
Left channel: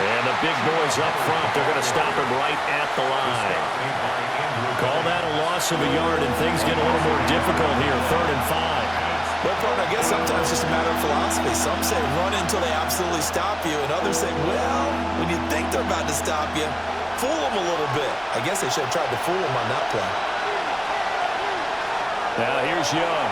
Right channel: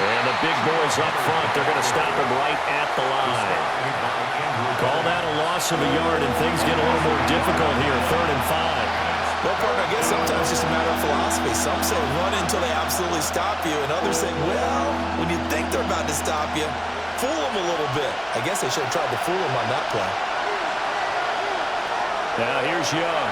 And the big boys up front, they're going to stop him right at the line. Call that a loss of a yard, and things get a little more difficult here. 3rd and 5. Well, partner, I guess sometimes it's just a matter of philosophy. Some say run until they absolutely stop you, and others say, well, when you think they're about to stop you, fool them a little bit. I guess they should have tried to fool them on that play. Now here's Young.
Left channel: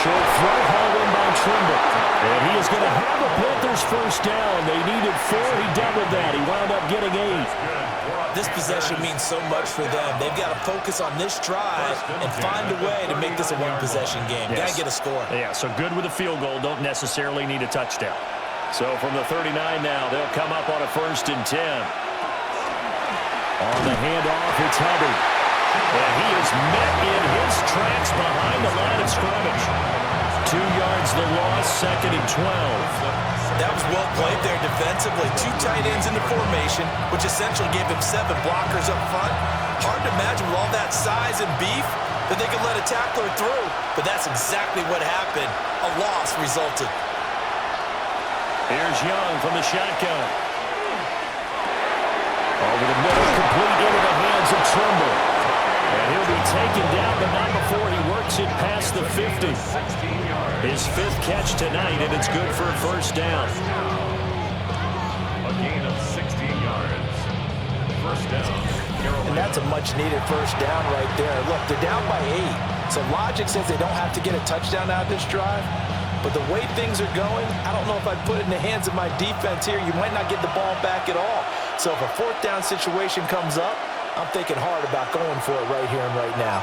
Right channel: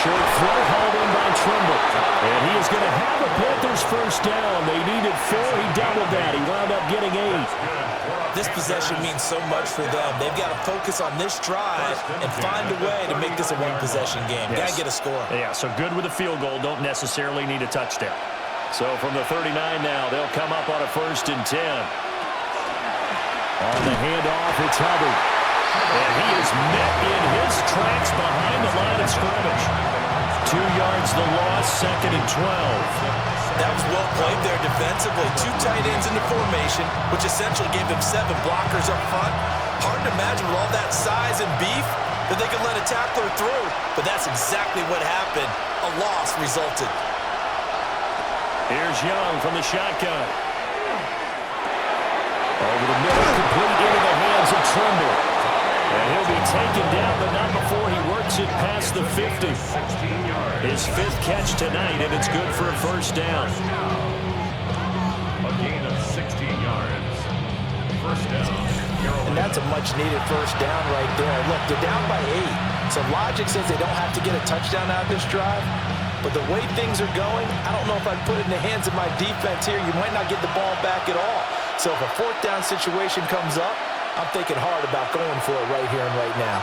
Short throw hauled in by Trimble. And he is going to have a Panthers first down. They needed 4. He doubled that. He wound up getting 8. This possession means so much for them. They've got to focus on this drive and find a way to make this a one-possession game. Yes. Got to get a score. Yeah, so good with a field goal. Don't necessarily need a touchdown. So from the 39 now, they'll come up on a 1st and 10. On the handoff, it's Hubbard. And he is met in his tracks behind the line of scrimmage. 2 yards the loss, 2nd and 12. That was well played there defensively. 2 tight ends in the formation, which essentially gave him 7 blockers up front. Hard to imagine with all that size and beef that they could let a tackler through, but that's exactly what happened. A loss resulted. Here's Young from the shotgun. Over the middle, complete into the hands of Trimble. And he'll be taken down, but not before he works it past the 50. His 5th catch tonight, and it's good for a first down. A gain of 16 yards. First down. And that's a much-needed first down right there. Look, they're down by 8. So logic says they don't have to get a touchdown out of this drive. But the way things are going, I don't know if I'd put it in the hands of my defense here. You might not get the ball back at all. So if a 4th down situation comes up, I'm thinking hard about going for it right here and right now.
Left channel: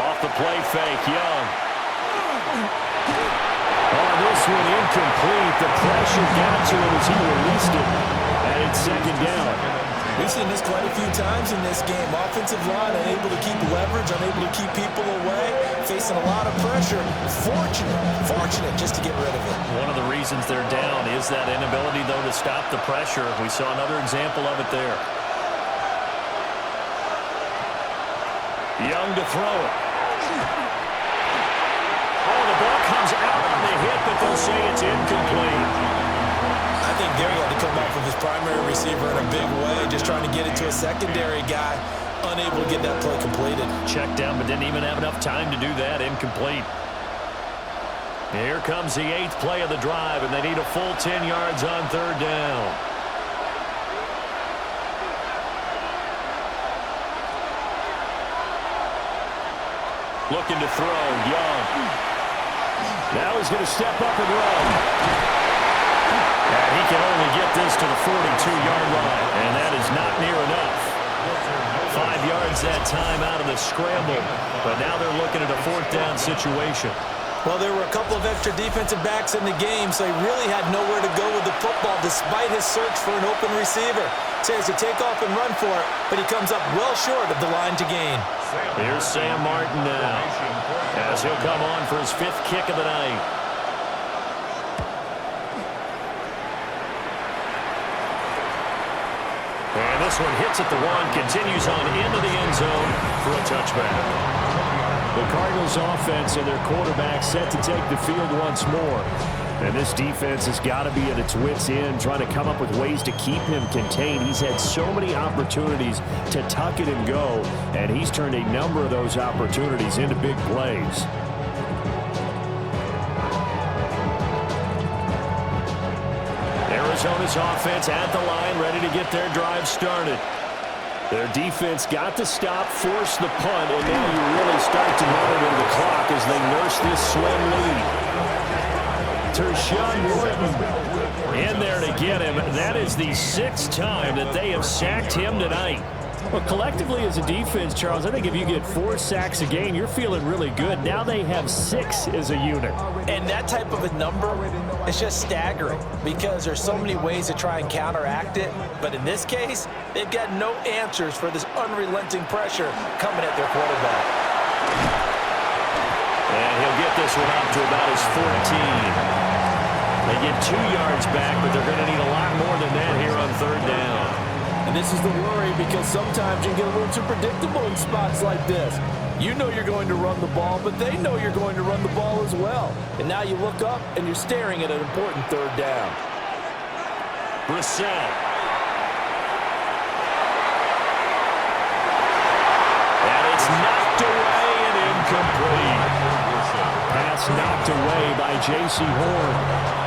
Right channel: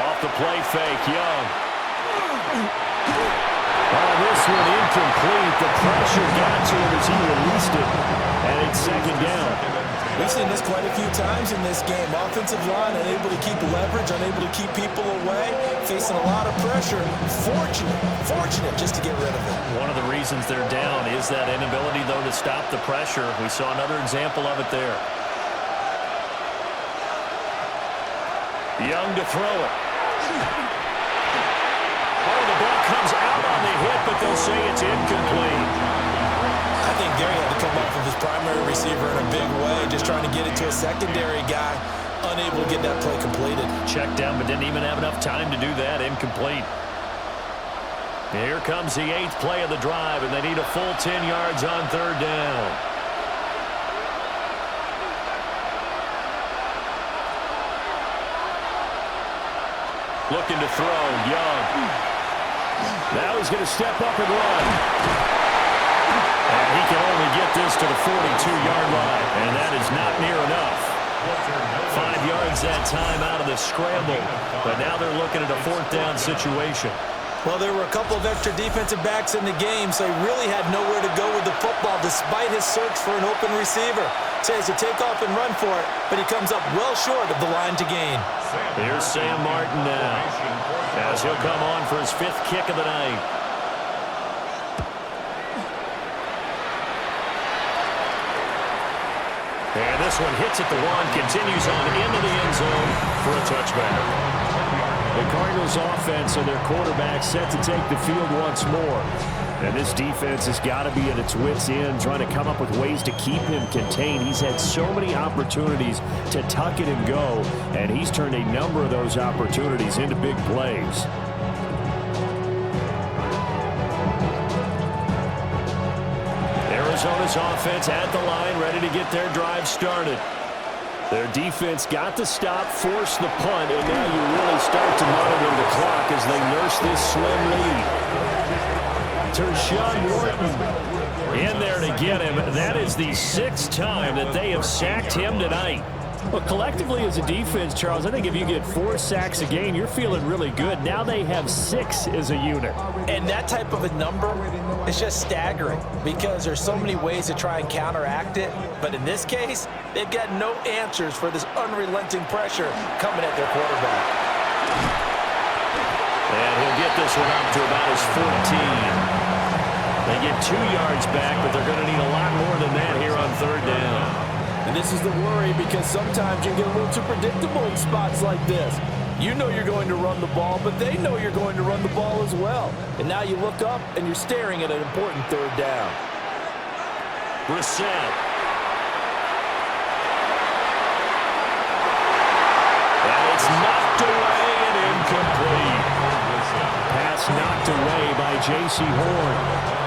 Off the play fake, Young. Oh, this one incomplete. The pressure got to him as he released it. And it's 2nd down. We've seen this quite a few times in this game. Offensive line unable to keep leverage, unable to keep people away, facing a lot of pressure. Fortunate just to get rid of it. One of the reasons they're down is that inability, though, to stop the pressure. We saw another example of it there. Young to throw it. Oh, the ball comes out on the hit, but they'll say it's incomplete. I think Gary had to come off of his primary receiver in a big way, just trying to get it to a secondary guy, unable to get that play completed. Checked down, but didn't even have enough time to do that. Incomplete. Here comes the 8th play of the drive, and they need a full 10 yards on 3rd down. Looking to throw, Young. Now he's going to step up and run. And he can only get this to the 42-yard line, and that is not near enough. 5 yards that time out of the scramble, but now they're looking at a 4th down situation. Well, there were a couple of extra defensive backs in the game, so he really had nowhere to go with the football despite his search for an open receiver. So he has to take off and run for it, but he comes up well short of the line to gain. Here's Sam Martin now, as he'll come on for his 5th kick of the night. And this one hits at the 1, continues on into the end zone for a touchback. The Cardinals offense and their quarterback set to take the field once more. And this defense has got to be at its wits' end, trying to come up with ways to keep him contained. He's had so many opportunities to tuck it and go, and he's turned a number of those opportunities into big plays. Arizona's offense at the line, ready to get their drive started. Their defense got the stop, forced the punt, and now you really start to monitor the clock as they nurse this slim lead. Tershawn Wharton in there to get him. That is the 6th time that they have sacked him tonight. Well, collectively as a defense, Charles, I think if you get 4 sacks a game, you're feeling really good. Now they have 6 as a unit. And that type of a number is just staggering because there's so many ways to try and counteract it. But in this case, they've got no answers for this unrelenting pressure coming at their quarterback. And he'll get this one up to about his 14. They get 2 yards back, but they're going to need a lot more than that here on 3rd down. And this is the worry because sometimes you get a little too predictable in spots like this. You know you're going to run the ball, but they know you're going to run the ball as well. And now you look up and you're staring at an important 3rd down. Brissett. And it's knocked away and incomplete. Pass knocked away by J.C. Horn.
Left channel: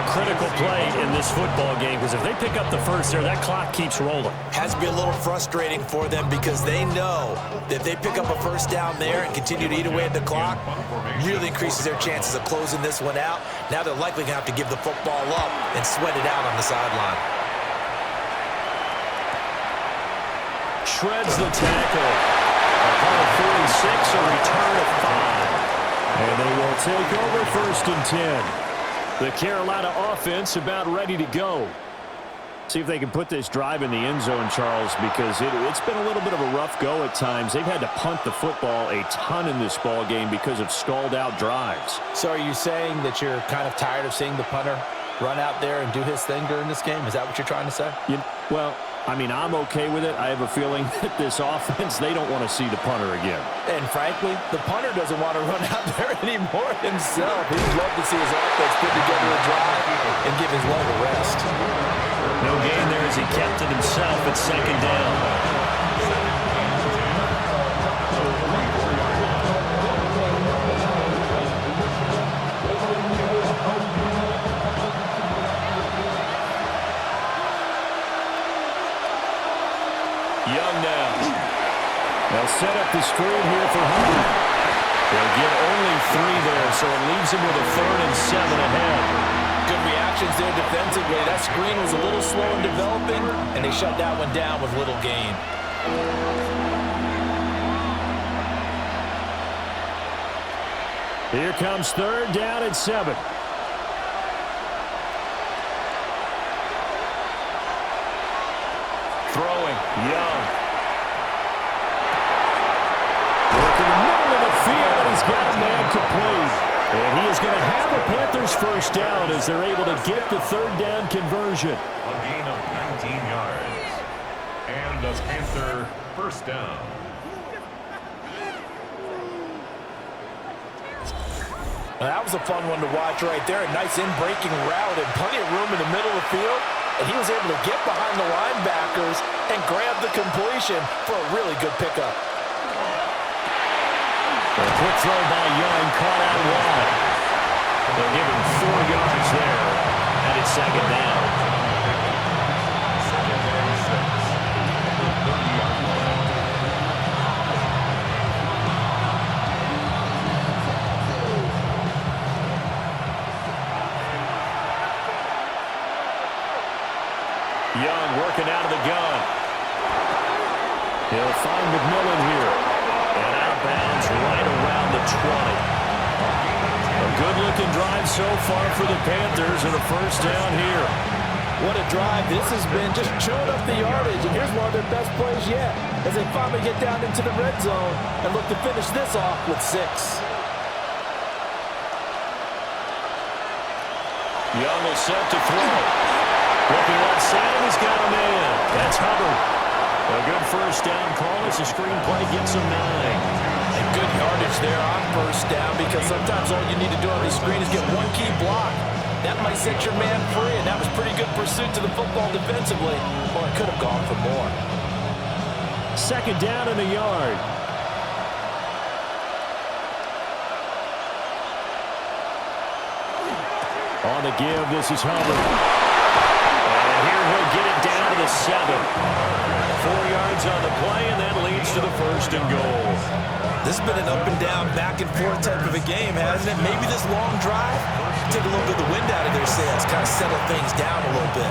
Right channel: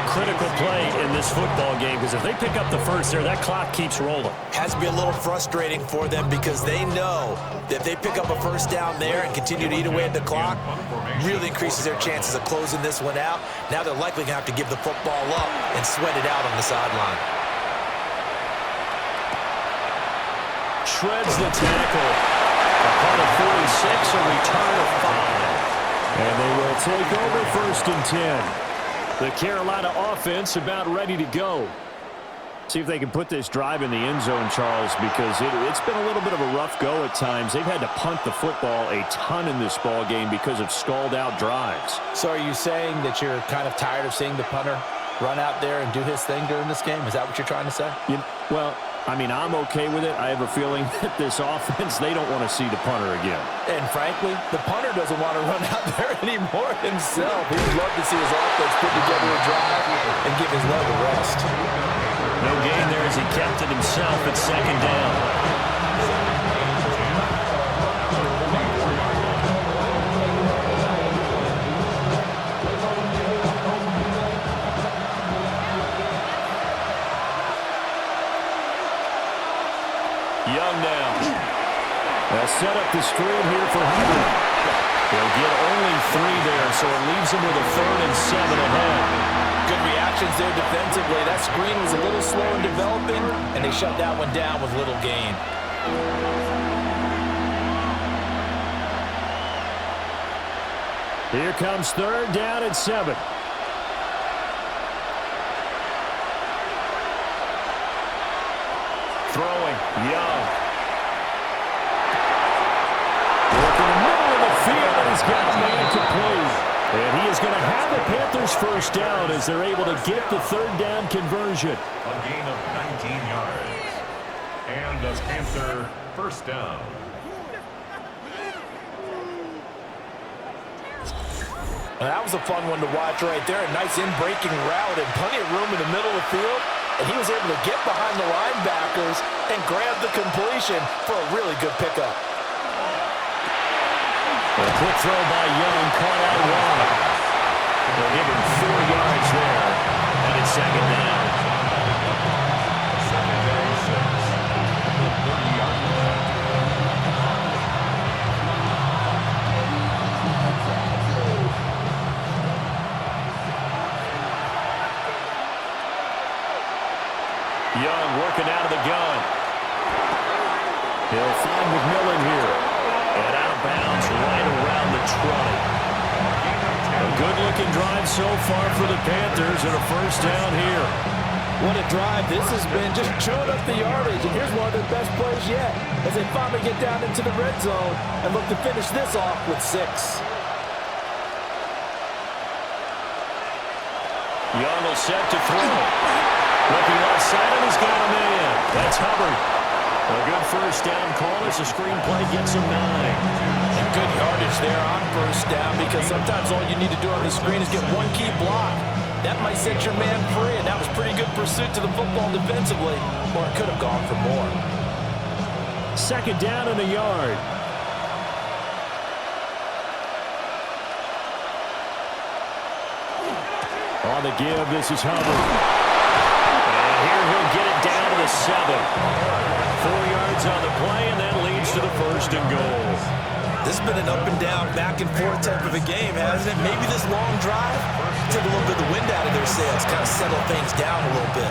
Critical play in this football game because if they pick up the first there, that clock keeps rolling. Has to be a little frustrating for them because they know that if they pick up a first down there and continue to eat away at the clock, really increases their chances of closing this one out. Now they're likely going to have to give the football up and sweat it out on the sideline. Shreds the tackle. Upon a 46, a return of 5. And they will take over 1st and 10. The Carolina offense about ready to go. See if they can put this drive in the end zone, Charles, because it's been a little bit of a rough go at times. They've had to punt the football a ton in this ball game because of stalled out drives. So are you saying that you're kind of tired of seeing the punter run out there and do his thing during this game? Is that what you're trying to say? Well, I mean, I'm okay with it. I have a feeling that this offense, they don't want to see the punter again. And frankly, the punter doesn't want to run out there anymore himself. He'd love to see his offense put together a drive and give his leg a rest. No gain there as he kept it himself at 2nd down. Young now. They'll set up the screen here for Hubbard. They'll get only 3 there, so it leaves him with a 3rd and 7 ahead. Good reactions there defensively. That screen was a little slow in developing, and they shut that one down with little gain. Here comes 3rd down and 7. Throwing, Young. Working the middle of the field, and he's got a man complete. And he is going to have the Panthers 1st down as they're able to get the 3rd down conversion. A gain of 19 yards. And a Panther 1st down. Well, that was a fun one to watch right there. A nice in-breaking route and plenty of room in the middle of the field. And he was able to get behind the linebackers and grab the completion for a really good pickup. A quick throw by Young, caught out wide. They'll give him 4 yards there, and it's 2nd down. 2nd and 6. The 30-yard line. Young working out of the gun. He'll find McMillan here. And out of bounds right around the 20. A good-looking drive so far for the Panthers and a 1st down here. What a drive. This has been just chewing up the yardage. And here's one of their best plays yet as they finally get down into the red zone and look to finish this off with 6. Young will set to throw. Looking left side, and he's got a man. That's Hubbard. A good 1st down call as the screenplay gets him 9. And good yardage there on 1st down because sometimes all you need to do on the screen is get one key block. That might set your man free, and that was pretty good pursuit to the football defensively, or it could have gone for more. 2nd down and a yard. On the give, this is Hubbard. And here he'll get it down to the 7. 4 yards on the play, and that leads to the 1st and goal. This has been an up and down, back and forth type of a game, hasn't it? Maybe this long drive take a little bit of the wind out of their sails, kind of settle things down a little bit.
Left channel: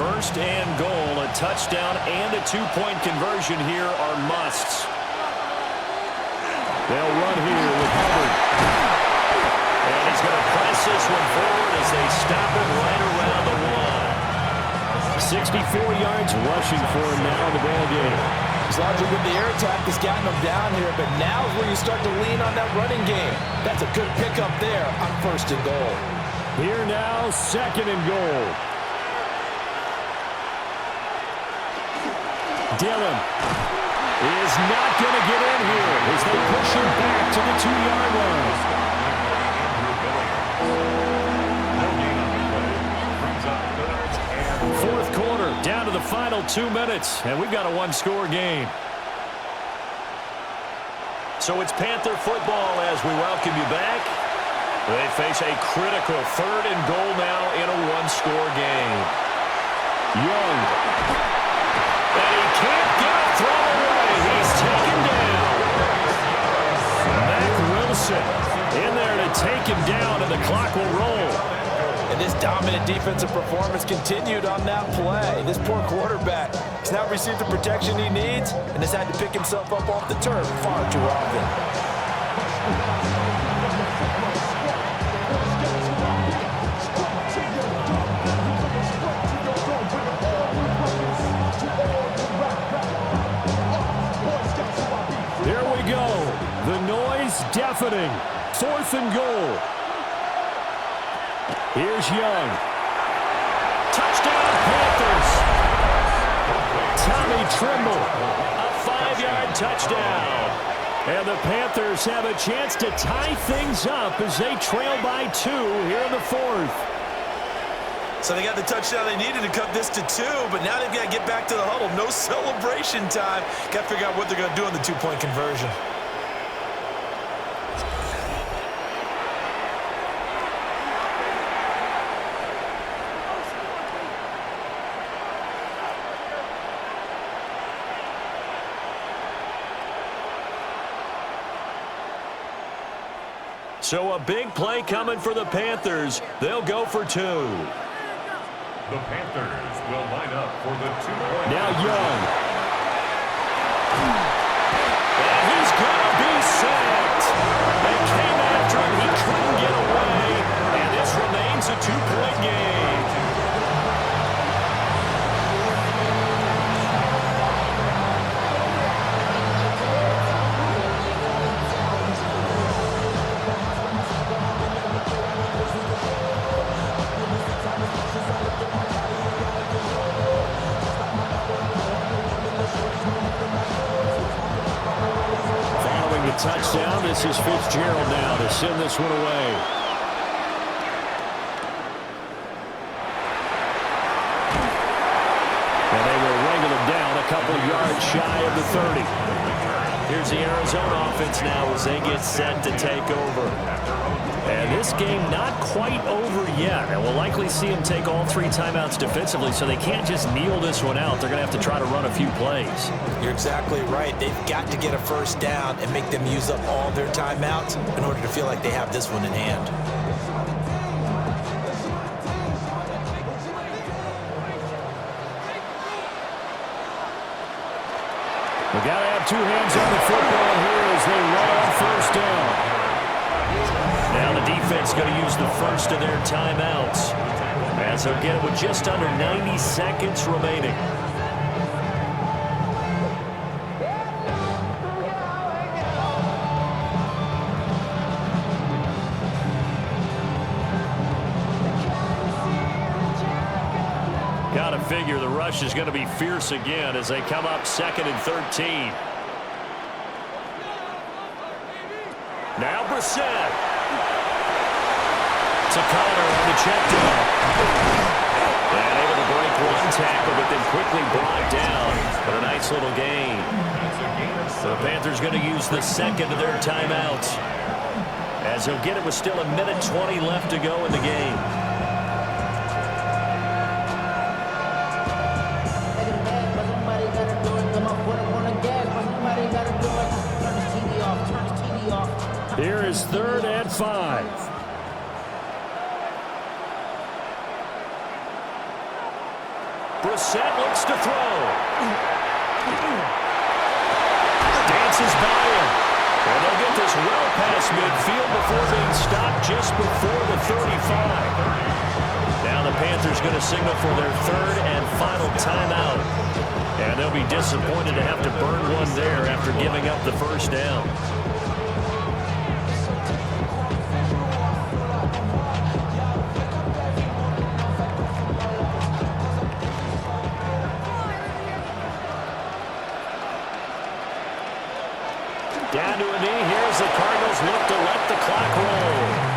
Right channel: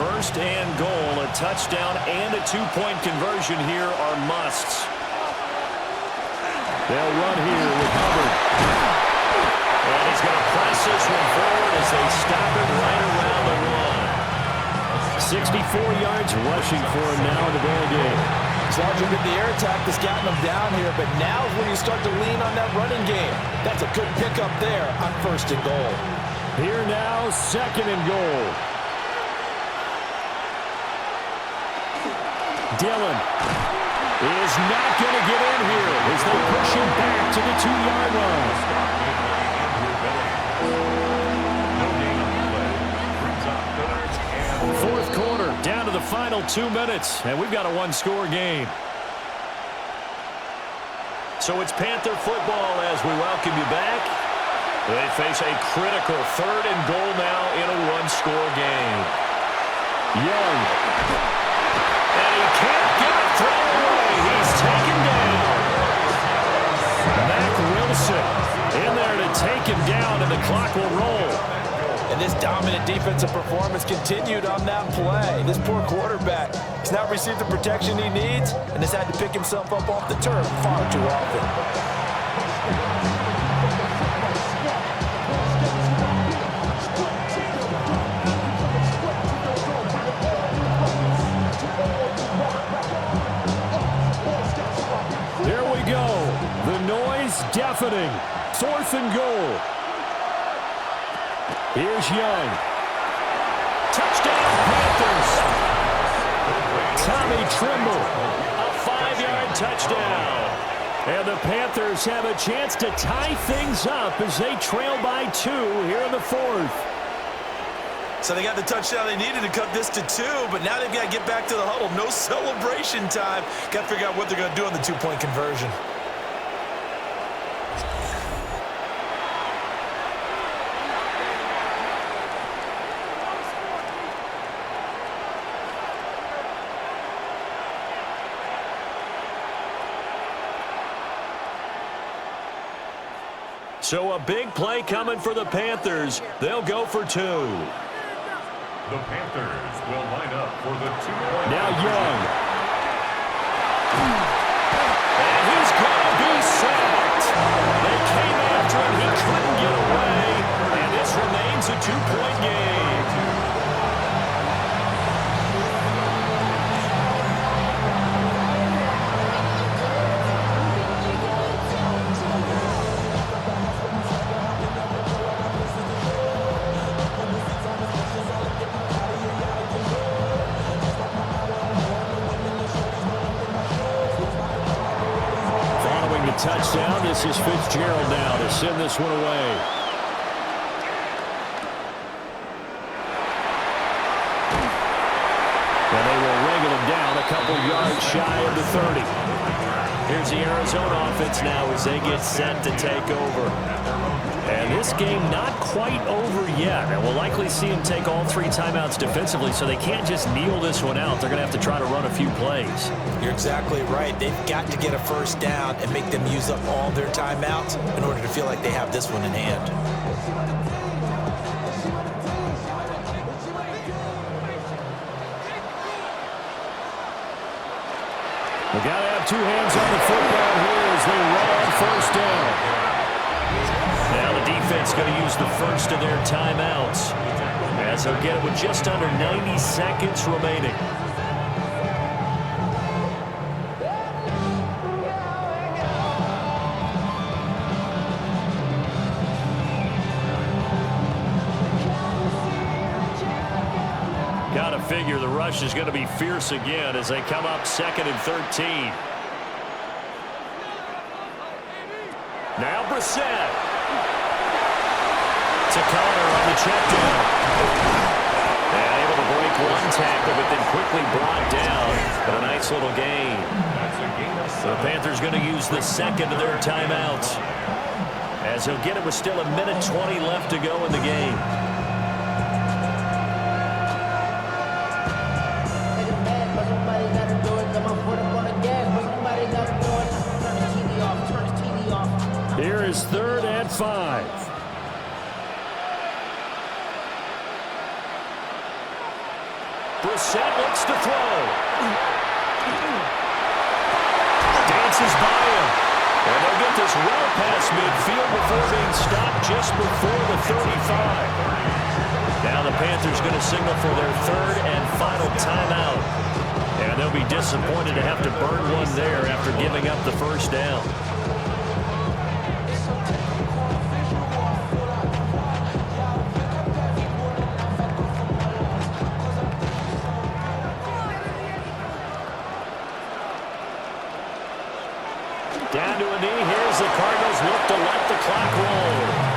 First and goal, a touchdown and a two-point conversion here are musts. They'll run here with Hubbard. And he's going to press this one forward as they stop it right around the 1. 64 yards rushing for him now in the ball game. As long as you get the air attack that's gotten them down here, but now is where you start to lean on that running game. That's a good pickup there on first and goal. Here now, second and goal. Dillon is not going to get in here as they push him back to the 2-yard line. No gain on the play. Brings up third and Fourth quarter, down to the final 2 minutes, and we've got a one-score game. So it's Panther football as we welcome you back. They face a critical third and goal now in a one-score game. Young. And he can't get a throw away. He's taken down. Mac Wilson in there to take him down, and the clock will roll. And this dominant defensive performance continued on that play. This poor quarterback has not received the protection he needs and has had to pick himself up off the turf far too often. Here we go. The noise deafening. Fourth and goal. Here's Young. Touchdown, Panthers. Tommy Trimble, a 5-yard touchdown. And the Panthers have a chance to tie things up as they trail by 2 here in the fourth. So they got the touchdown they needed to cut this to 2, but now they've got to get back to the huddle. No celebration time. Got to figure out what they're going to do on the 2-point conversion. So a big play coming for the Panthers. They'll go for 2. the Panthers will line up for the 2-point. Now Young. And he's going to be sacked. They came after him. He couldn't get away. And this remains a 2-point game. The touchdown. This is Fitzgerald now to send this one away. And they will wrangle him down a couple yards shy of the 30. Here's the Arizona offense now as they get set to take over. And this game not quite over yet. And we'll likely see them take all 3 timeouts defensively, so they can't just kneel this one out. They're going to have to try to run a few plays. You're exactly right. They've got to get a first down and make them use up all their timeouts in order to feel like they have this one in hand. They've got to have 2 hands on the football here as they run on first down. Now the defense going to use the first of their timeouts as they'll get it with just under 90 seconds remaining. Got to figure the rush is going to be fierce again as they come up 2nd and 13. Now Brissett. To Connor on the check down. And able to break 1 tackle, but then quickly brought down. But a nice little gain. So the Panthers going to use the 2nd of their timeouts, as he'll get it with still 1:20 left to go in the game. Somebody got to do it. Come on, put up on the gas, but somebody got to do it. Turn his TV off. Turn his TV off. Here is 3rd and 5. Brissett looks to throw. Dances by him. And they'll get this well past midfield before being stopped just before the 35. Now the Panthers going to signal for their third and final timeout. And they'll be disappointed to have to burn one there after giving up the first down. Down to a knee. Here's the Cardinals look to let the clock roll.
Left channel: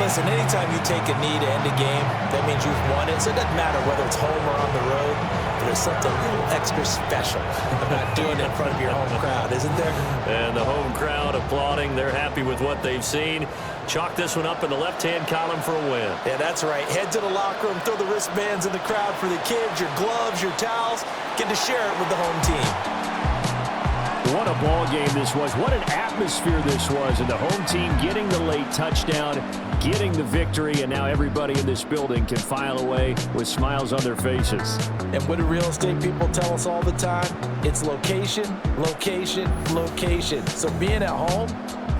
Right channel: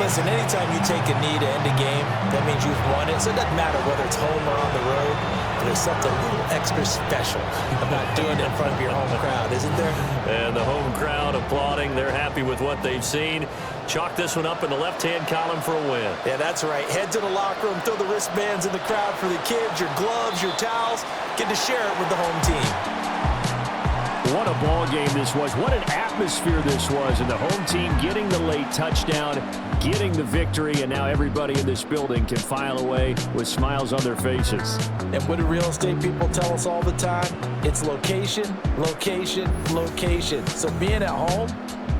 Listen, anytime you take a knee to end a game, that means you've won it. So it doesn't matter whether it's home or on the road, but there's something a little extra special about doing it in front of your home crowd, isn't there? And the home crowd applauding. They're happy with what they've seen. Chalk this one up in the left-hand column for a win. Yeah, that's right. Head to the locker room, throw the wristbands in the crowd for the kids, your gloves, your towels. Get to share it with the home team. What a ball game this was. What an atmosphere this was. And the home team getting the late touchdown, getting the victory, and now everybody in this building can file away with smiles on their faces. And what do real estate people tell us all the time? It's location, location, location. So being at home,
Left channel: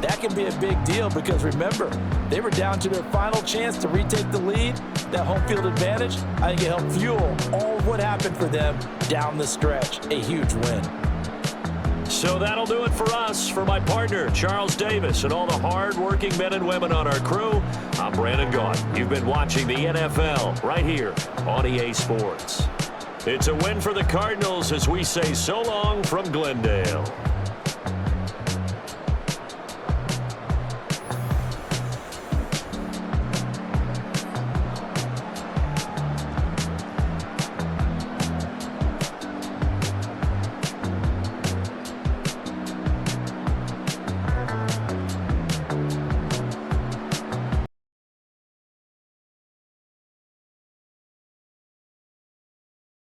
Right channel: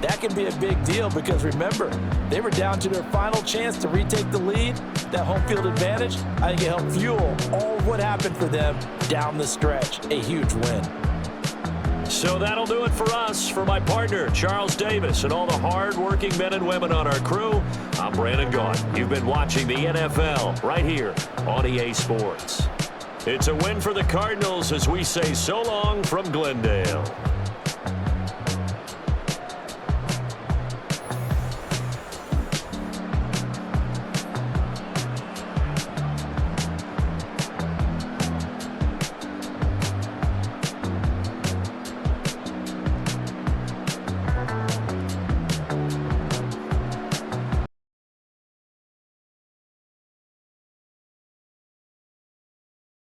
that can be a big deal because remember, they were down to their final chance to retake the lead. That home field advantage, I think it helped fuel all of what happened for them down the stretch. A huge win. So that'll do it for us. For my partner, Charles Davis, and all the hard-working men and women on our crew, I'm Brandon Guadin. You've been watching the NFL right here on EA Sports. It's a win for the Cardinals as we say so long from Glendale.